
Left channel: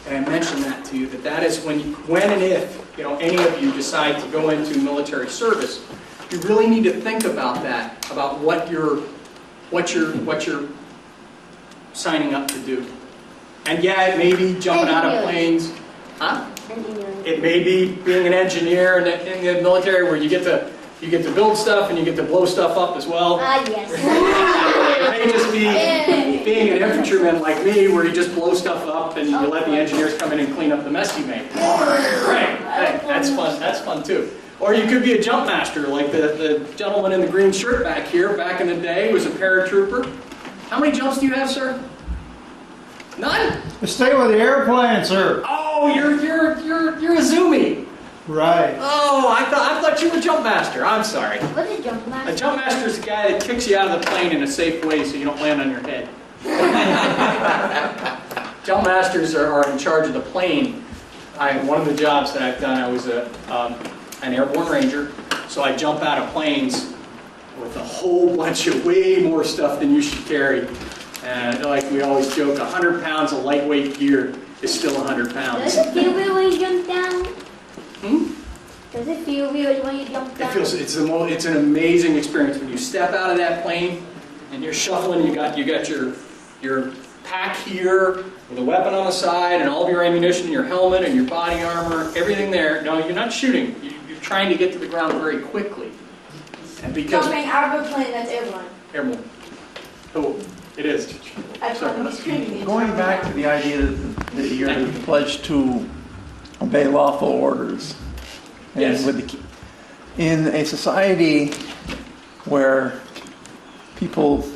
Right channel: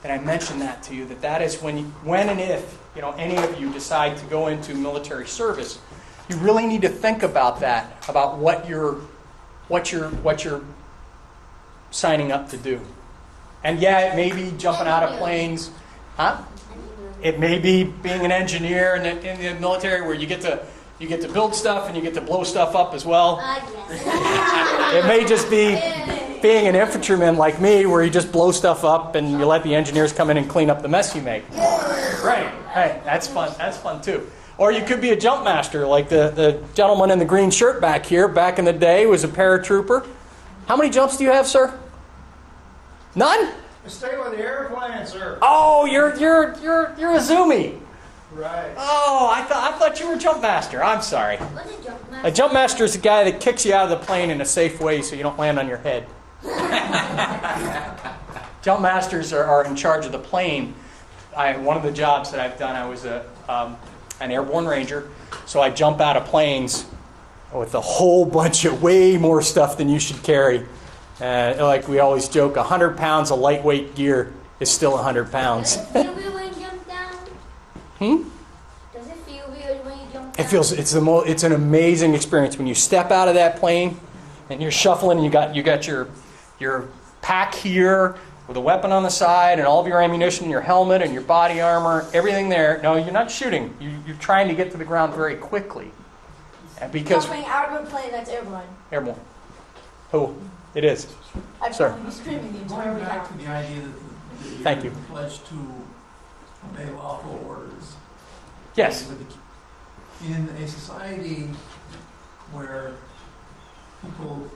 and I mentioned that to you, that is when and if, any of you decide to go into military service, you really need to think about that, about what you're signing up to do. And yeah, it may be jumping out of planes. Huh? It may be being an engineer in the military where you get to build stuff and you get to blow stuff up as well. Yes. It may just be being an infantryman like me where you just blow stuff up and you let the engineers come in and clean up the mess you make. Right. Hey, that's fun. That's fun too. Or you could be a jump master like the gentleman in the green shirt back here. Back in the day was a paratrooper. How many jumps do you have, sir? None? Stay with the airplane, sir. Oh, you're a zoomie. Right. Oh, I thought you were a jump master. I'm sorry. What's a jump master? A jump master is the guy that kicks you out of the plane in a safe way so you don't land on your head. Jump masters are in charge of the plane. One of the jobs that I've done, I was an airborne ranger, so I jump out of planes with a whole bunch of way more stuff than you should carry. And like we always joke, 100 pounds of lightweight gear is still 100 pounds. Does it feel weird when you jump down? Does it feel weird when you jump down? It's an amazing experience when you step out of that plane and you're shuffling. You got your pack here with a weapon on the side and all of your ammunition, your helmet and your body armor, everything there. No, you're not shooting. You're trying to get to the ground very quickly. And because Jumping out of a plane that's airborne. airborne. Oh, it is. Sir. I'm screaming. Going back to the idea that you're Thank you. pledged to obey lawful orders. Yes. In a society where people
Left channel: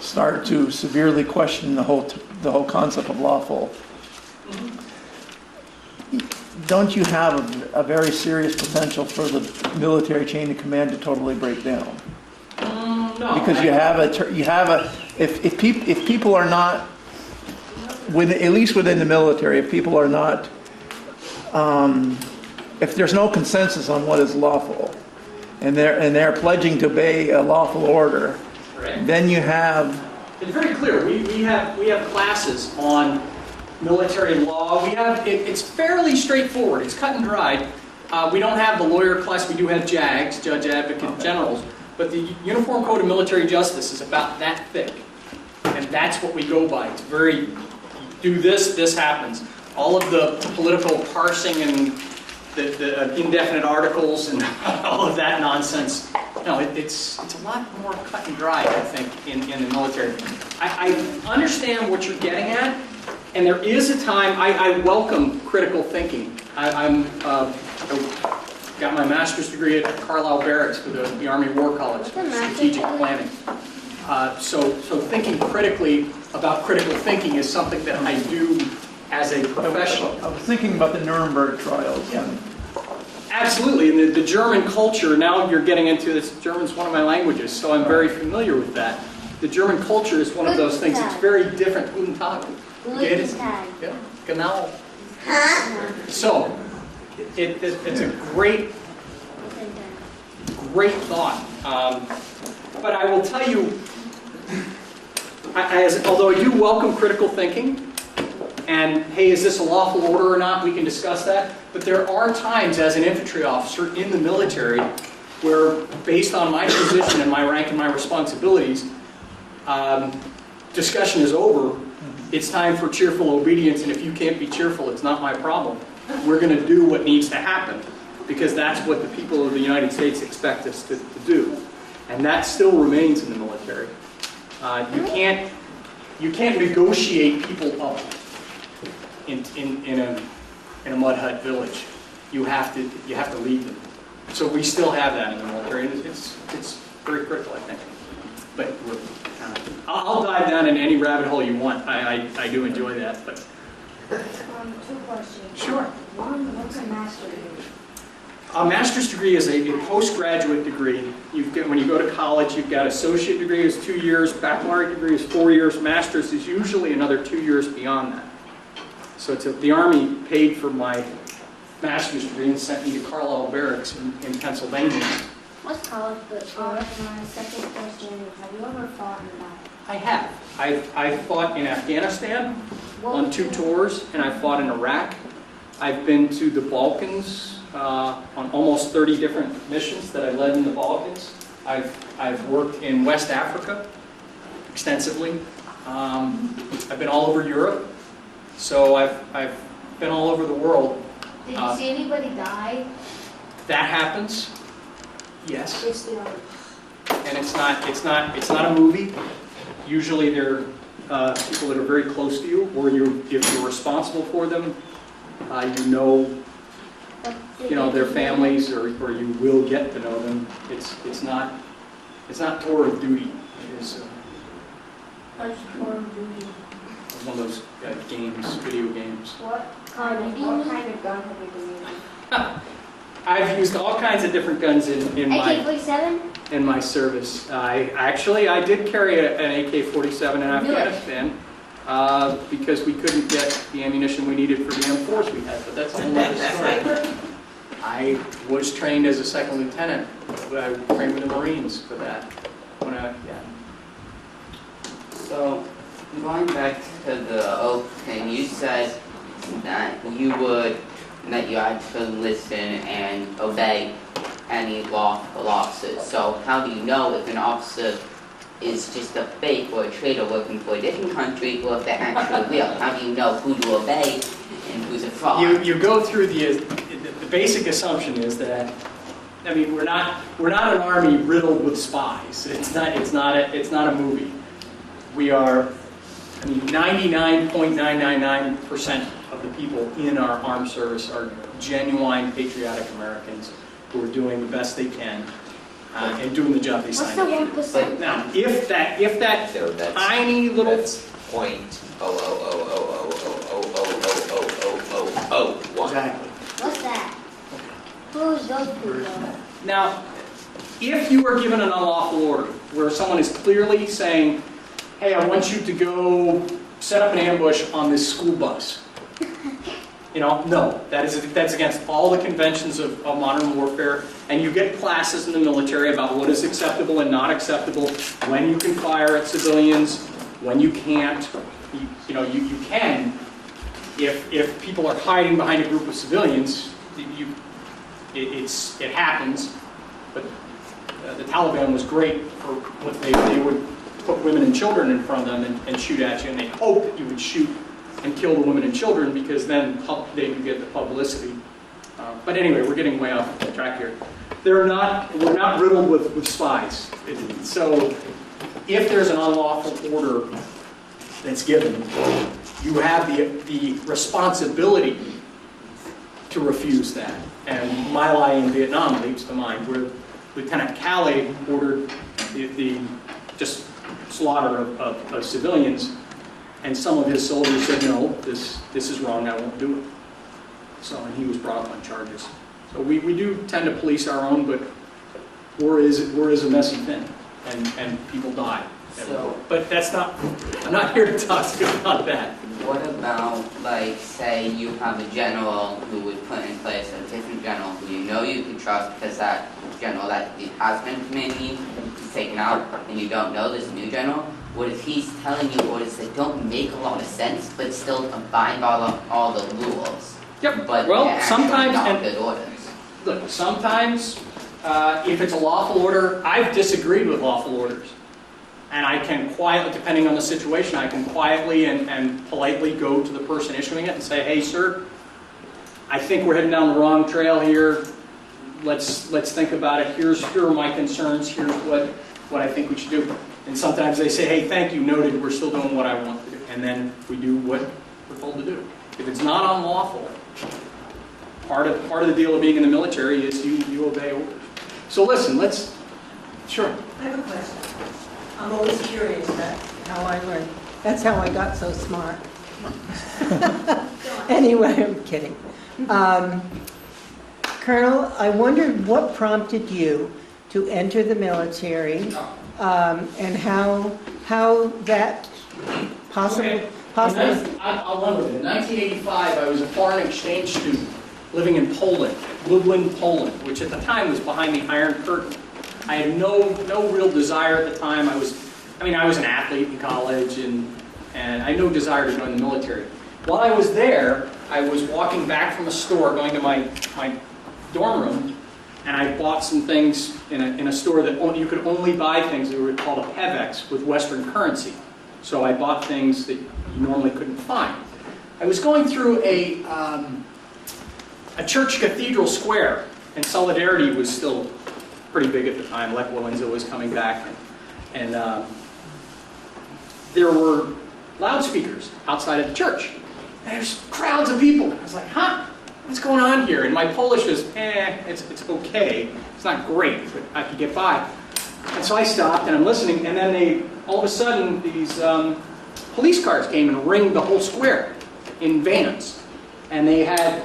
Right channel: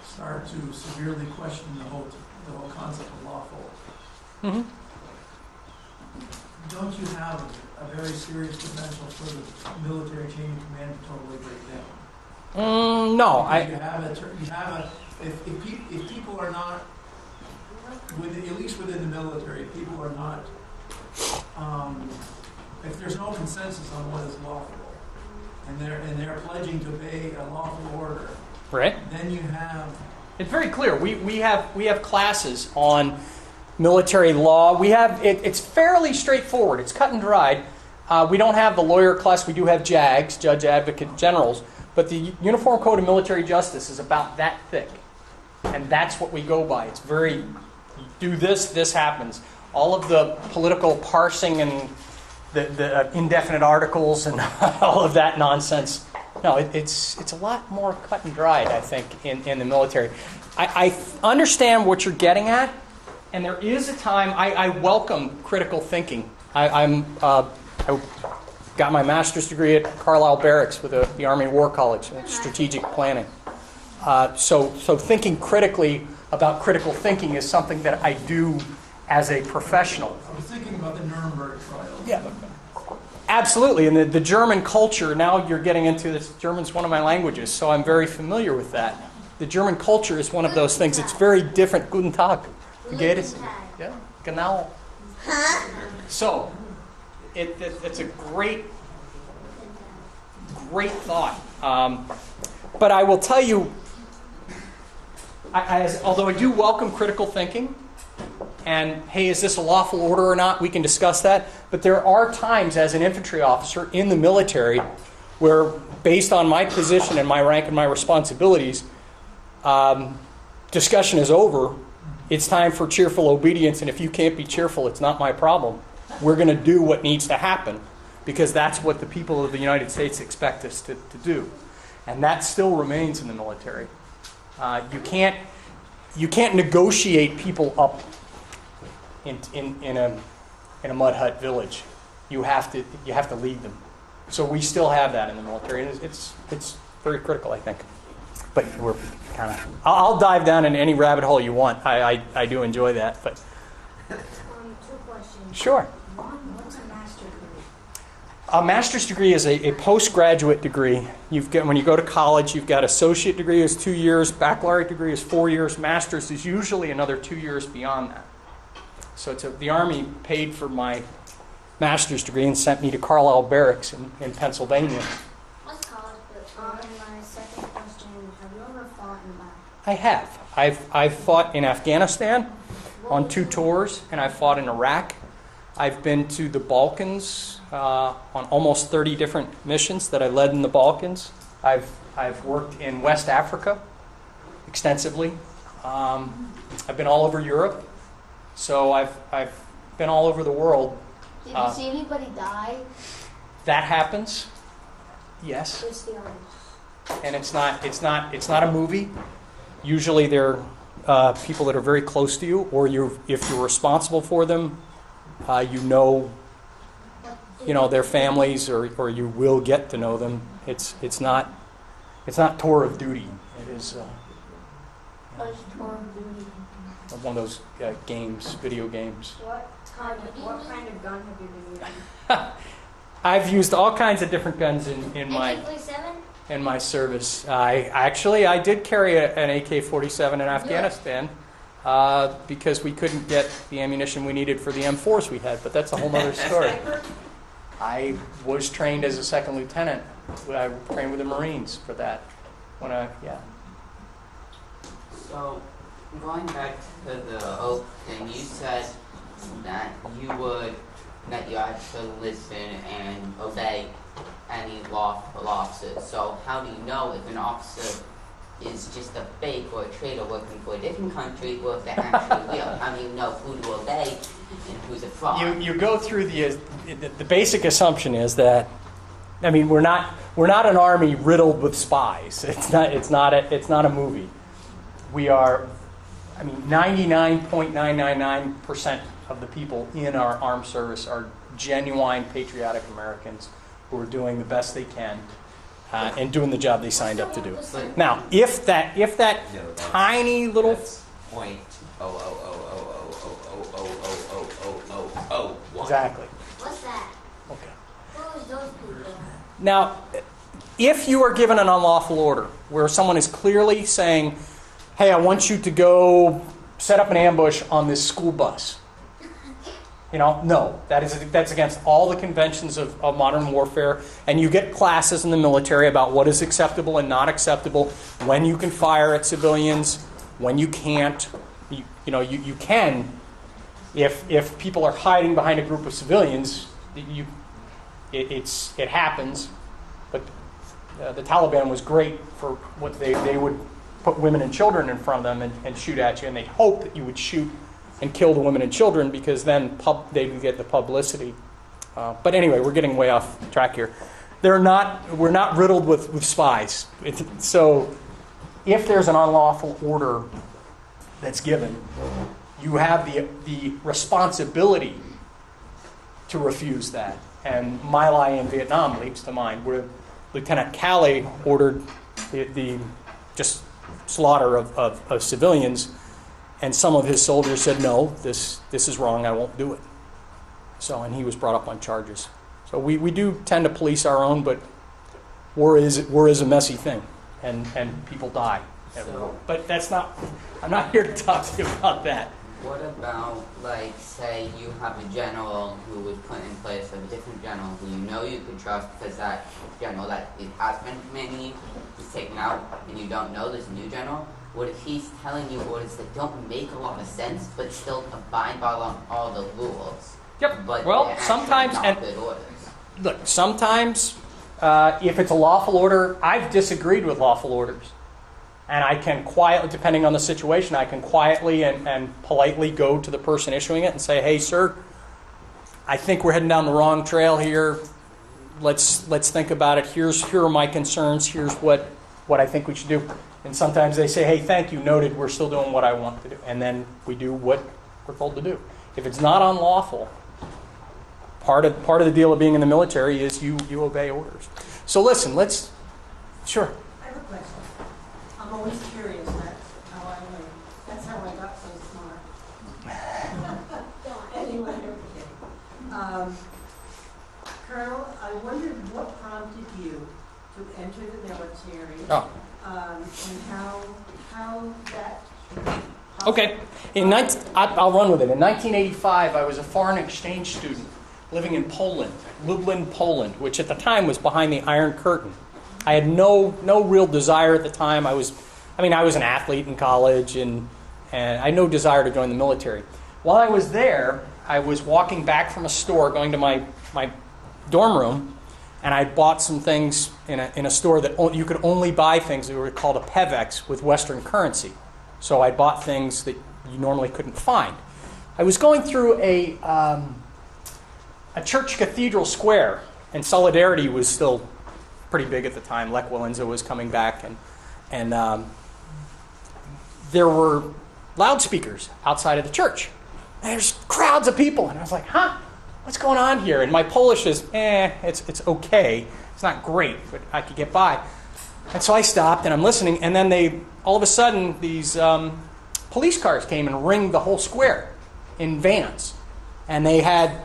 start to severely question the whole concept of lawful, don't you have a very serious potential for the military chain of command to totally break down? No. Because if people are not, at least within the military, if people are not, if there's no consensus on what is lawful, and they're pledging to obey a lawful order, right. Then you have. It's very clear. We have classes on military law. It's fairly straightforward. It's cut and dried. We don't have the lawyer class. We do have JAGs, Judge Advocate Generals. But the Uniform Code of Military Justice is about that thick. And that's what we go by. It's very, do this, this happens. All of the political parsing and the indefinite articles and all of that nonsense. No, it's a lot more cut and dried, I think, in the military. I understand what you're getting at, and there is a time, I welcome critical thinking. I got my master's degree at Carlisle Barracks for the Army War College, strategic planning. So thinking critically about critical thinking is something that I do as a professional. I was thinking about the Nuremberg trials. Yeah. Absolutely, and the German culture, now you're getting into this, German's one of my languages, so I'm very familiar with that. The German culture is one of those things, it's very different. Guten Tag. Geht es? Yeah, genau. So, it's a great thought. But I will tell you, although I do welcome critical thinking, and hey, is this a lawful order or not? We can discuss that. But there are times as an infantry officer in the military where, based on my position and my rank and my responsibilities, discussion is over. It's time for cheerful obedience, and if you can't be cheerful, it's not my problem. We're going to do what needs to happen because that's what the people of the United States expect us to do. And that still remains in the military. You can't negotiate people up in a mud hut village. You have to lead them. So we still have that in the military. It's very critical, I think. But we're kind of. I'll dive down in any rabbit hole you want. I do enjoy that. But 2 questions. Sure. One, what's a master's degree? A master's degree is a postgraduate degree. When you go to college, you've got associate degree is 2 years, baccalaureate degree is 4 years, master's is usually another 2 years beyond that. So the Army paid for my master's degree and sent me to Carlisle Barracks in Pennsylvania. What's college? But My second question, have you ever fought in battle? I have. I've fought in Afghanistan on 2 tours, and I've fought in Iraq. I've been to the Balkans on almost 30 different missions that I led in the Balkans. I've worked in West Africa extensively. I've been all over Europe. So I've been all over the world. Did you see anybody die? That happens. Yes. It's the And it's not a movie. Usually they're people that are very close to you, or if you're responsible for them, you know their families, or you will get to know them. It's not tour of duty. It is tour of duty? one of those games, video games. What kind of gun have you been using? I've used all kinds of different guns in my AK-47? in my service. I did carry an AK-47 in Afghanistan because we couldn't get the ammunition we needed for the M4s we had, but that's a whole other story. I was trained as a second lieutenant. I trained with the Marines for that. So, going back to the oath thing, you said that you actually listen and obey any lawful officers. So how do you know if an officer is just a fake or a traitor working for a different country, or if they're actually real? How do you know who to obey and who's a fraud? You go through the basic assumption is that, I mean, we're not an army riddled with spies. It's not a movie. We are, 99.999% of the people in our armed service are genuine patriotic Americans who are doing the best they can and doing the job they signed up to do. Now, if that tiny little That's .00000000001. exactly. What's that? Who's those people? Now, if you are given an unlawful order where someone is clearly saying, "Hey, I want you to go set up an ambush on this school bus," no, that's against all the conventions of modern warfare. And you get classes in the military about what is acceptable and not acceptable, when you can fire at civilians, when you can't. You can, if people are hiding behind a group of civilians, it happens. But the Taliban was great for what they would put women and children in front of them and shoot at you, and they hope that you would shoot and kill the women and children, because then they would get the publicity. But anyway, we're getting way off track here. We're not riddled with spies. So if there's an unlawful order that's given, you have the responsibility to refuse that. And My Lai in Vietnam leaps to mind, where Lieutenant Calley ordered the just slaughter of civilians, and some of his soldiers said, "No, this is wrong, I won't do it." And he was brought up on charges. So we do tend to police our own, but war is a messy thing, and people die. But I'm not here to talk to you about that. What about, say you have a general who was put in place, a different general who you could trust, because that general that has been commanding you is taken out, and you don't know this new general? What if he's telling you orders that don't make a lot of sense, but still abide by all the rules? Yep. But Well, they're sometimes, not good orders. Look, sometimes if it's a lawful order, I've disagreed with lawful orders. And I can quietly, depending on the situation, I can quietly and politely go to the person issuing it and say, "Hey, sir, I think we're heading down the wrong trail here. Let's think about it. Here are my concerns. Here's what I think we should do." And sometimes they say, "Hey, thank you, noted. We're still doing what I want to do." And then we do what we're told to do. If it's not unlawful, part of the deal of being in the military is you obey orders. So listen, sure. I have a question. I'm always curious, that's how I learn. That's how I got so smart. Anyway, I'm kidding. Colonel, I wondered what prompted you to enter the military, and how that possible. Okay. I'll run with it. In 1985, I was a foreign exchange student living in Poland, Lublin, Poland, which at the time was behind the Iron Curtain. I had no real desire at the time. I was I mean, I was an athlete in college, and I had no desire to join the military. While I was there, I was walking back from a store, going to my dorm room, and I bought some things in a store that you could only buy things that were called a PEVEX with Western currency. So I bought things that you normally couldn't find. I was going through a church cathedral square, and Solidarity was still pretty big at the time. Lech Walesa was coming back, and there were loudspeakers outside of the church. And there's crowds of people, and I was like, huh? What's going on here? And my Polish is, it's okay. It's not great, but I could get by. And so I stopped, and I'm listening, and then all of a sudden, these police cars came and ringed the whole square in vans. And they had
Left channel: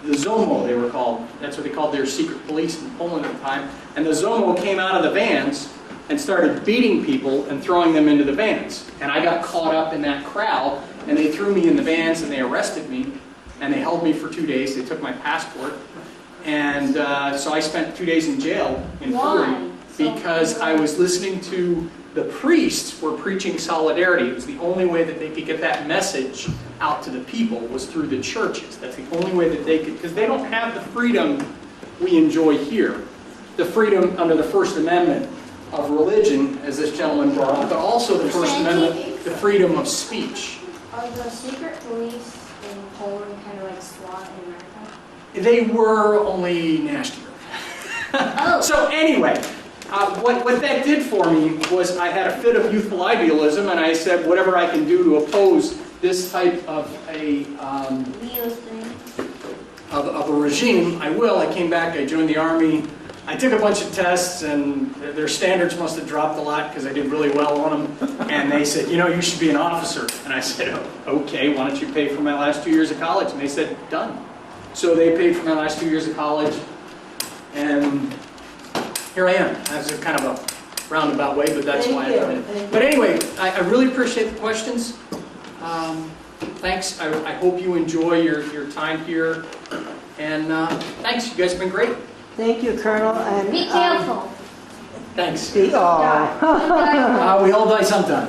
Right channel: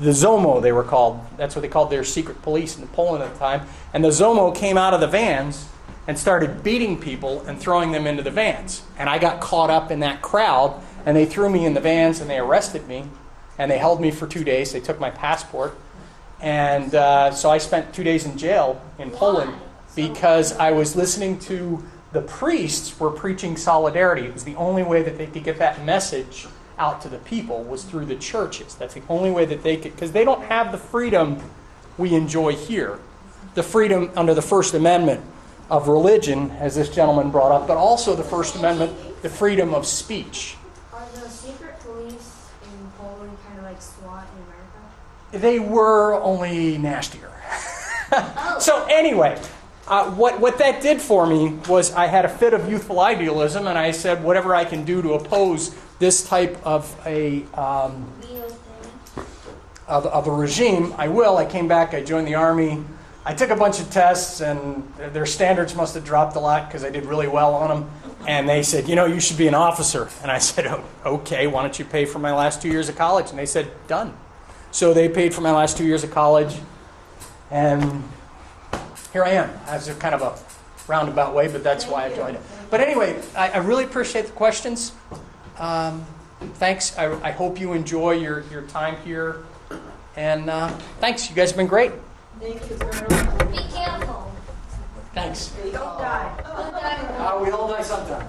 the ZOMO, they were called. That's what they called their secret police in Poland at the time. And the ZOMO came out of the vans and started beating people and throwing them into the vans. And I got caught up in that crowd, and they threw me in the vans, and they arrested me. And they held me for 2 days. They took my passport. And so I spent 2 days in jail in Poland because I was listening to the priests were preaching solidarity. It was the only way that they could get that message out to the people was through the churches. That's the only way that they could, because they don't have the freedom we enjoy here. The freedom under the First Amendment of religion, as this gentleman brought up, but also the First Amendment, the freedom of speech. Are the secret police in Poland kind of like SWAT in America? They were only nastier. Oh. So anyway, what that did for me was I had a fit of youthful idealism, and I said, whatever I can do to oppose this type of a regime, I will. I came back, I joined the Army. I took a bunch of tests, and their standards must have dropped a lot because I did really well on them. And they said, you should be an officer. And I said, okay, why don't you pay for my last 2 years of college? And they said, done. So they paid for my last 2 years of college, and here I am. That's a kind of a roundabout way, but that's why I did it. But anyway, I really appreciate the questions. Thanks. I hope you enjoy your time here. And thanks. You guys have been great. Thank you, Colonel. And, Be careful. Thanks. we all die sometime.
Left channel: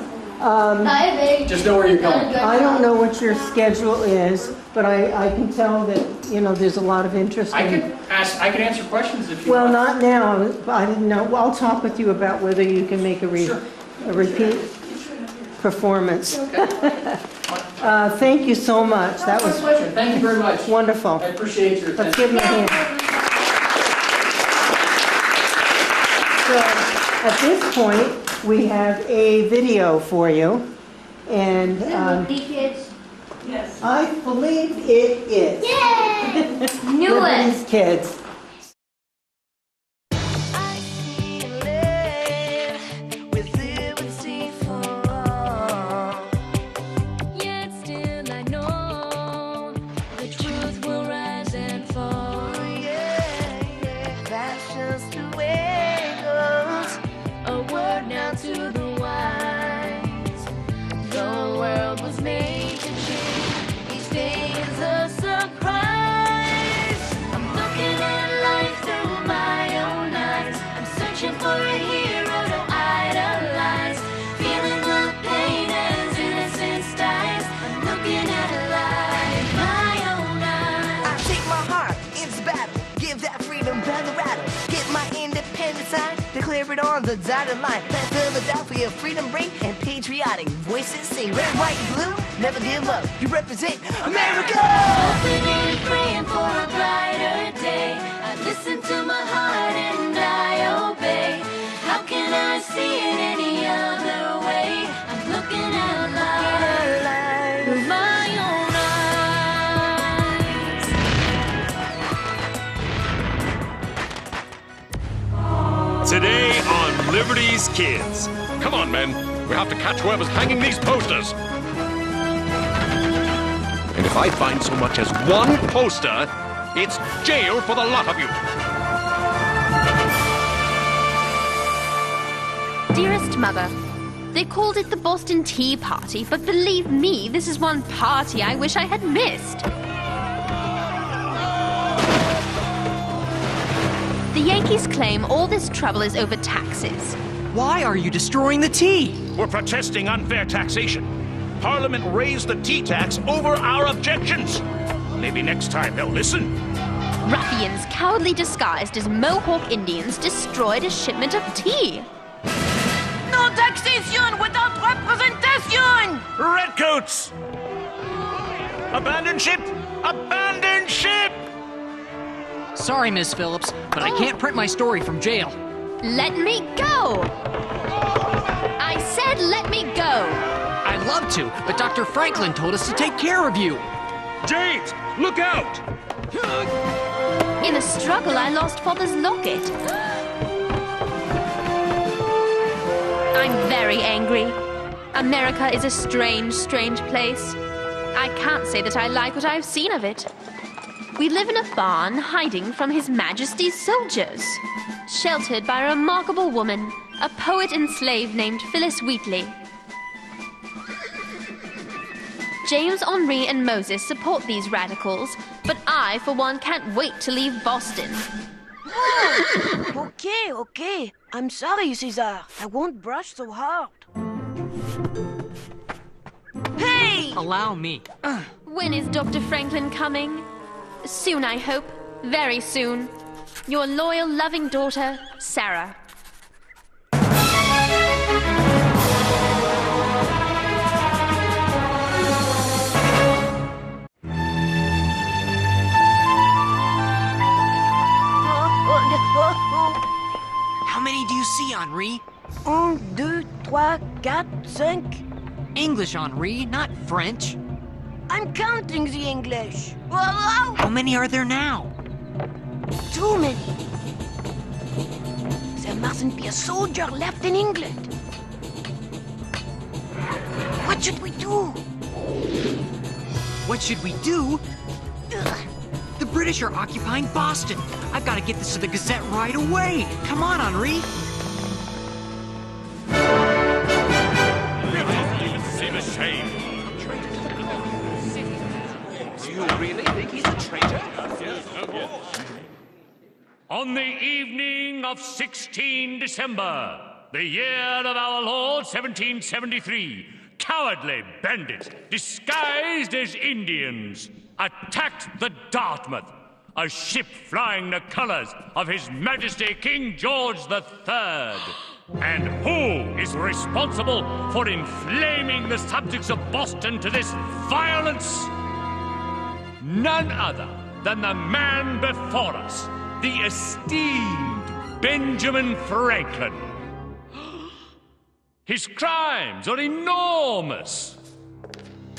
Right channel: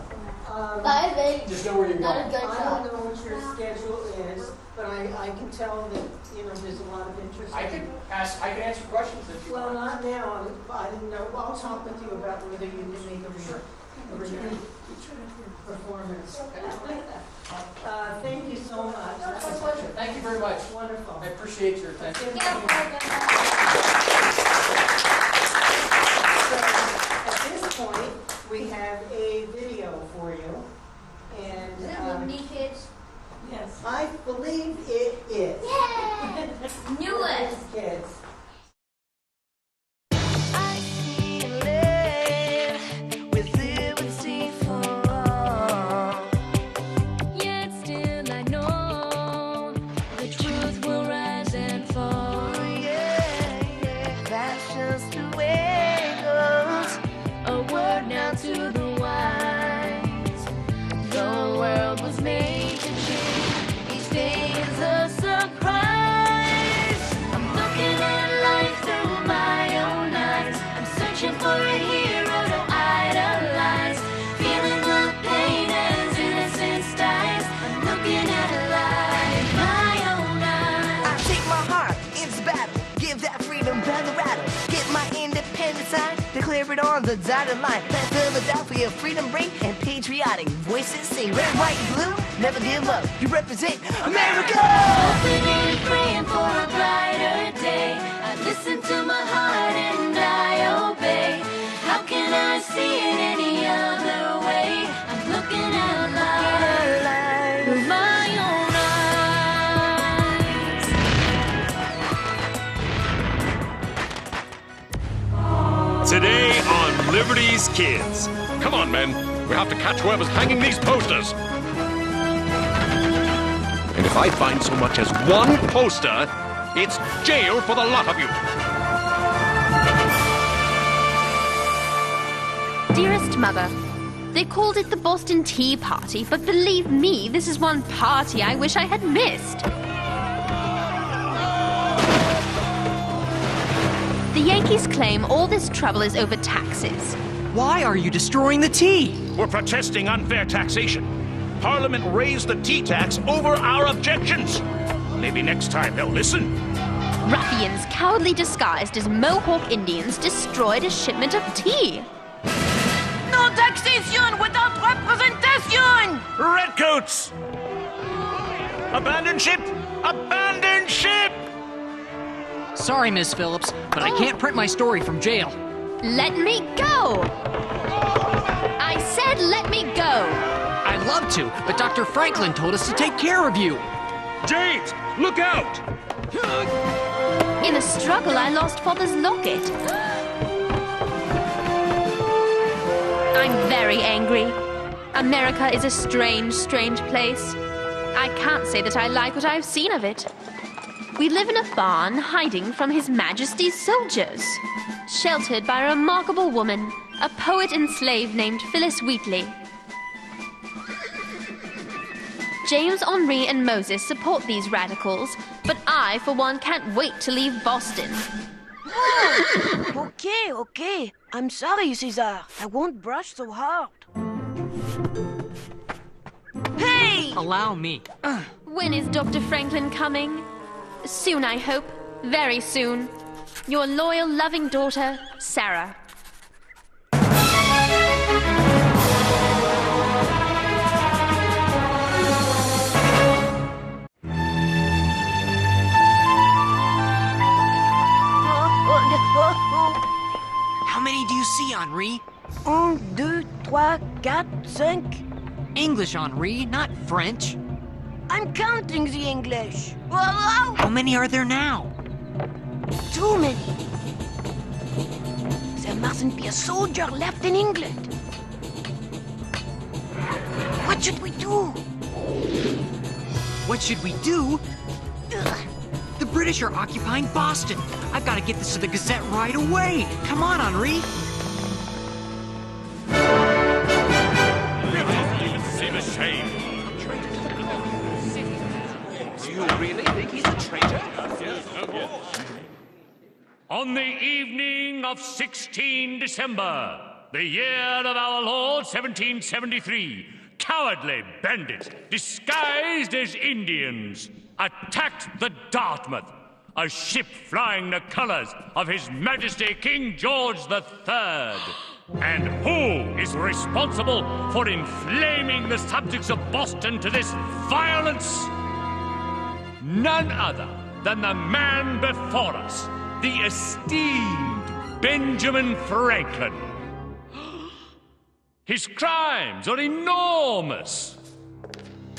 Just know where you're going. I don't know what your schedule is, but I can tell that, there's a lot of interest I in... can answer questions if you Well, want. not now. I didn't know. I'll talk with you about whether you can make a repeat performance. Okay. Thank you so much. That My was pleasure. Thank you very much. wonderful. I appreciate your Let's attention. give him a hand. So, at this point, we have a video for you. And Kids. I believe it is. Yay! Knew it. These kids. Declare it on the dotted line. Let Philadelphia freedom ring and patriotic voices sing. Red, white, and blue, never give up. You represent America. Hoping and praying for a brighter day. I listen to my heart and I obey. How can I see it any other way? I'm looking at life through my own eyes. Today on Liberty's Kids. Come on, men. We have to catch whoever's hanging these posters. And if I find so much as one poster, it's jail for the lot of you. Dearest Mother, they called it the Boston Tea Party, but believe me, this is one party I wish I had missed. The Yankees claim all this trouble is over taxes. Why are you destroying the tea? We're protesting unfair taxation. Parliament raised the tea tax over our objections. Maybe next time they'll listen. Ruffians cowardly disguised as Mohawk Indians destroyed a shipment of tea. No taxation without representation! Redcoats! Abandon ship! Abandon ship! Sorry, Miss Phillips, but I can't print my story from jail. Let me go! I said let me go! I'd love to, but Dr. Franklin told us to take care of you. James, look out! In a struggle, I lost Father's locket. I'm very angry. America is a strange, strange place. I can't say that I like what I've seen of it. We live in a barn hiding from His Majesty's soldiers, sheltered by a remarkable woman, a poet and slave named Phyllis Wheatley. James, Henri, and Moses support these radicals, but I, for one, can't wait to leave Boston. Okay. I'm sorry, Caesar. I won't brush so hard. Hey! Allow me. When is Dr. Franklin coming? Soon, I hope. Very soon. Your loyal, loving daughter, Sarah. How many do you see, Henri? 1, 2, 3, 4, 5. English, Henri, not French. I'm counting the English. How many are there now? Too many. There mustn't be a soldier left in England. What should we do? What should we do? The British are occupying Boston. I've got to get this to the Gazette right away. Come on, Henri. Seem a shame. Do you really think he's a traitor? On the evening of 16 December, the year of our Lord 1773, cowardly bandits, disguised as Indians, attacked the Dartmouth, a ship flying the colors of His Majesty King George III. And who is responsible for inflaming the subjects of Boston to this violence? None other than the man before us, the esteemed Benjamin Franklin. His crimes are enormous.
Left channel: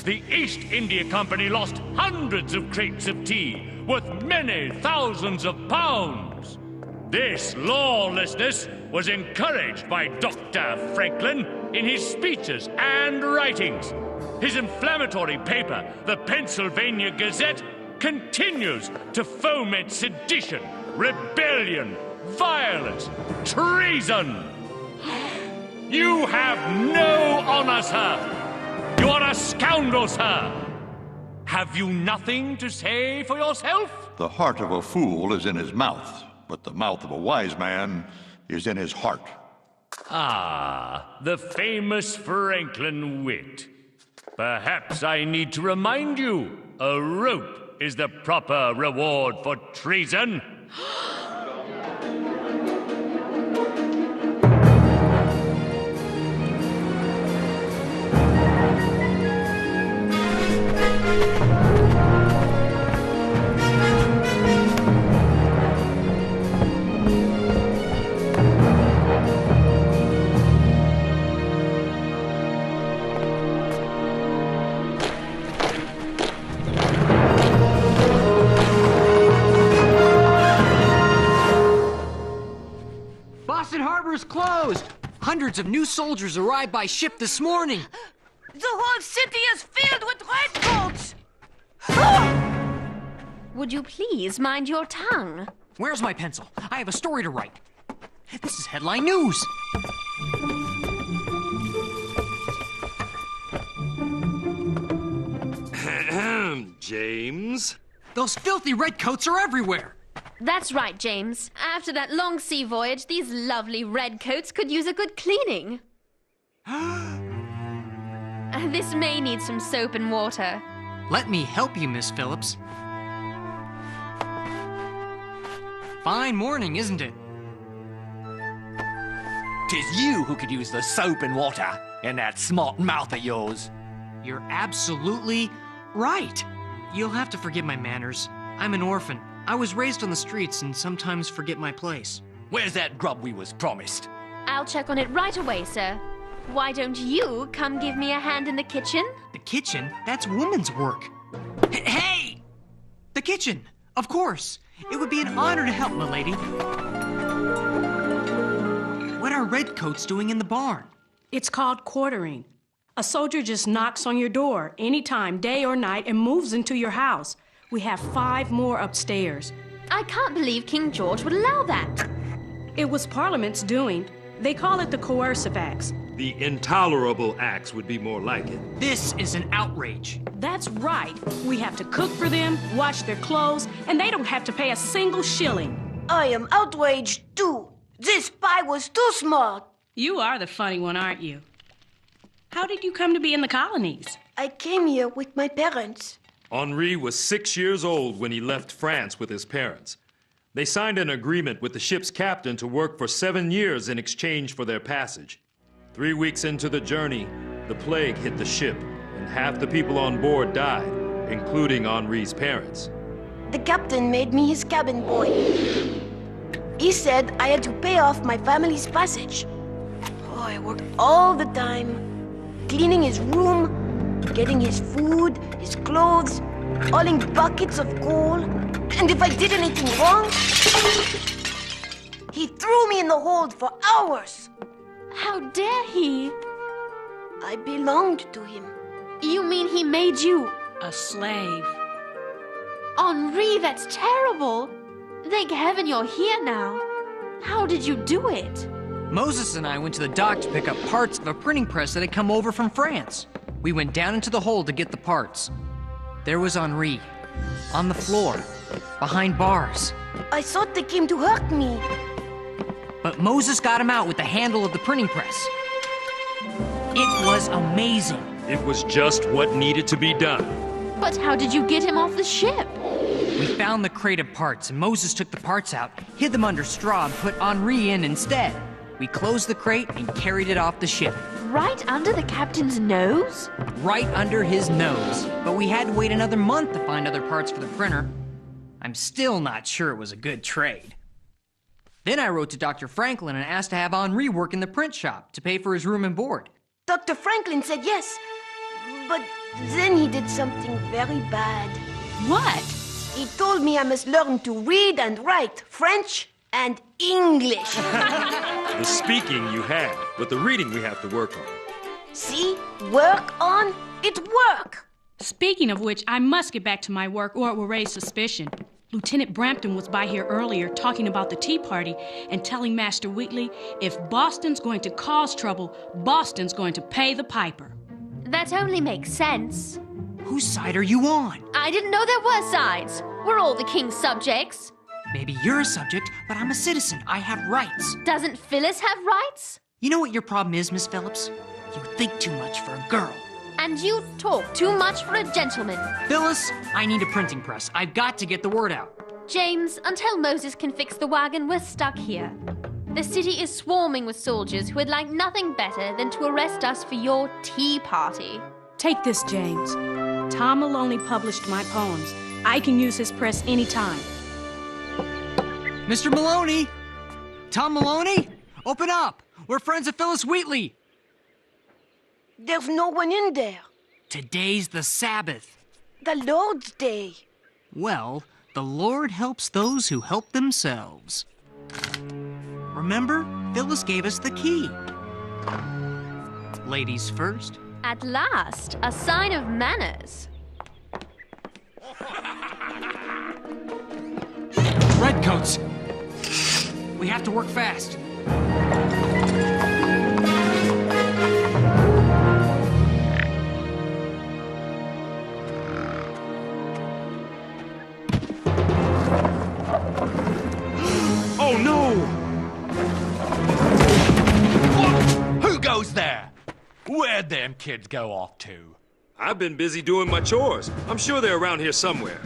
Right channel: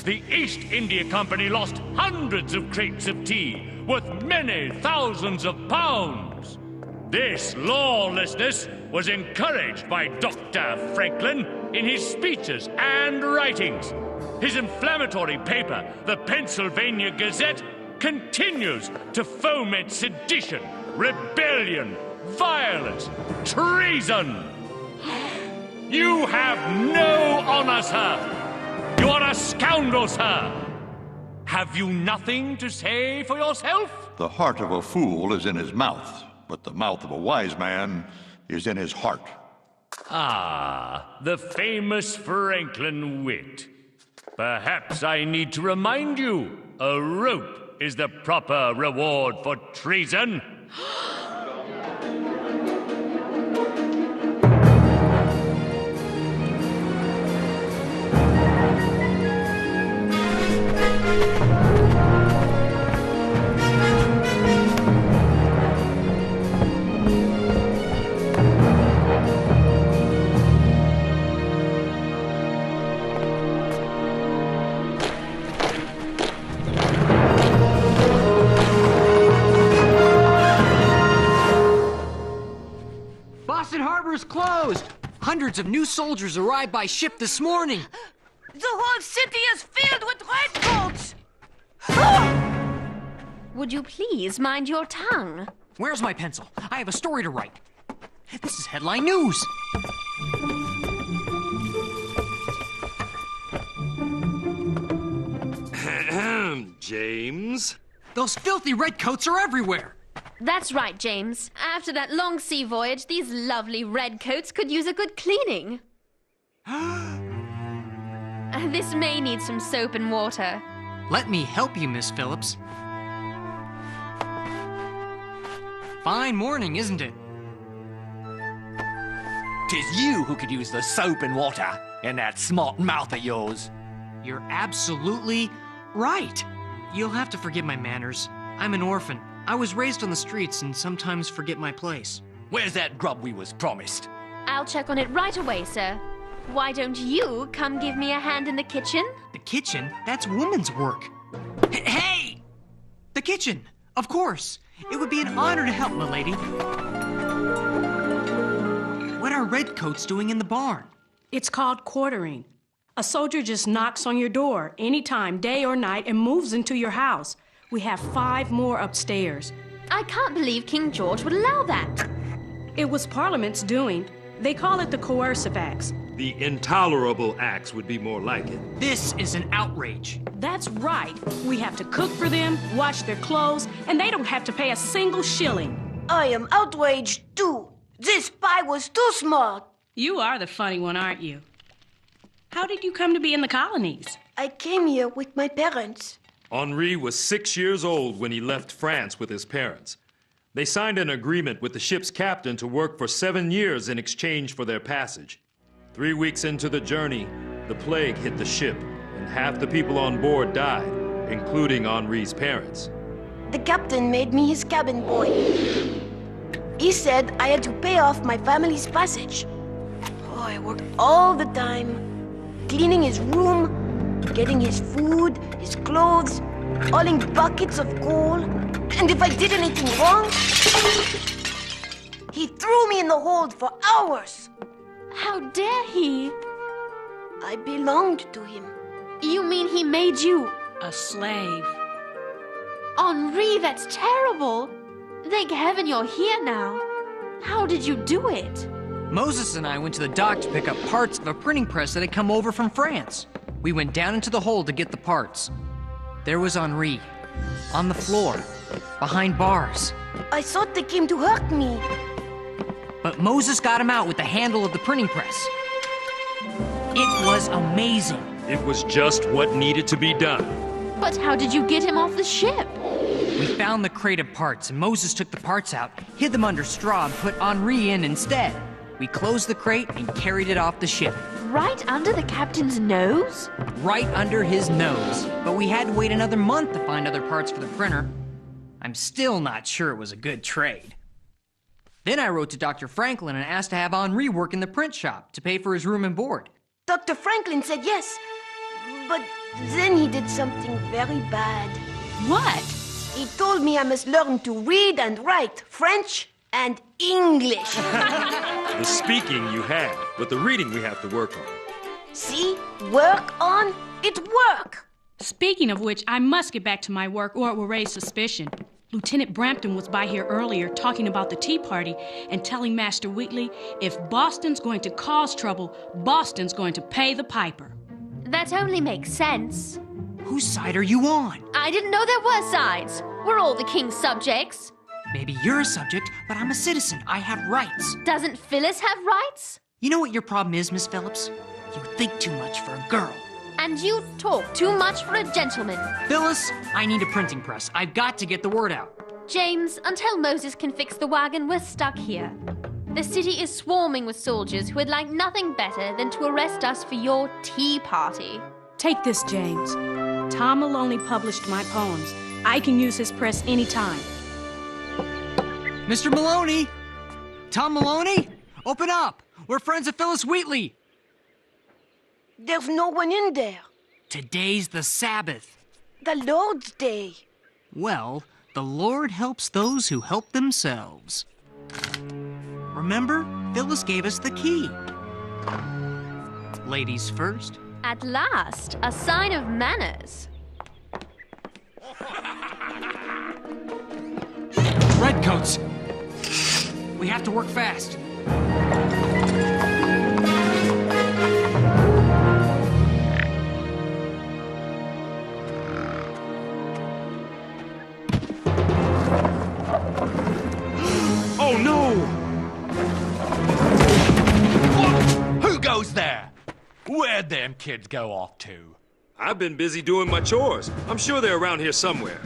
The East India Company lost hundreds of crates of tea worth many thousands of pounds. This lawlessness was encouraged by Dr. Franklin in his speeches and writings. His inflammatory paper, the Pennsylvania Gazette, continues to foment sedition, rebellion, violence, treason. You have no honor, sir. You are a scoundrel, sir. Have you nothing to say for yourself? The heart of a fool is in his mouth, but the mouth of a wise man is in his heart. Ah, the famous Franklin wit. Perhaps I need to remind you, a rope is the proper reward for treason. Boston Harbor's closed. Hundreds of new soldiers arrived by ship this morning. The whole city is filled with redcoats! Would you please mind your tongue? Where's my pencil? I have a story to write. This is headline news. James? Those filthy redcoats are everywhere. That's right, James. After that long sea voyage, these lovely redcoats could use a good cleaning. This may need some soap and water. Let me help you, Miss Phillips. Fine morning, isn't it? 'Tis you who could use the soap and water in that smart mouth of yours. You're absolutely right. You'll have to forgive my manners. I'm an orphan. I was raised on the streets and sometimes forget my place. Where's that grub we was promised? I'll check on it right away, sir. Why don't you come give me a hand in the kitchen? The kitchen? That's woman's work. Hey! The kitchen! Of course! It would be an honor to help, milady. What are redcoats doing in the barn? It's called quartering. A soldier just knocks on your door anytime, day or night, and moves into your house. We have 5 more upstairs. I can't believe King George would allow that. It was Parliament's doing. They call it the coercive acts. The intolerable acts would be more like it. This is an outrage. That's right. We have to cook for them, wash their clothes, and they don't have to pay a single shilling. I am outraged too. This spy was too smart. You are the funny one, aren't you? How did you come to be in the colonies? I came here with my parents. Henri was 6 years old when he left France with his parents. They signed an agreement with the ship's captain to work for 7 years in exchange for their passage. 3 weeks into the journey, the plague hit the ship, and half the people on board died, including Henri's parents. The captain made me his cabin boy. He said I had to pay off my family's passage. Oh, I worked all the time, cleaning his room, getting his food, his clothes, hauling buckets of coal. And if I did anything wrong, he threw me in the hold for hours. How dare he? I belonged to him. You mean he made you a slave? Henri, that's terrible. Thank heaven you're here now. How did you do it? Moses and I went to the dock to pick up parts of a printing press that had come over from France. We went down into the hold to get the parts. There was Henri, on the floor, behind bars. I thought they came to hurt me. But Moses got him out with the handle of the printing press. It was amazing. It was just what needed to be done. But how did you get him off the ship? We found the crate of parts, and Moses took the parts out, hid them under straw, and put Henri in instead. We closed the crate and carried it off the ship. Right under the captain's nose? Right under his nose. But we had to wait another month to find other parts for the printer. I'm still not sure it was a good trade. Then I wrote to Dr. Franklin and asked to have Henri work in the print shop to pay for his room and board. Dr. Franklin said yes, but then he did something very bad. What? He told me I must learn to read and write French and English. The speaking you had, but the reading we have to work on. See? Work on? It work! Speaking of which, I must get back to my work or it will raise suspicion. Lieutenant Brampton was by here earlier talking about the Tea Party and telling Master Wheatley, if Boston's going to cause trouble, Boston's going to pay the piper. That only makes sense. Whose side are you on? I didn't know there were sides. We're all the king's subjects. Maybe you're a subject, but I'm a citizen. I have rights. Doesn't Phyllis have rights? You know what your problem is, Miss Phillips? You think too much for a girl. And you talk too much for a gentleman. Phyllis, I need a printing press. I've got to get the word out. James, until Moses can fix the wagon, we're stuck here. The city is swarming with soldiers who would like nothing better than to arrest us for your tea party. Take this, James. Tom Maloney published my poems. I can use his press anytime. Mr. Maloney! Tom Maloney? Open up! We're friends of Phyllis Wheatley! There's no one in there. Today's the Sabbath. The Lord's Day. Well, the Lord helps those who help themselves. Remember, Phyllis gave us the key. Ladies first. At last, a sign of manners. Redcoats! We have to work fast. Oh no! Who goes there? Where'd them kids go off to? I've been busy doing my chores. I'm sure they're around here somewhere.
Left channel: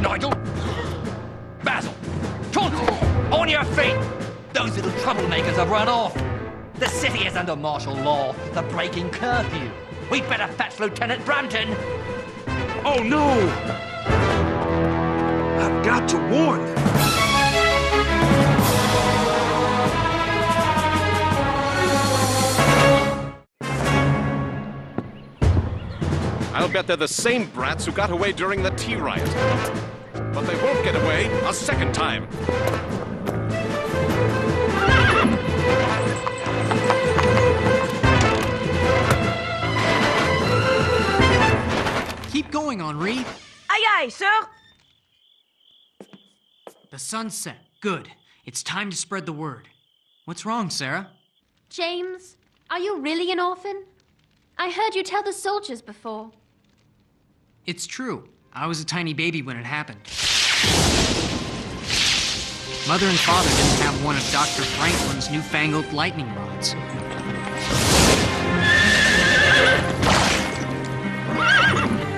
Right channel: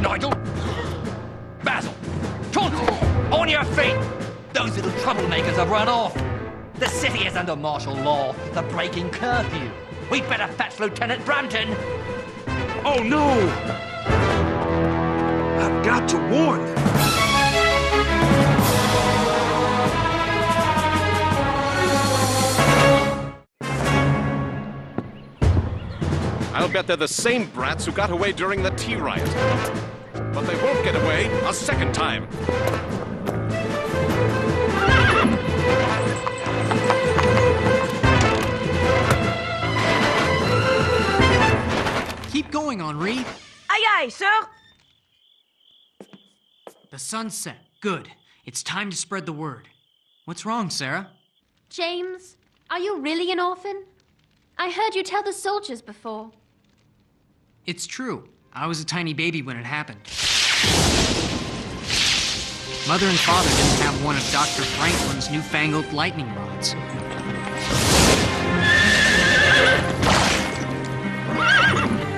Nigel! Basil! Chauncey! On your feet! Those little troublemakers have run off. The city is under martial law for breaking curfew. We'd better fetch Lieutenant Brampton. Oh, no! I've got to warn them. I'll bet they're the same brats who got away during the tea riot. But they won't get away a second time. Keep going, Henri. Aye, aye, sir. The sun's set. Good. It's time to spread the word. What's wrong, Sarah? James, are you really an orphan? I heard you tell the soldiers before. It's true. I was a tiny baby when it happened. Mother and father didn't have one of Dr. Franklin's newfangled lightning rods.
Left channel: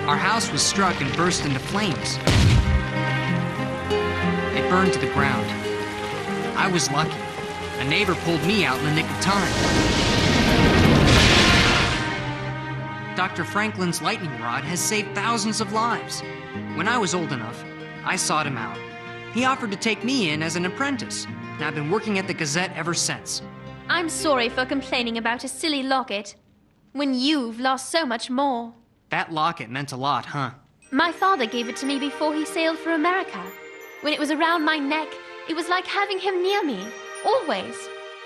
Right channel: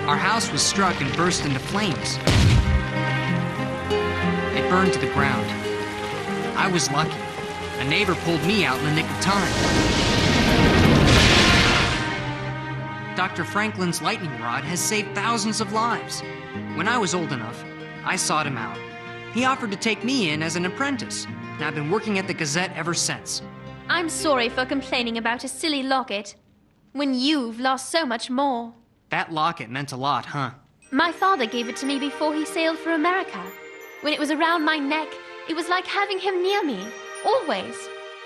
Our house was struck and burst into flames. It burned to the ground. I was lucky. A neighbor pulled me out in the nick of time. Dr. Franklin's lightning rod has saved thousands of lives. When I was old enough, I sought him out. He offered to take me in as an apprentice, and I've been working at the Gazette ever since. I'm sorry for complaining about a silly locket, when you've lost so much more. That locket meant a lot, huh? My father gave it to me before he sailed for America. When it was around my neck, it was like having him near me, always.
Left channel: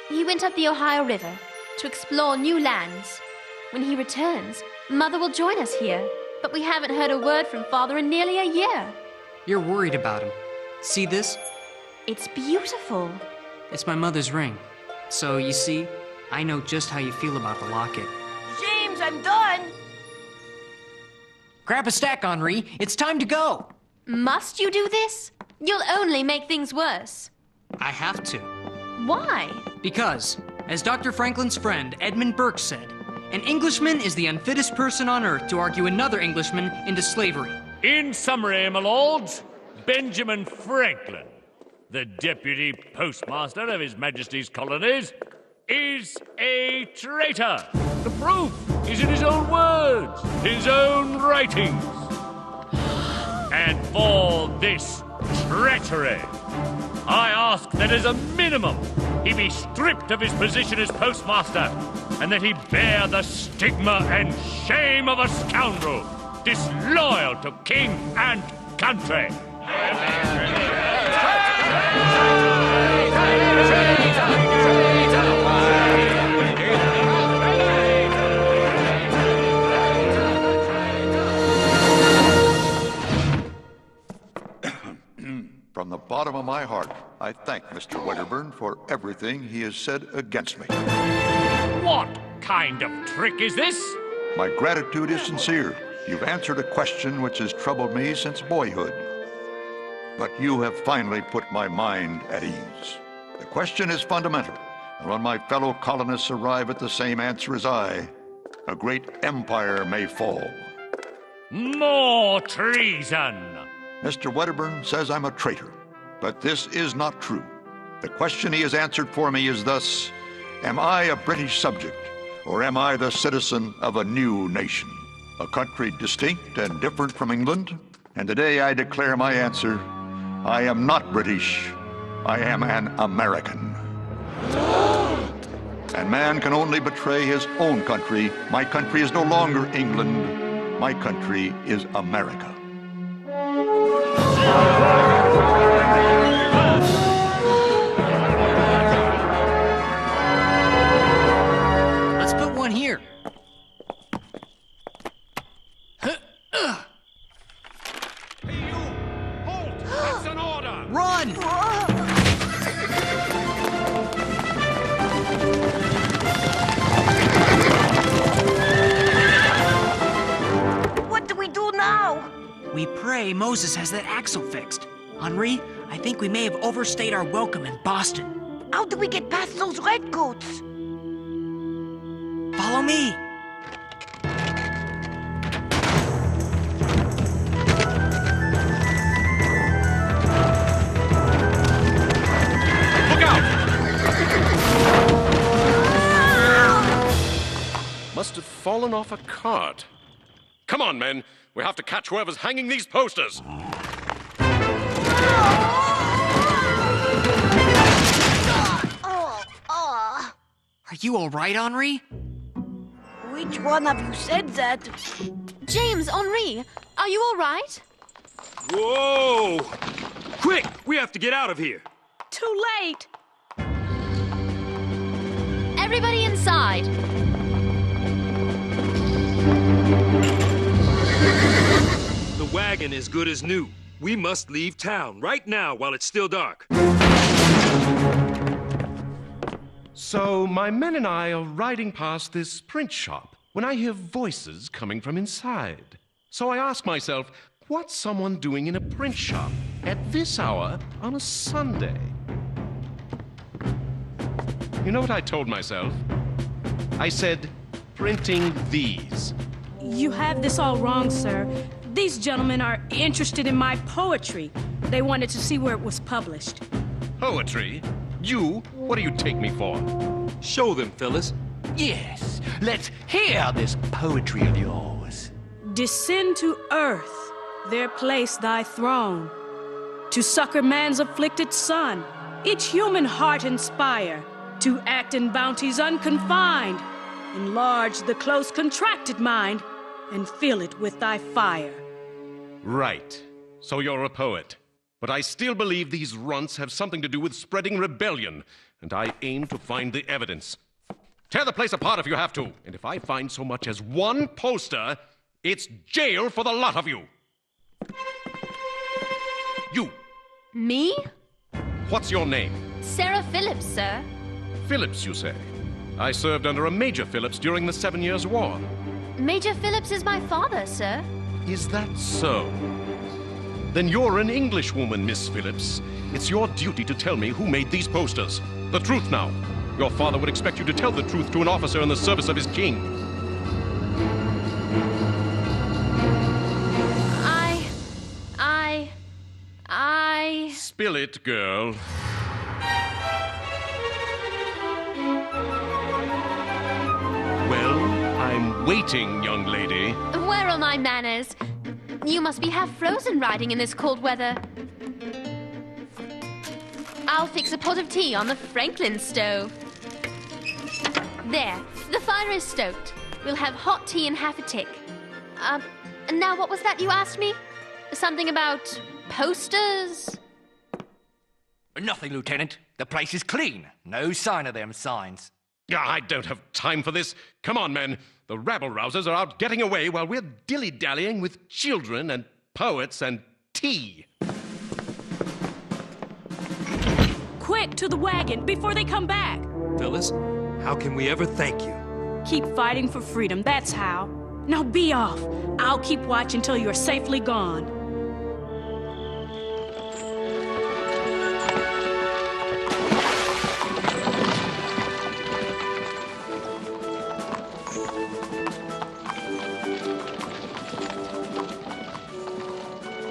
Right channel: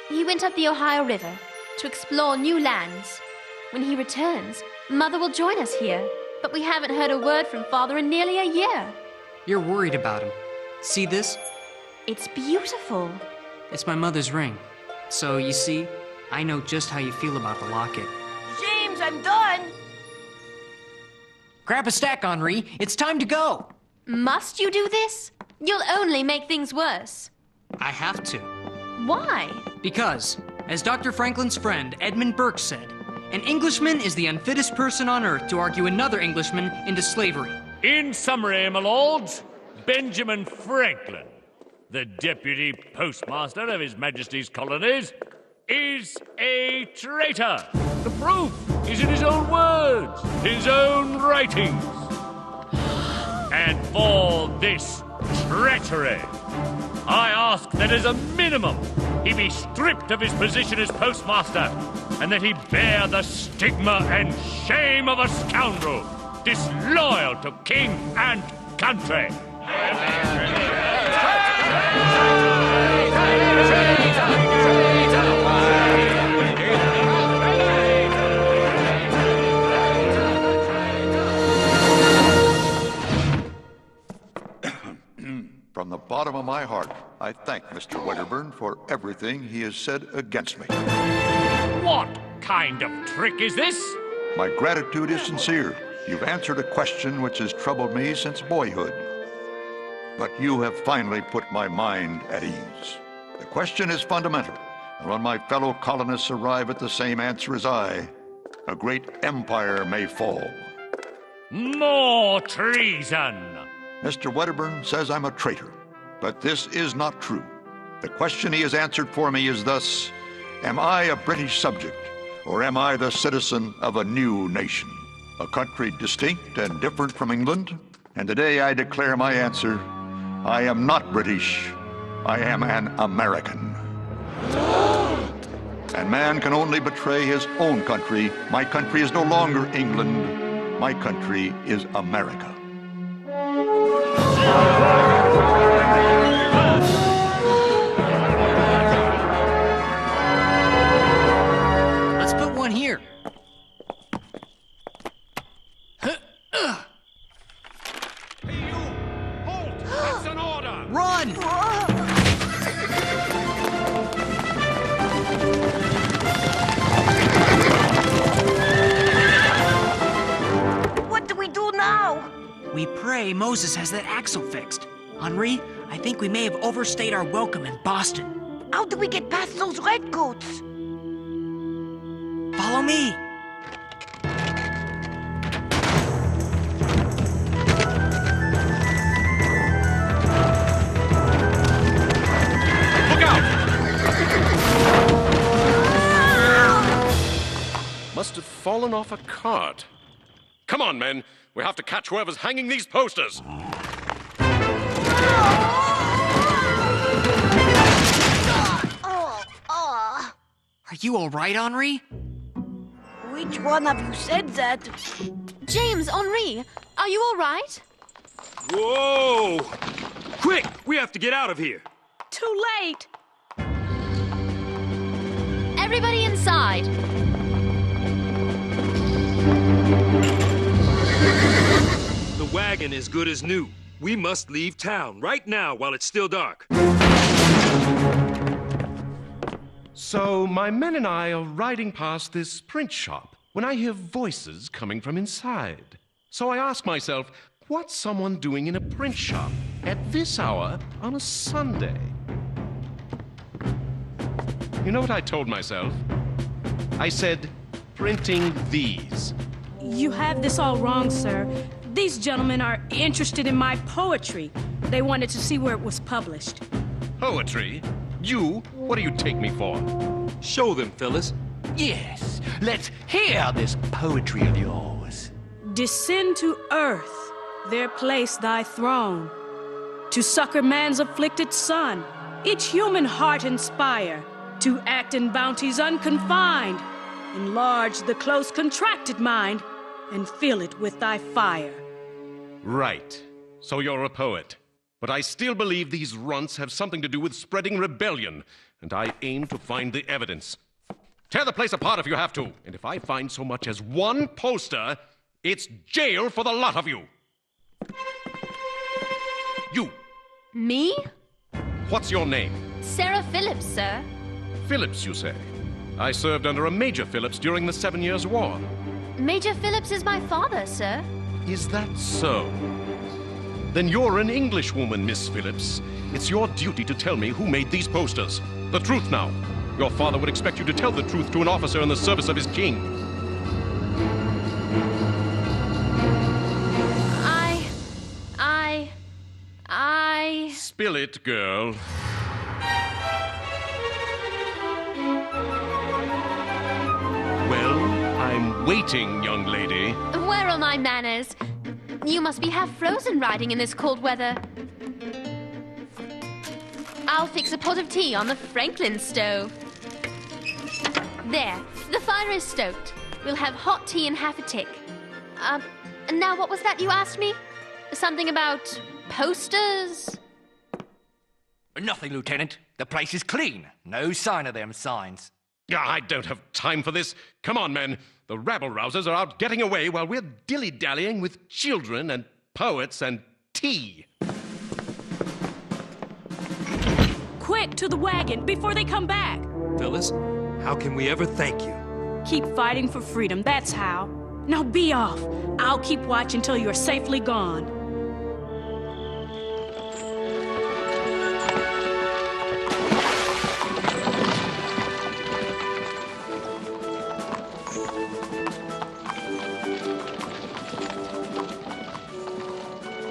He went up the Ohio River to explore new lands. When he returns, Mother will join us here, but we haven't heard a word from Father in nearly a year. You're worried about him. See this? It's beautiful. It's my mother's ring. So, you see, I know just how you feel about the locket. James, I'm done. Grab a stack, Henri. It's time to go. Must you do this? You'll only make things worse. I have to. Why? Because, as Dr. Franklin's friend Edmund Burke said, an Englishman is the unfittest person on earth to argue another Englishman into slavery. In summary, my lords, Benjamin Franklin, the deputy postmaster of His Majesty's colonies, is a traitor. The proof is in his own words, his own writings. And for this treachery, I ask that as a minimum, he be stripped of his position as postmaster, and that he bear the stigma and shame of a scoundrel, disloyal to king and country. From the bottom of my heart, I thank Mr. Wedderburn for everything he has said against me. What kind of trick is this? My gratitude is sincere. You've answered a question which has troubled me since boyhood. But you have finally put my mind at ease. The question is fundamental, and when my fellow colonists arrive at the same answer as I, a great empire may fall. More treason! Mr. Wedderburn says I'm a traitor, but this is not true. The question he has answered for me is thus: am I a British subject, or am I the citizen of a new nation? A country distinct and different from England? And today I declare my answer: I am not British, I am an American. And man can only betray his own country. My country is no longer England, my country is America. Let's put one here. That's an order! Run! What do we do now? We pray Moses has that axle fixed. Henri, I think we may have overstayed our welcome in Boston. How do we get past those redcoats? Follow me. Must have fallen off a cart. Come on, men. We have to catch whoever's hanging these posters. Are you all right, Henri? Which one of you said that? James, Henri, are you all right? Whoa! Quick! We have to get out of here. Too late. Everybody inside. The wagon is good as new. We must leave town right now while it's still dark. So, my men and I are riding past this print shop when I hear voices coming from inside. So I ask myself, what's someone doing in a print shop at this hour on a Sunday? You know what I told myself? I said, printing these. You have this all wrong, sir. These gentlemen are interested in my poetry. They wanted to see where it was published. Poetry? You? What do you take me for? Show them, Phyllis. Yes, let's hear this poetry of yours. Descend to earth, there place thy throne. To succor man's afflicted son, each human heart inspire. To act in bounties unconfined. Enlarge the close contracted mind, and fill it with thy fire. Right. So you're a poet. But I still believe these runts have something to do with spreading rebellion, and I aim to find the evidence. Tear the place apart if you have to, and if I find so much as one poster, it's jail for the lot of you. You. Me? What's your name? Sarah Phillips, sir. Phillips, you say? I served under a Major Phillips during the 7 Years' War. Major Phillips is my father, sir. Is that so? Then you're an Englishwoman, Miss Phillips. It's your duty to tell me who made these posters. The truth now. Your father would expect you to tell the truth to an officer in the service of his king. I... Spill it, girl. Well, I'm waiting, young lady. Where are my manners? You must be half frozen riding in this cold weather. I'll fix a pot of tea on the Franklin stove. There, the fire is stoked. We'll have hot tea in half a tick. Now what was that you asked me? Something about posters? Nothing, Lieutenant. The place is clean. No sign of them signs. I don't have time for this. Come on, men. The rabble-rousers are out getting away while we're dilly-dallying with children and poets and tea. Quick, to the wagon, before they come back. Phyllis, how can we ever thank you? Keep fighting for freedom, that's how. Now be off. I'll keep watch until you're safely gone.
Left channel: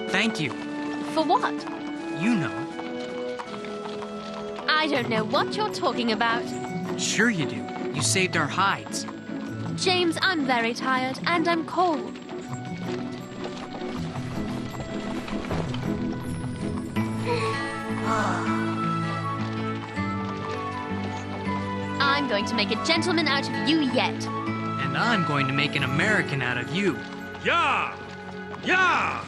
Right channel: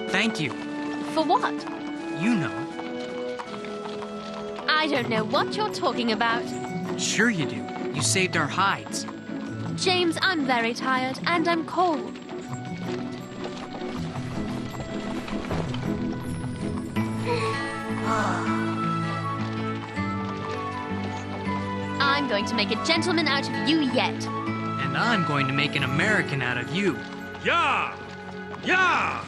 Thank you. For what? You know. I don't know what you're talking about. Sure you do. You saved our hides. James, I'm very tired and I'm cold. I'm going to make a gentleman out of you yet. And I'm going to make an American out of you. Yeah! Yeah!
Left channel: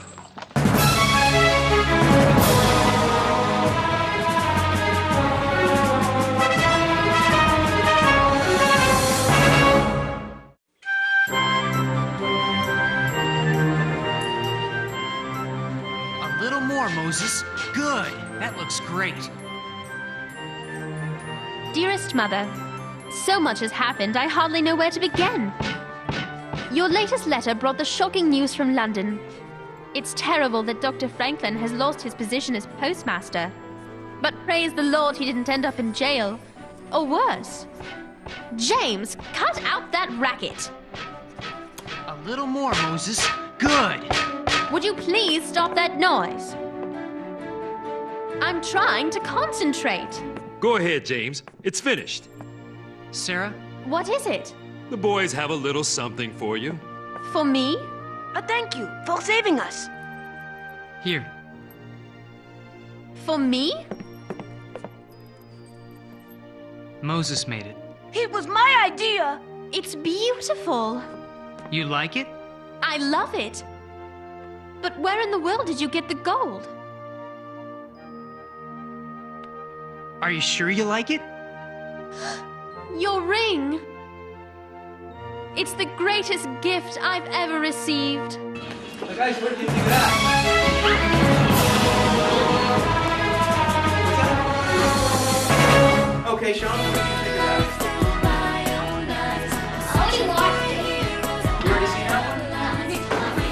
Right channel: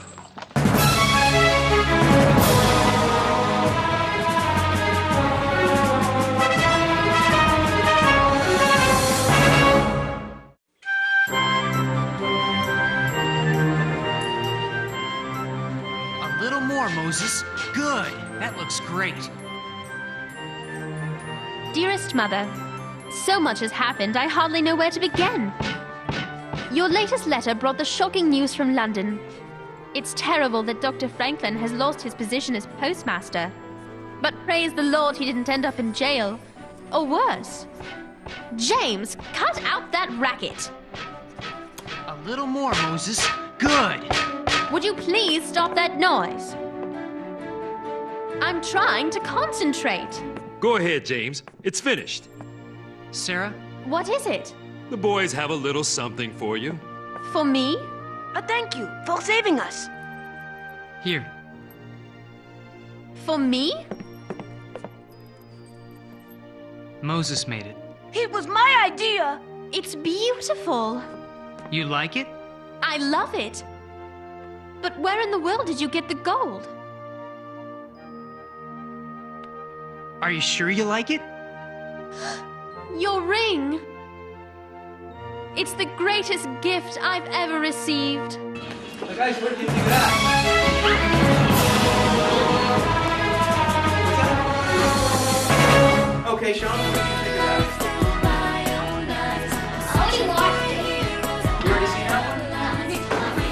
A little more, Moses. Good. That looks great. Dearest Mother, so much has happened, I hardly know where to begin. Your latest letter brought the shocking news from London. It's terrible that Dr. Franklin has lost his position as postmaster. But praise the Lord he didn't end up in jail. Or worse. James, cut out that racket. A little more, Moses. Good. Would you please stop that noise? I'm trying to concentrate. Go ahead, James. It's finished. Sarah? What is it? The boys have a little something for you. For me? Thank you for saving us. Here. For me? Moses made it. It was my idea. It's beautiful. You like it? I love it. But where in the world did you get the gold? Are you sure you like it? Your ring. It's the greatest gift I've ever received. So guys, what did you think of that? Okay, Sean, what did you think of that? I already watched it. You already seen that one?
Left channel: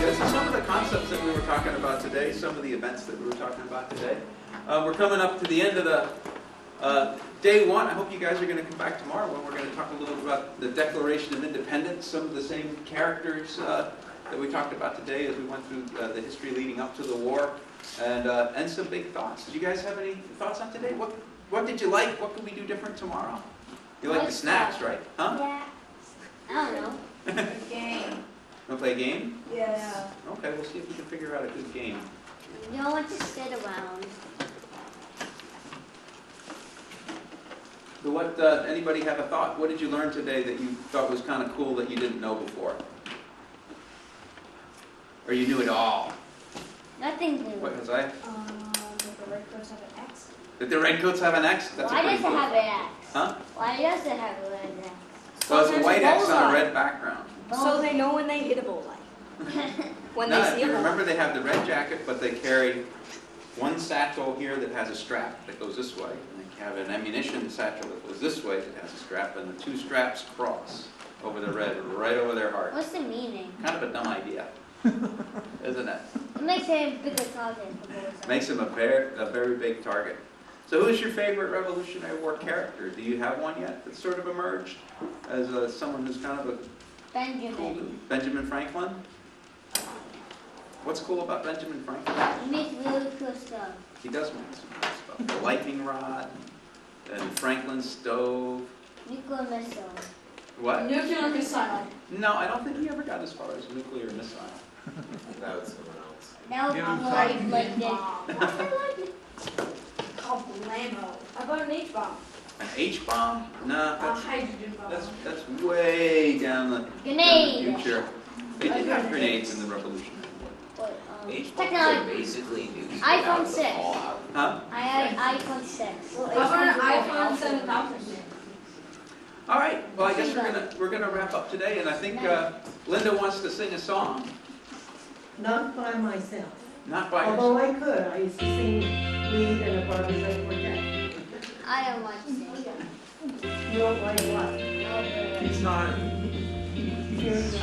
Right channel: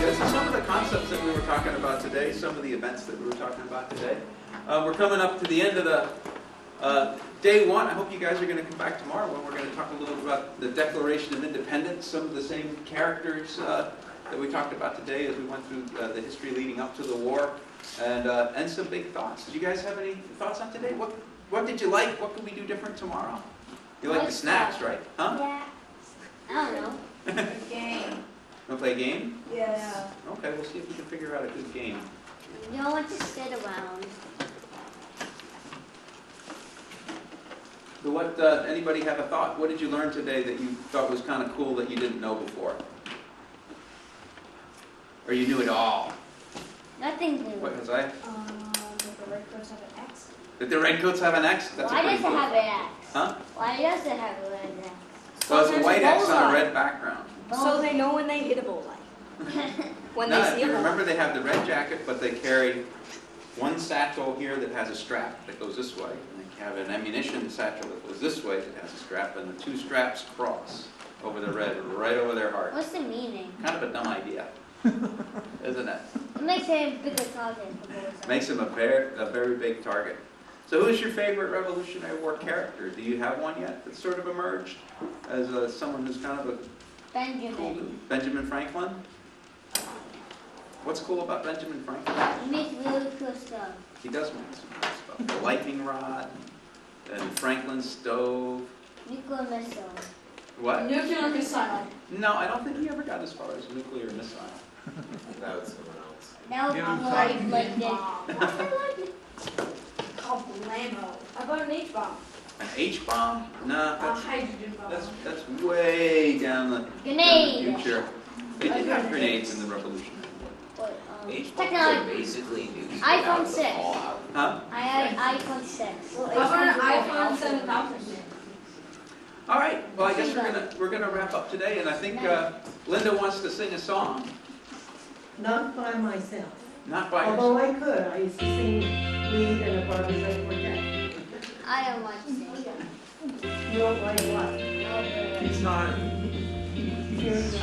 Yeah, so some of the concepts that we were talking about today, some of the events that we were talking about today. We're coming up to the end of the day one. I hope you guys are going to come back tomorrow when we're going to talk a little about the Declaration of Independence, some of the same characters that we talked about today as we went through the history leading up to the war, and some big thoughts. Did you guys have any thoughts on today? What did you like? What can we do different tomorrow? You like the snacks, right? Huh? Yeah. I don't know. Game. Want to play a game? Yes. Okay, we'll see if we can figure out a good game. You don't want to sit around. So what, anybody have a thought? What did you learn today that you thought was kind of cool that you didn't know before? Or you knew it all? Nothing new. What was I? That the redcoats have an X. That the redcoats have an X? That's Why a pretty does it cool. have an X? Huh? Why does it have a red X? Well, it's a there's white a X on a bullseye. red background. So they know when they hit a bullseye. When No, they if see you a bullseye. remember they have the red jacket, but they carry one satchel here that has a strap that goes this way. And they have an ammunition satchel that goes this way that has a strap, and the two straps cross over the red, right over their heart. What's the meaning? Kind of a dumb idea, isn't it? It makes it a bigger target for bullseye. Makes them a very big target. So who's your favorite Revolutionary War character? Do you have one yet that's sort of emerged as someone who's kind of a Benjamin. Benjamin Franklin? What's cool about Benjamin Franklin? He makes really cool stuff. He does make some cool stuff. The lightning rod, and Franklin's stove. Nuclear missile. What? Nuclear missile. No, I don't think he ever got as far as nuclear missile. That was someone else. That would Give be him like this. Called Blammo. How about an H-bomb? An H-bomb? Nah, A that's, hydrogen bomb. that's way down the Grenade. future. They did have grenades in the Revolutionary War. Technology. Technology. Basically, news. iPhone 6. Huh? I had iPhone 6. How about an iPhone 7000? All right. Well, I guess we're gonna wrap up today, and I think Linda wants to sing a song. Not by myself. Not by Although herself. I could. I used to sing lead in a Barbie's Quartet. I don't want to sing. You don't like what? He's not. He's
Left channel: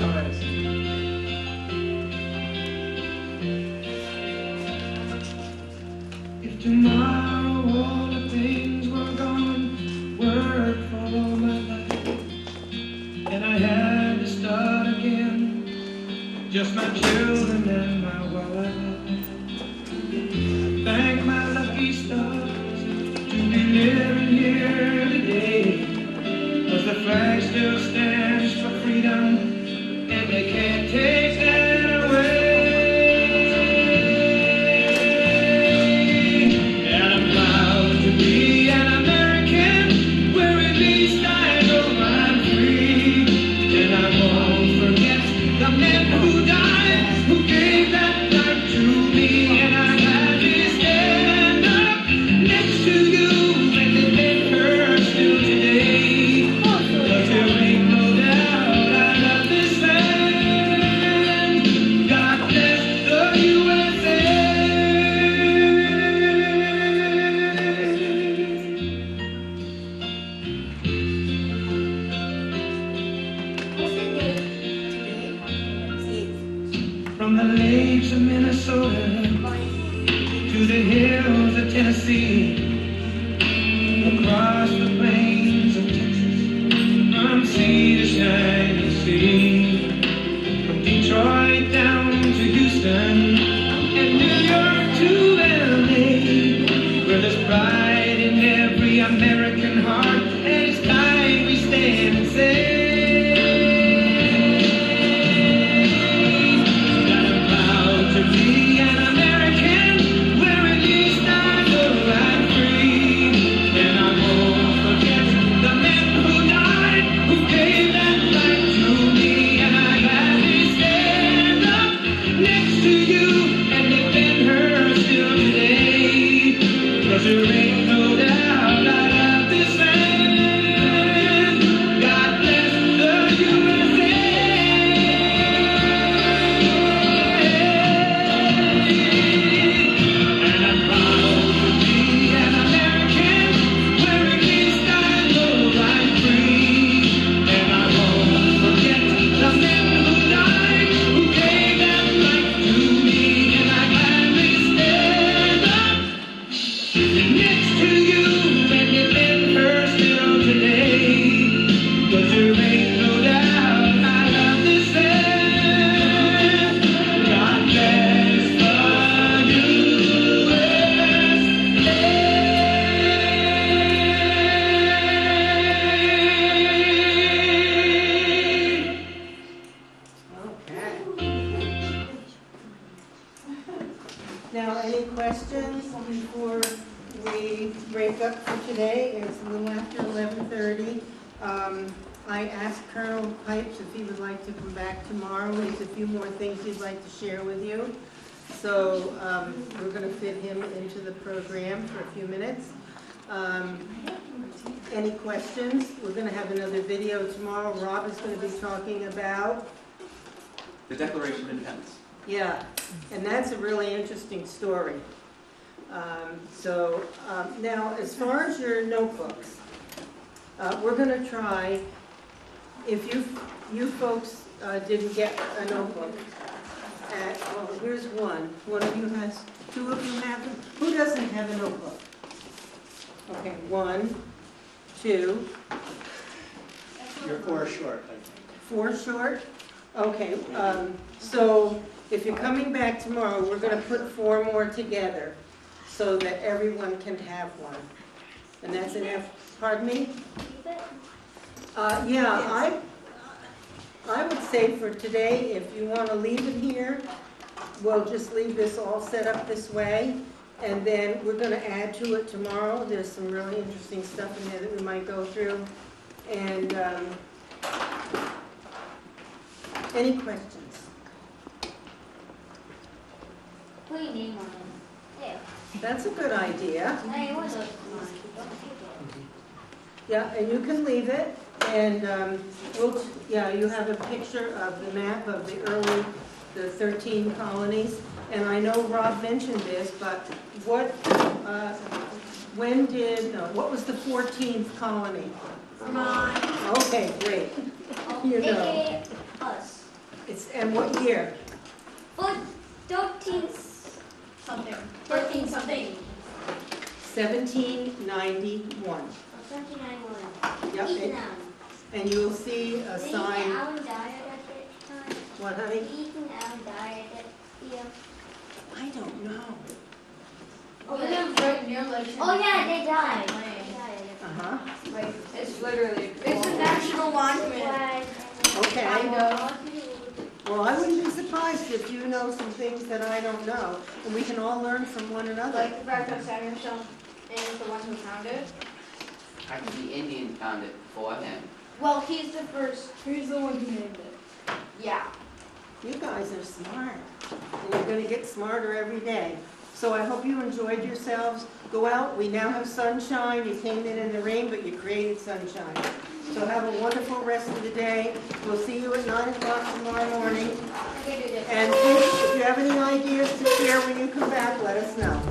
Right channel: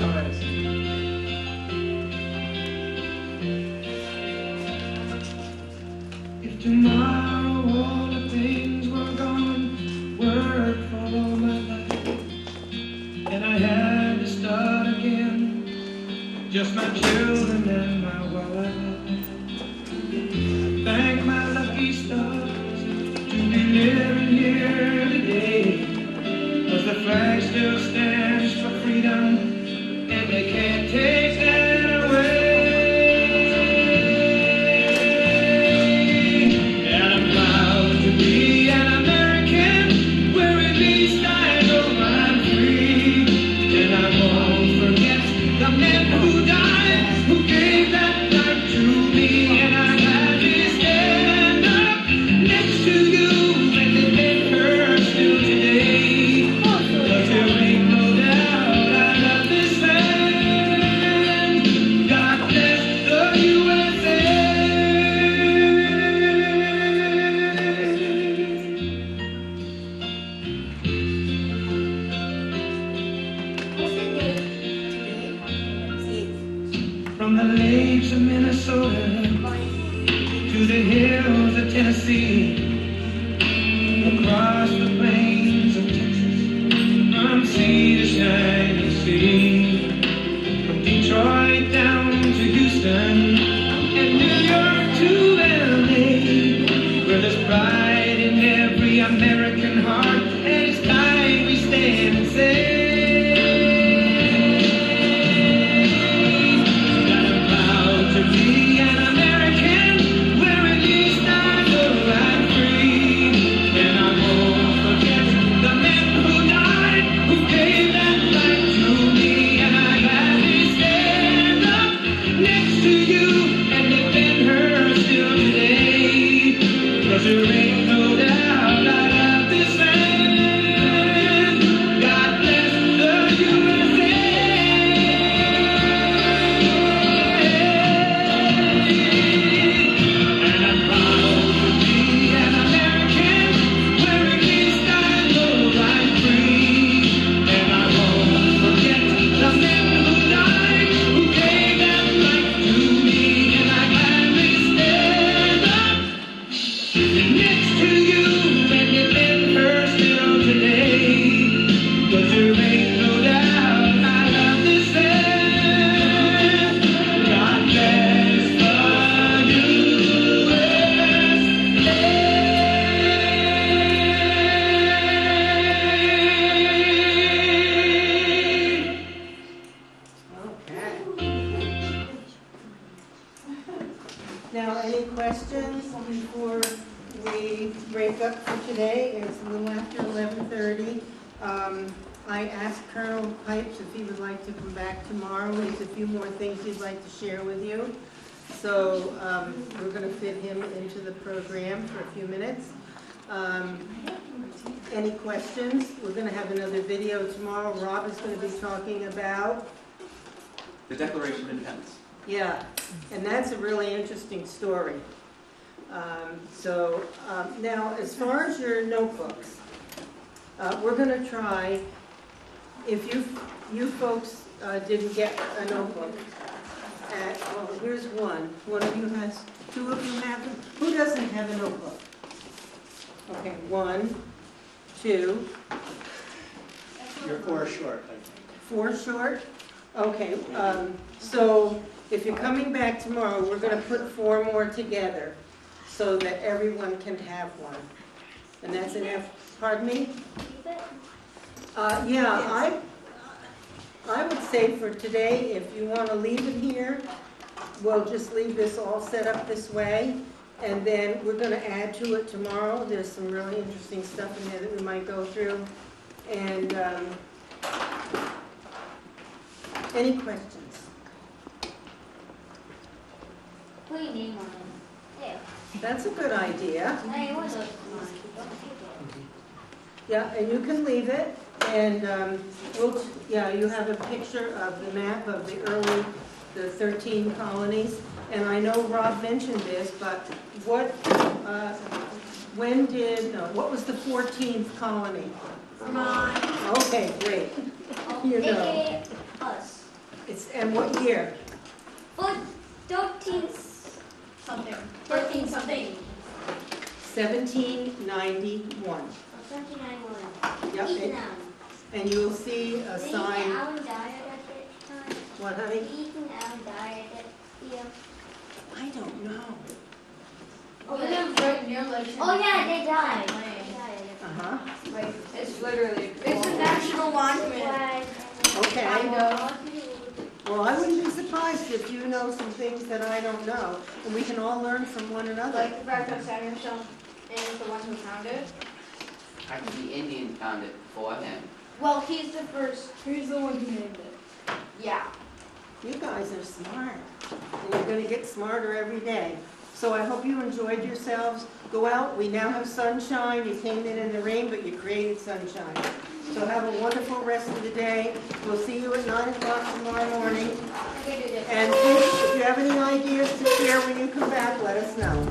If tomorrow all the things were gone, work for all my life, and I had to start again, just my children and my wife. Thank my lucky stars to be living here today, 'cause the flag still stands for freedom, and they can't take that away. From the lakes of Minnesota to the hills of Tennessee, across the plains of Texas questions before we break up for today? It's a little after 11:30. I asked Colonel Pipes if he would like to come back tomorrow. He has a few more things he'd like to share with you. So we're going to fit him into the program for a few minutes. Any questions? We're going to have another video tomorrow. Rob is going to be talking about The Declaration of Independence. yeah, and that's a really interesting story. Now, as far as your notebooks, we're going to try, if you folks didn't get a notebook, well, here's one. One of you has, two of you have them. Who doesn't have a notebook? Okay, 1, 2. You're 4 short, I think. 4 short? Okay, so if you're coming back tomorrow, we're going to put 4 more together so that everyone can have one. And that's enough, pardon me? Yeah, I would say for today, if you want to leave it here, we'll just leave this all set up this way. And then we're going to add to it tomorrow. There's some really interesting stuff in there that we might go through. And any questions? Put your name on it. There. That's a good idea. Hey, what's up? Yeah, and you can leave it. And you have a picture of the map of the 13 colonies. And I know Rob mentioned this, but what was the 14th colony? Vermont. Okay, great. You know. Us. And what year? 13 something. 13 something. 1791. 1791. Yep. And you'll see a Did sign. Alan die at that time? What, honey? Ethan Allen died at that year. I don't know. Oh, they live right near like. Oh yeah, they died. Uh-huh. Like, it's literally. It's a national monument. Okay. I know. Well, I wouldn't be surprised if you know some things that I don't know, and we can all learn from one another. Like Franklin Samuelson is the one who founded it. Actually, the Indians found it for him. Well, he's the first. He's the one who named it. Yeah. You guys are smart, and you're going to get smarter every day. So I hope you enjoyed yourselves. Go out. We now have sunshine. You came in the rain, but you created sunshine. So have a wonderful rest of the day. We'll see you at 9 o'clock tomorrow morning. And please, if you have any ideas to share when you come back, let us know.